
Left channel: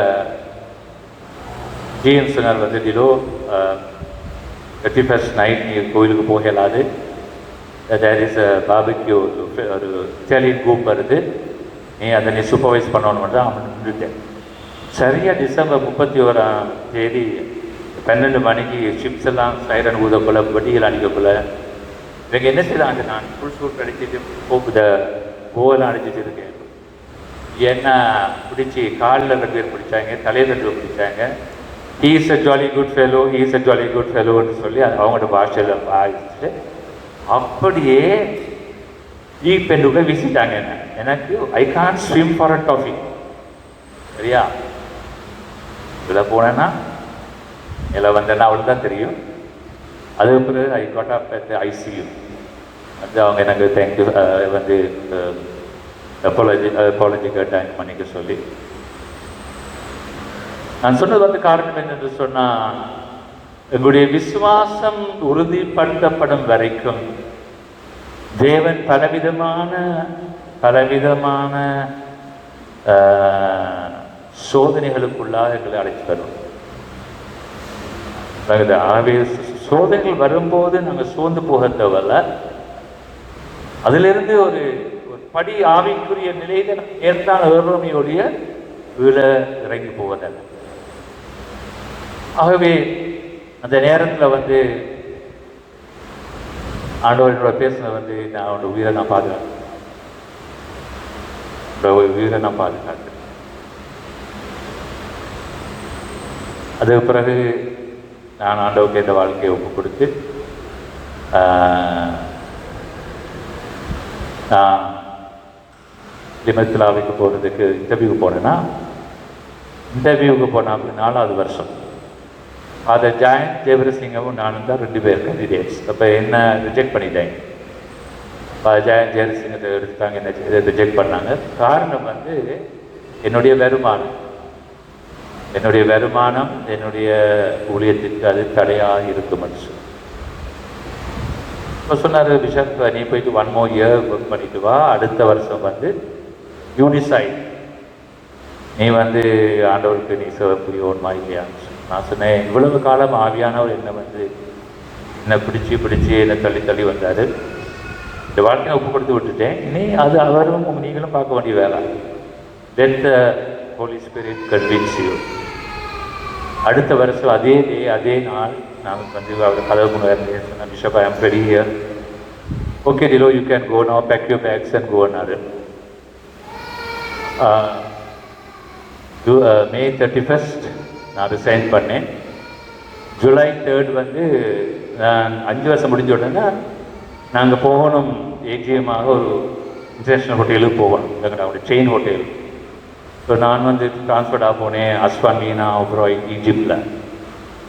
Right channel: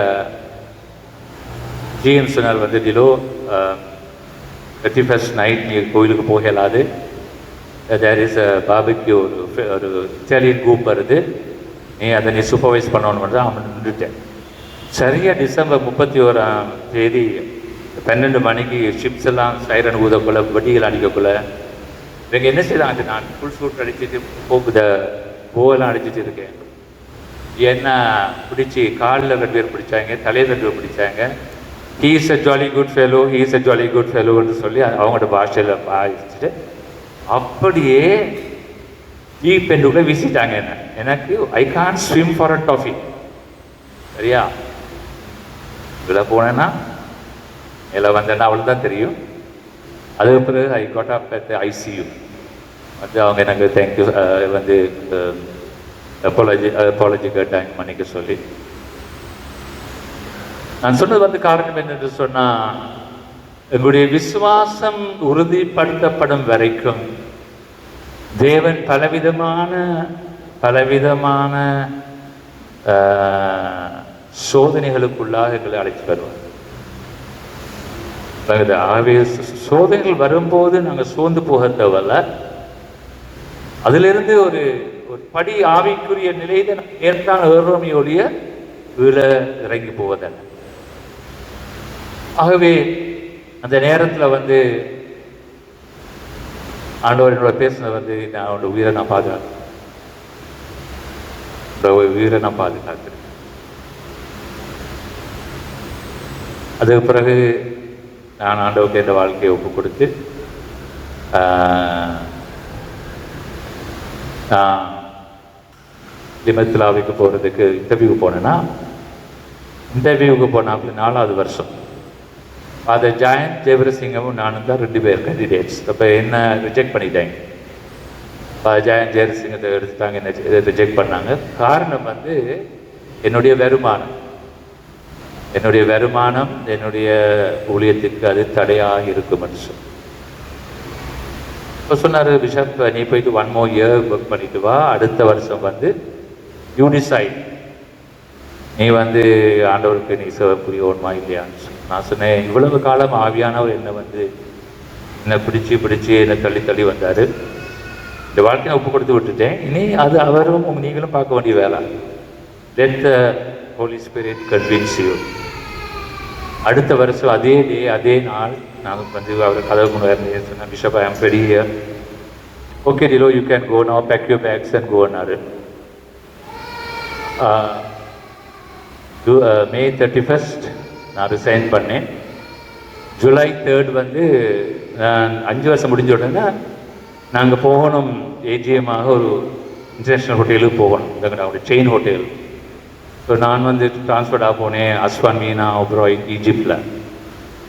ஜிஎம் சொன்னார் வந்து, டிலோ 31st நைட் நீ கோயிலுக்கு போகலாது, தேர் இஸ் அ பார்பிக்யூ, ஒரு இட்டாலியன் குரூப் வருது, நீ அதை நீ சூப்பர்வைஸ் பண்ணணும்னு தான் அவன் நின்றுட்டேன். சரியாக டிசம்பர் 31ஆம் தேதி 12 மணிக்கு ஷிப்ஸ் எல்லாம் சைரன் ஊதக்குள்ள வட்டிகள் அடிக்கக்குள்ள இவங்க என்ன செய்தாங்க, நான் ஃபுல் சூட் அடிச்சுட்டு பூவெல்லாம் அடிச்சுட்டு இருக்கேன். என்ன பிடிச்சி காலில் 2 பேர் பிடிச்சாங்க, தலையில் 2 பேர் பிடிச்சாங்க. He is a jolly good fellow, he is a jolly good ஃபெலோன்னு சொல்லி அவங்களோட பாஷையில் பாதிச்சுட்டு அப்படியே பெண்ணுக்குள்ளே வீசிட்டாங்க. என்ன எனக்கு I can swim for a toffee, சரியா? இதில் போனேன்னா இதில் வந்தேன்னா அவளுக்கு தான் தெரியும். அதுக்கு பிறகு I got up at ICU வந்து அவங்க எனக்கு தேங்க்யூ வந்து அப்பாலஜி கேட்டாங்க மன்னிக்க சொல்லி. நான் சொன்னது வந்து காரணம் என்னென்று சொன்னால், எங்களுடைய விசுவாசம் உறுதிப்படுத்தப்படும் வரைக்கும் தேவன் பலவிதமான சோதனைகளுக்குள்ளாக எங்களை அழைத்து வருவோம். சோதனைகள் வரும்போது நாங்கள் சோர்ந்து போக தேவையில்ல. அதிலிருந்து ஒரு படி ஆவிக்குரிய நிலையில நம்ம ஏற்றால் ஏறோமையோடைய வீழ இறங்கி போவதல்ல. ஆகவே அந்த நேரத்தில் வந்து ஆண்டவர் என்னோட பேசுனது வந்து, நான் அவனோட உயிரை நான் பாதுகாக்கிறேன், உயிரை நான் பாதுகாக்கிறேன். அதுக்கு பிறகு நான் ஆண்டவருக்கு இந்த வாழ்க்கையை ஒப்பு கொடுத்து நான் லிமத்திலாவுக்கு போகிறதுக்கு இன்டர்வியூக்கு போனேன்னா, இன்டர்வியூவுக்கு போனால் 4வது வருஷம் அதை ஜாயந்த் ஜெயவரசிங்கவும் நானும் தான் 2 பேர் கேண்டிடேட்ஸ். அப்போ என்ன ரிஜெக்ட் பண்ணிட்டாங்க. ஜாயந்த் ஜெயவரசிங்கத்தை எடுத்துட்டாங்க, என்ன ரிஜெக்ட் பண்ணாங்க. காரணம் வந்து என்னுடைய வருமானம் என்னுடைய ஊழியத்திற்கு அது தடையாக இருக்கும் மனுஷன். இப்போ சொன்னார், பிஷப் நீ போயிட்டு 1 more year ஒர்க் பண்ணிட்டு வா, அடுத்த வருஷம் வந்து யூனிசைட் நீ வந்து ஆண்டவருக்கு நீ சேவக்கூடிய ஒன்றுமா இல்லையான்னு. நான் சொன்னேன், இவ்வளவு காலம் ஆவியானவர் என்னை பிடிச்சி என்னை தள்ளி வந்தார். இந்த வாழ்க்கையை ஒப்பு கொடுத்து விட்டுட்டேன். இனி அது அவரும் நீங்களும் பார்க்க வேண்டிய வேலை. Let the Holy Spirit convince you. அடுத்த வருஷம் அதே நாள் நான் வந்து அவர் கதவு முன்னாடி சொன்னேன், bishop I am ready here. Okay டிலோ, you can go now, pack your bags and கோன்னாரு. May 31st நான் ரிசைன் பண்ணேன். July 3rd வந்து நான் 5 வருஷம் முடிஞ்ச உடனே நாங்கள் போகணும் ஏஜிஎம்மாக ஒரு இன்டர்நேஷ்னல் ஹோட்டலுக்கு போவோம், ஒரு செயின் ஹோட்டல். ஸோ நான் வந்து ட்ரான்ஸ்ஃபர்டாக போனேன் அஸ்வாமீனா, அப்புறம் ஈஜிப்டில்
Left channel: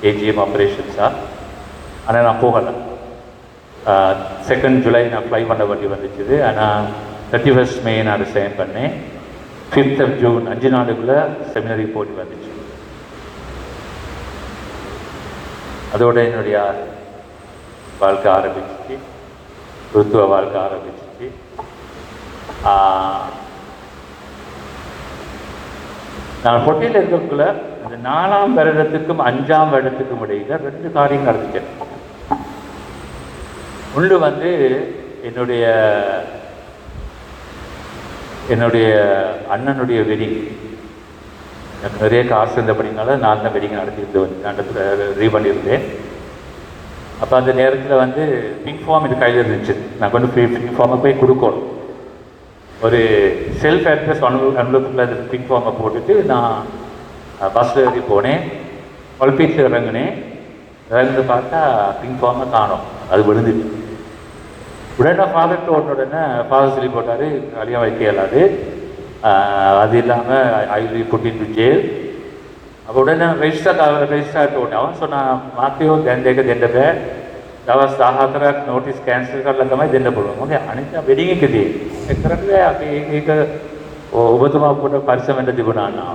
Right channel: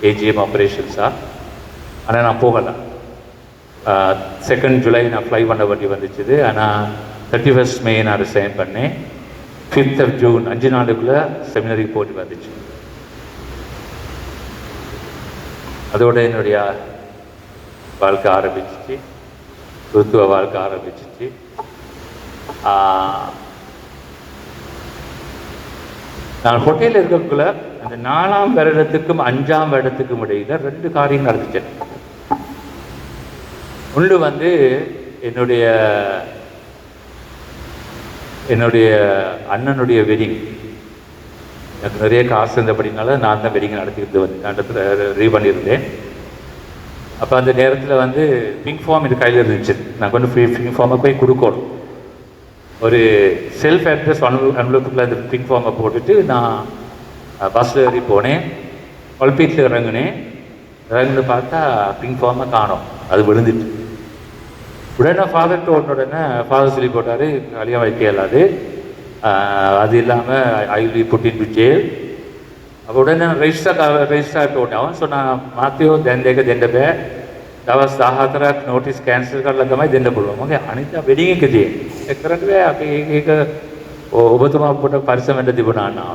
ஏஜிஎம் ஆப்ரேஷன்ஸாக. ஆனால் நான் போகலை. 2nd July நான் ஃப்ளை பண்ண வேண்டி வந்துச்சுது. ஆனால் 31st May நான் ரிசைன் பண்ணேன். 5th of June 5 நாளுக்குள்ளே செமினரி போட்டி வந்துச்சு. அதோட என்னுடைய வாழ்க்கை ஆரம்பிச்சிச்சு, கிறிஸ்துவ வாழ்க்கை ஆரம்பிச்சிச்சு. நான் ஹோட்டலில் இருக்கக்குள்ள அந்த 4ஆம் வருடத்துக்கும் 5ஆம் வருடத்துக்கும் இடையில 2 காரியங்கள் நடந்துச்சு. ஒன்று வந்து என்னுடைய அண்ணனுடைய வெட்டிங். எனக்கு நிறைய காசு இருந்தபடினால நான் தான் வெட்டிங் நடத்திக்கிட்டு வந்து ரீ பண்ணியிருந்தேன். அப்போ அந்த நேரத்தில் வந்து பிங்க் ஃபார்ம் இது கையில் இருந்துச்சு. நான் கொண்டு பிங்க் ஃபார்மை போய் கொடுக்கணும். ஒரு செல்ஃப் அட்ரஸ் அனுபவத்தில் அந்த பிங்க் ஃபார்மை போட்டுட்டு நான் பஸ்ஸில் ஏறி போனேன். பல்பீட்டில் இறங்குன்னு பார்த்தா பிங்க் ஃபார்மை காணோம், அது விழுந்துட்டு. உடனே ஃபாதர்கிட்ட உடனே ஃபாதர் சொல்லி போட்டார், கல்யாணம் வைக்க இயலாது, அது இல்லாமல் I will put into jail. அப்போ உடனே ரெஜிஸ்டர் உடனே அவன் சொன்னான், மாத்தியோ දෙන්නක දෙන්න බෑ, දවස් 14ක් නෝටිස් කැන්සල් කරලා තමයි දෙන්න පුළුවන්. මගේ අනිත් වෙඩින් එකදී ඒක කරන්න බෑ. අපි ඒක ඔබතුමා කොට පරිස්සම් වෙන්න තිබුණා නා.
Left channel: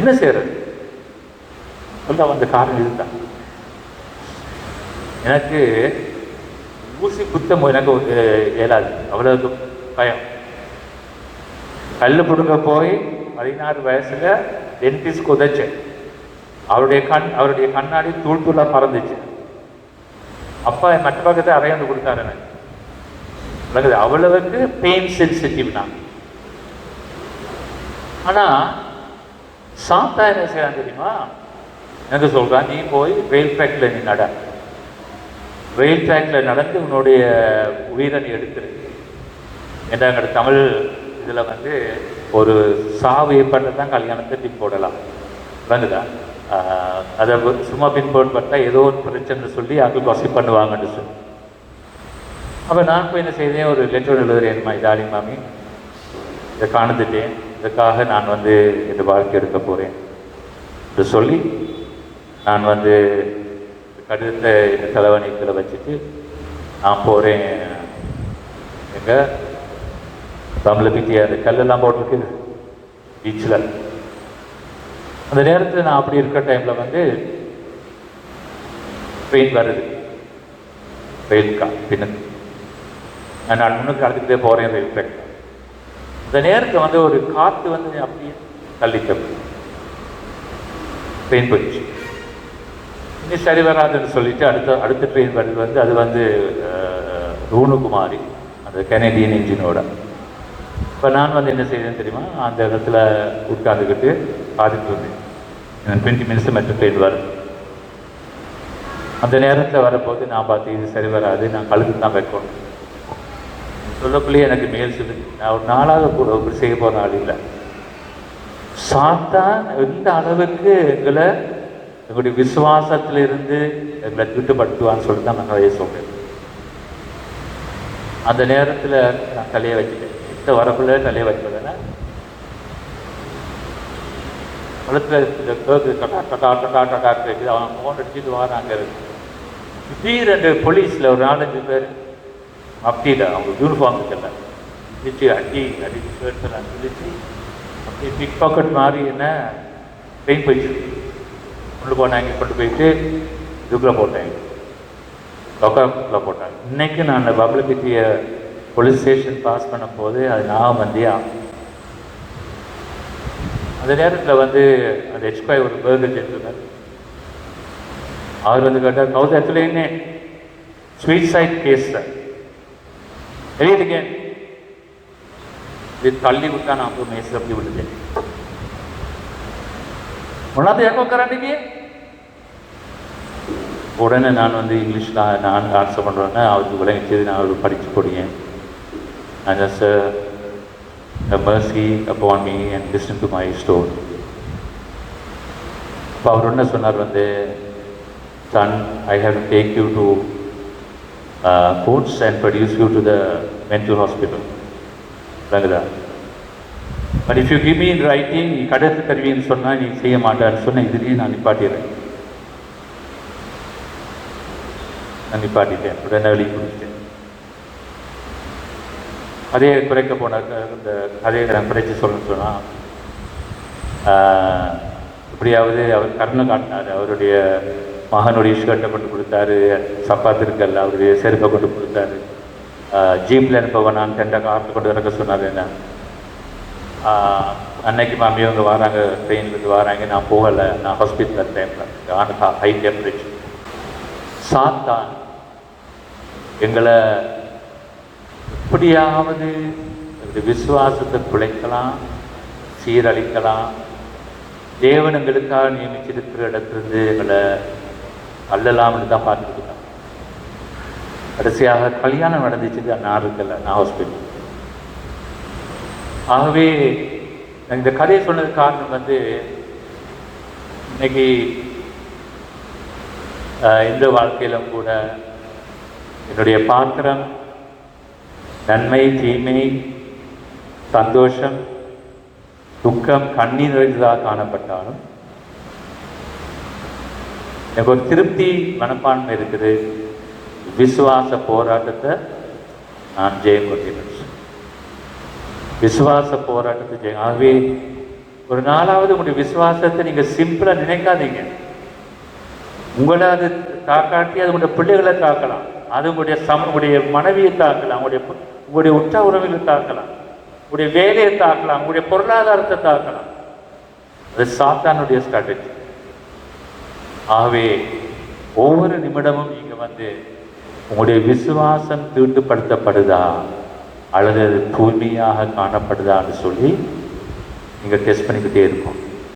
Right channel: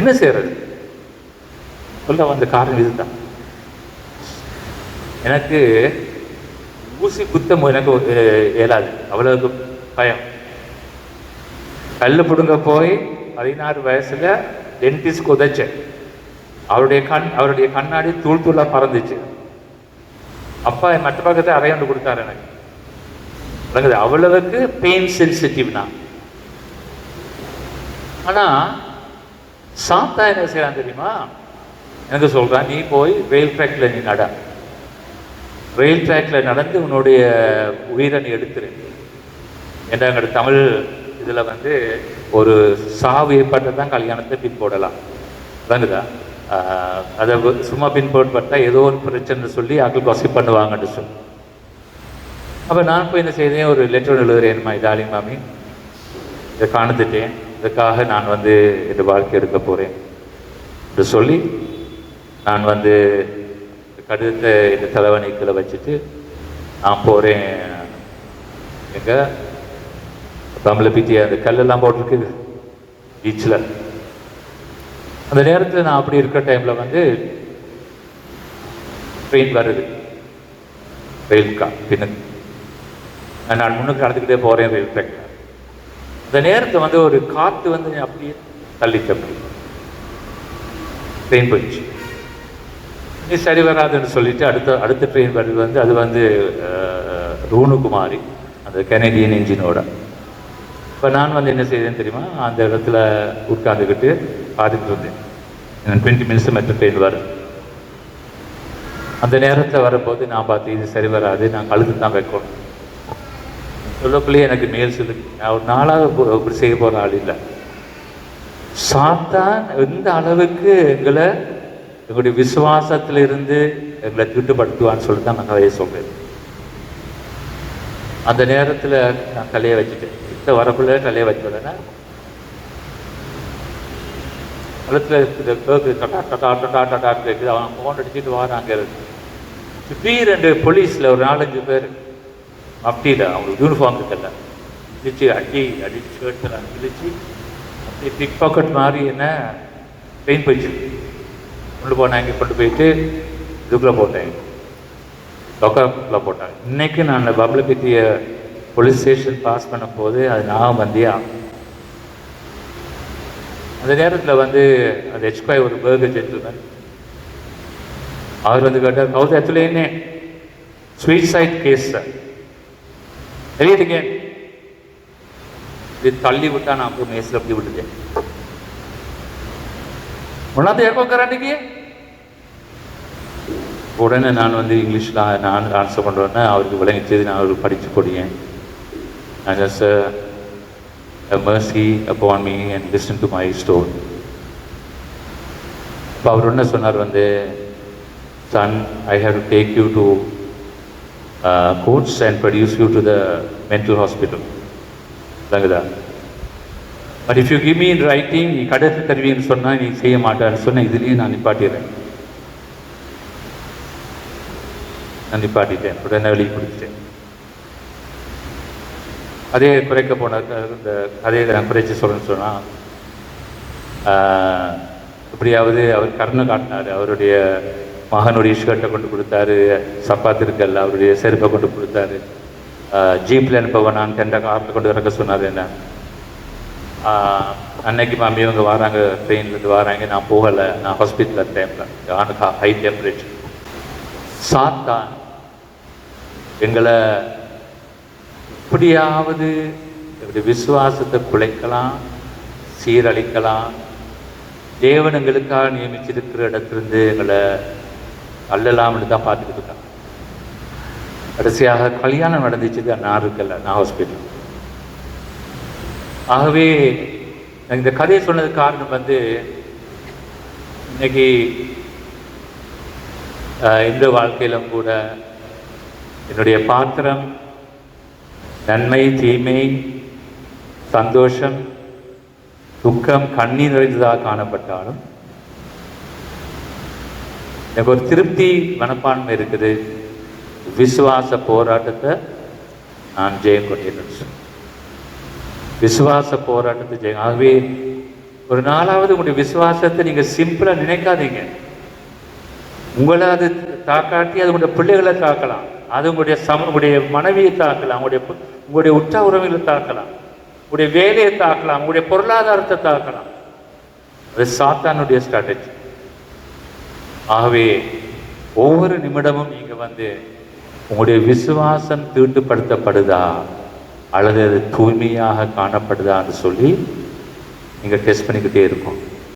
என்ன செய்யறது? சொல்ல வந்த காரணம் இதுதான். எனக்கு ஊசி குத்தம் எனக்கு இயலாது, அவ்வளவு பயம். கல் பிடுங்க போய் 16 வயசுல டென்டிஸ்ட் உதைச்சேன். அவருடைய கண்ணாடி தூள் தூளா பறந்துச்சு. அப்பா என் மற்ற பக்கத்தை அரையாண்டு கொடுத்தாரு எனக்கு. அவ்வளவுக்கு பெயின் சென்சிட்டிவ் நான். ஆனா சாத்தா என்ன செய்யலாம் தெரியுமா? எனக்கு சொல்கிறான், நீ போய் ரயில் ட்ராக்கில் நீ நட, ரயில் ட்ராக்கில் நடந்து உன்னுடைய உயிரை நீ எடுத்துரு. என்ற தமிழ் இதில் வந்து ஒரு சாவு ஏற்பட்டு தான் கல்யாணத்தை பின் போடலாம், விளங்குதா? அதை சும்மா பின் போட்டா ஏதோ ஒரு பிரச்சனை சொல்லி ஆக்கள் கொசை பண்ணுவாங்கன்னு சொல்லி. அப்போ நான் போய் என்ன செய்தேன், ஒரு லெட்டர் எழுதுறேன், டார்லிங் மாமி, இதை காணுந்துட்டேன், இதுக்காக நான் வந்து இந்த வாழ்க்கை எடுக்க போகிறேன் இதை சொல்லி நான் வந்து கடிதத்தை இந்த தலைவணிகளை வச்சுட்டு நான் போகிறேன். எங்கே தமிழை பற்றி அந்த கல்லெல்லாம் போட்டிருக்குது பீச்சில். அந்த நேரத்தில் நான் அப்படி இருக்கிற டைமில் வந்து ட்ரெயின் வருது, ரயில்கா பின்னுக்கு. நான் முன்னுக்கு நடந்துக்கிட்டே போகிறேன் ரயில் ட்ராக். அந்த நேரத்தை வந்து ஒரு காற்று வந்து அப்படியே தள்ளிக்க ட்ரெயின் போயிடுச்சு. இனி சரி வராதுன்னு சொல்லிட்டு அடுத்த ட்ரெயின் வருது வந்து அது வந்து ரூணுகுமாரி, அந்த கெனடியன் இன்ஜினோட. இப்போ நான் வந்து என்ன செய்தேன்னு தெரியுமா, அந்த இடத்துல உட்காந்துக்கிட்டு பார்த்துட்டு இருந்தேன். எனக்கு 20 மினிட்ஸ் மற்ற ட்ரெயின் வருது. அந்த நேரத்தில் வரப்போது நான் பார்த்து இது சரி வராது, நான் கழுத்து தான் வைக்கணும் சொல்லக்குள்ளேயே எனக்கு மேல் சொல்லி நான் ஒரு நாளாக செய்ய போகிற ஆள் இல்லை. சாத்தான் எந்த அளவுக்கு எங்களுடைய விசுவாசத்திலிருந்து எங்களை திட்டுப்படுத்துவான்னு சொல்லி தான் நான் நிறைய சொல்கிறேன். அந்த நேரத்தில் நான் தலையை வச்சுட்டேன். கிட்ட வரக்குள்ள தலையை வச்சுடனே பழத்தில் கேட்குது, டட்டா டட்டா டட்டா டட்டா கேட்குது. அவன் ஃபோன் அடிச்சுட்டு வராங்க. சுற்றி 2 போலீஸில் ஒரு 4-5 பேர் அப்படியில் அவங்க யூனிஃபார்ம் இருக்கல இடிச்சு அடி ஷர்ட்டு நான் இடிச்சு அப்படியே பிக் பாக்கெட் மாதிரி என்ன பெயின் போயிடுச்சு. கொண்டு போனாங்க, கொண்டு போயிட்டு இதுக்குள்ளே போட்டாங்க, லொக்கருக்குள்ளே போட்டாங்க. இன்றைக்கி நான் அந்த பப்ளை பற்றிய போலீஸ் ஸ்டேஷன் பாஸ் பண்ணும்போது அது நான் வந்தியா. அந்த நேரத்தில் வந்து அந்த ஹெச்பாய் ஒரு பேர்கர் ஜென்டில்மேன் அவர் வந்து கேட்டார், house actually sweet side case sir, தெரியுதுங்க. இது தள்ளி விட்டா நான் ஒரு நேசில் அப்படி விட்டுட்டேன். ஒன்றாவது எப்போ கராண்டிக்கு உடனே நான் வந்து இங்கிலீஷில் நான் ஆன்சர் பண்ணுறேன்னா அவருக்கு விளங்கிச்சது. நான் அவருக்கு படித்து கொடுங்க. நான் just mercy upon me and listen to my story. அப்போ அவர் என்ன சொன்னார் வந்து, son, I have to take you to courts and produce you to the mental hospital. Langada. But if you give me in writing, நீ கடத்து தருவின்னு சொன்னால் நீ செய்ய மாட்டான்னு சொன்ன, இதுலேயே நான் நிப்பாட்டிடுறேன். நான் நிப்பாட்டிட்டேன், உடனே வெளியே பிடிச்சிட்டேன். அதே குறைக்க போன இந்த கதையை நான் குறைச்சி சொல்லணும்னு சொன்னால், எப்படியாவது அவர் கருணை காட்டினார். அவருடைய மகனுடைய ஷர்ட்டை கொண்டு கொடுத்தாரு, சப்பாத்து இருக்கல்ல அவருடைய செருப்பை கொண்டு கொடுத்தாரு. ஜீப்பில் அனுப்ப வேணான்னு 2 காரில் கொண்டு இறக்க சொன்னார். என்ன அன்னைக்கு மாமி அவங்க வராங்க, ட்ரெயின்லேருந்து வராங்க, நான் போகலை, நான் ஹாஸ்பிட்டலில் டைமில் ஆனால் ஹை டெம்பரேச்சர். சாத்தான் எங்களை எப்படியாவது எங்களுடைய விசுவாசத்தை குலைக்கலாம், சீரழிக்கலாம். தேவன் எங்களுக்காக நியமிச்சிருக்கிற இடத்துலேருந்து எங்களை அல்லலாம்னு தான் பார்த்துக்கிட்டு இருக்காங்க. கடைசியாக கல்யாணம் நடந்துச்சு, நான் இருக்கல, நான் ஹாஸ்பிட்டல். ஆகவே இந்த கதையை சொன்னது காரணம் வந்து, இன்னைக்கு இந்த வாழ்க்கையிலும் கூட என்னுடைய பாத்திரம் நன்மை, தீமை, சந்தோஷம், துக்கம், கண்ணீர் நிறைந்ததாக காணப்பட்டாலும் எனக்கு ஒரு திருப்தி மனப்பான்மை இருக்குது. விசுவாச போராட்டத்தை நான் ஜெயம் கொண்டேன். விசுவாச போராட்டத்தை ஜெயம். ஆகவே ஒரு நாளாவது உங்களுடைய விசுவாசத்தை நீங்கள் சிம்பிளாக நினைக்காதீங்க. உங்களை அது தாக்காட்டி அது உங்களுடைய பிள்ளைகளை தாக்கலாம், அது உங்களுடைய மனைவியை தாக்கலாம், உங்களுடைய உற்ற உறவுகளை தாக்கலாம், உங்களுடைய வேலையை தாக்கலாம், உங்களுடைய பொருளாதாரத்தை தாக்கலாம். அது சாத்தானுடைய ஸ்ட்ராட்டஜி. ஆகவே ஒவ்வொரு நிமிடமும் நீங்கள் வந்து உங்களுடைய விசுவாசம் தீட்டுப்படுத்தப்படுதா அல்லது அது தூய்மையாக காணப்படுதான்னு சொல்லி நீங்கள் டெஸ்ட் பண்ணிக்கிட்டே இருப்போம்.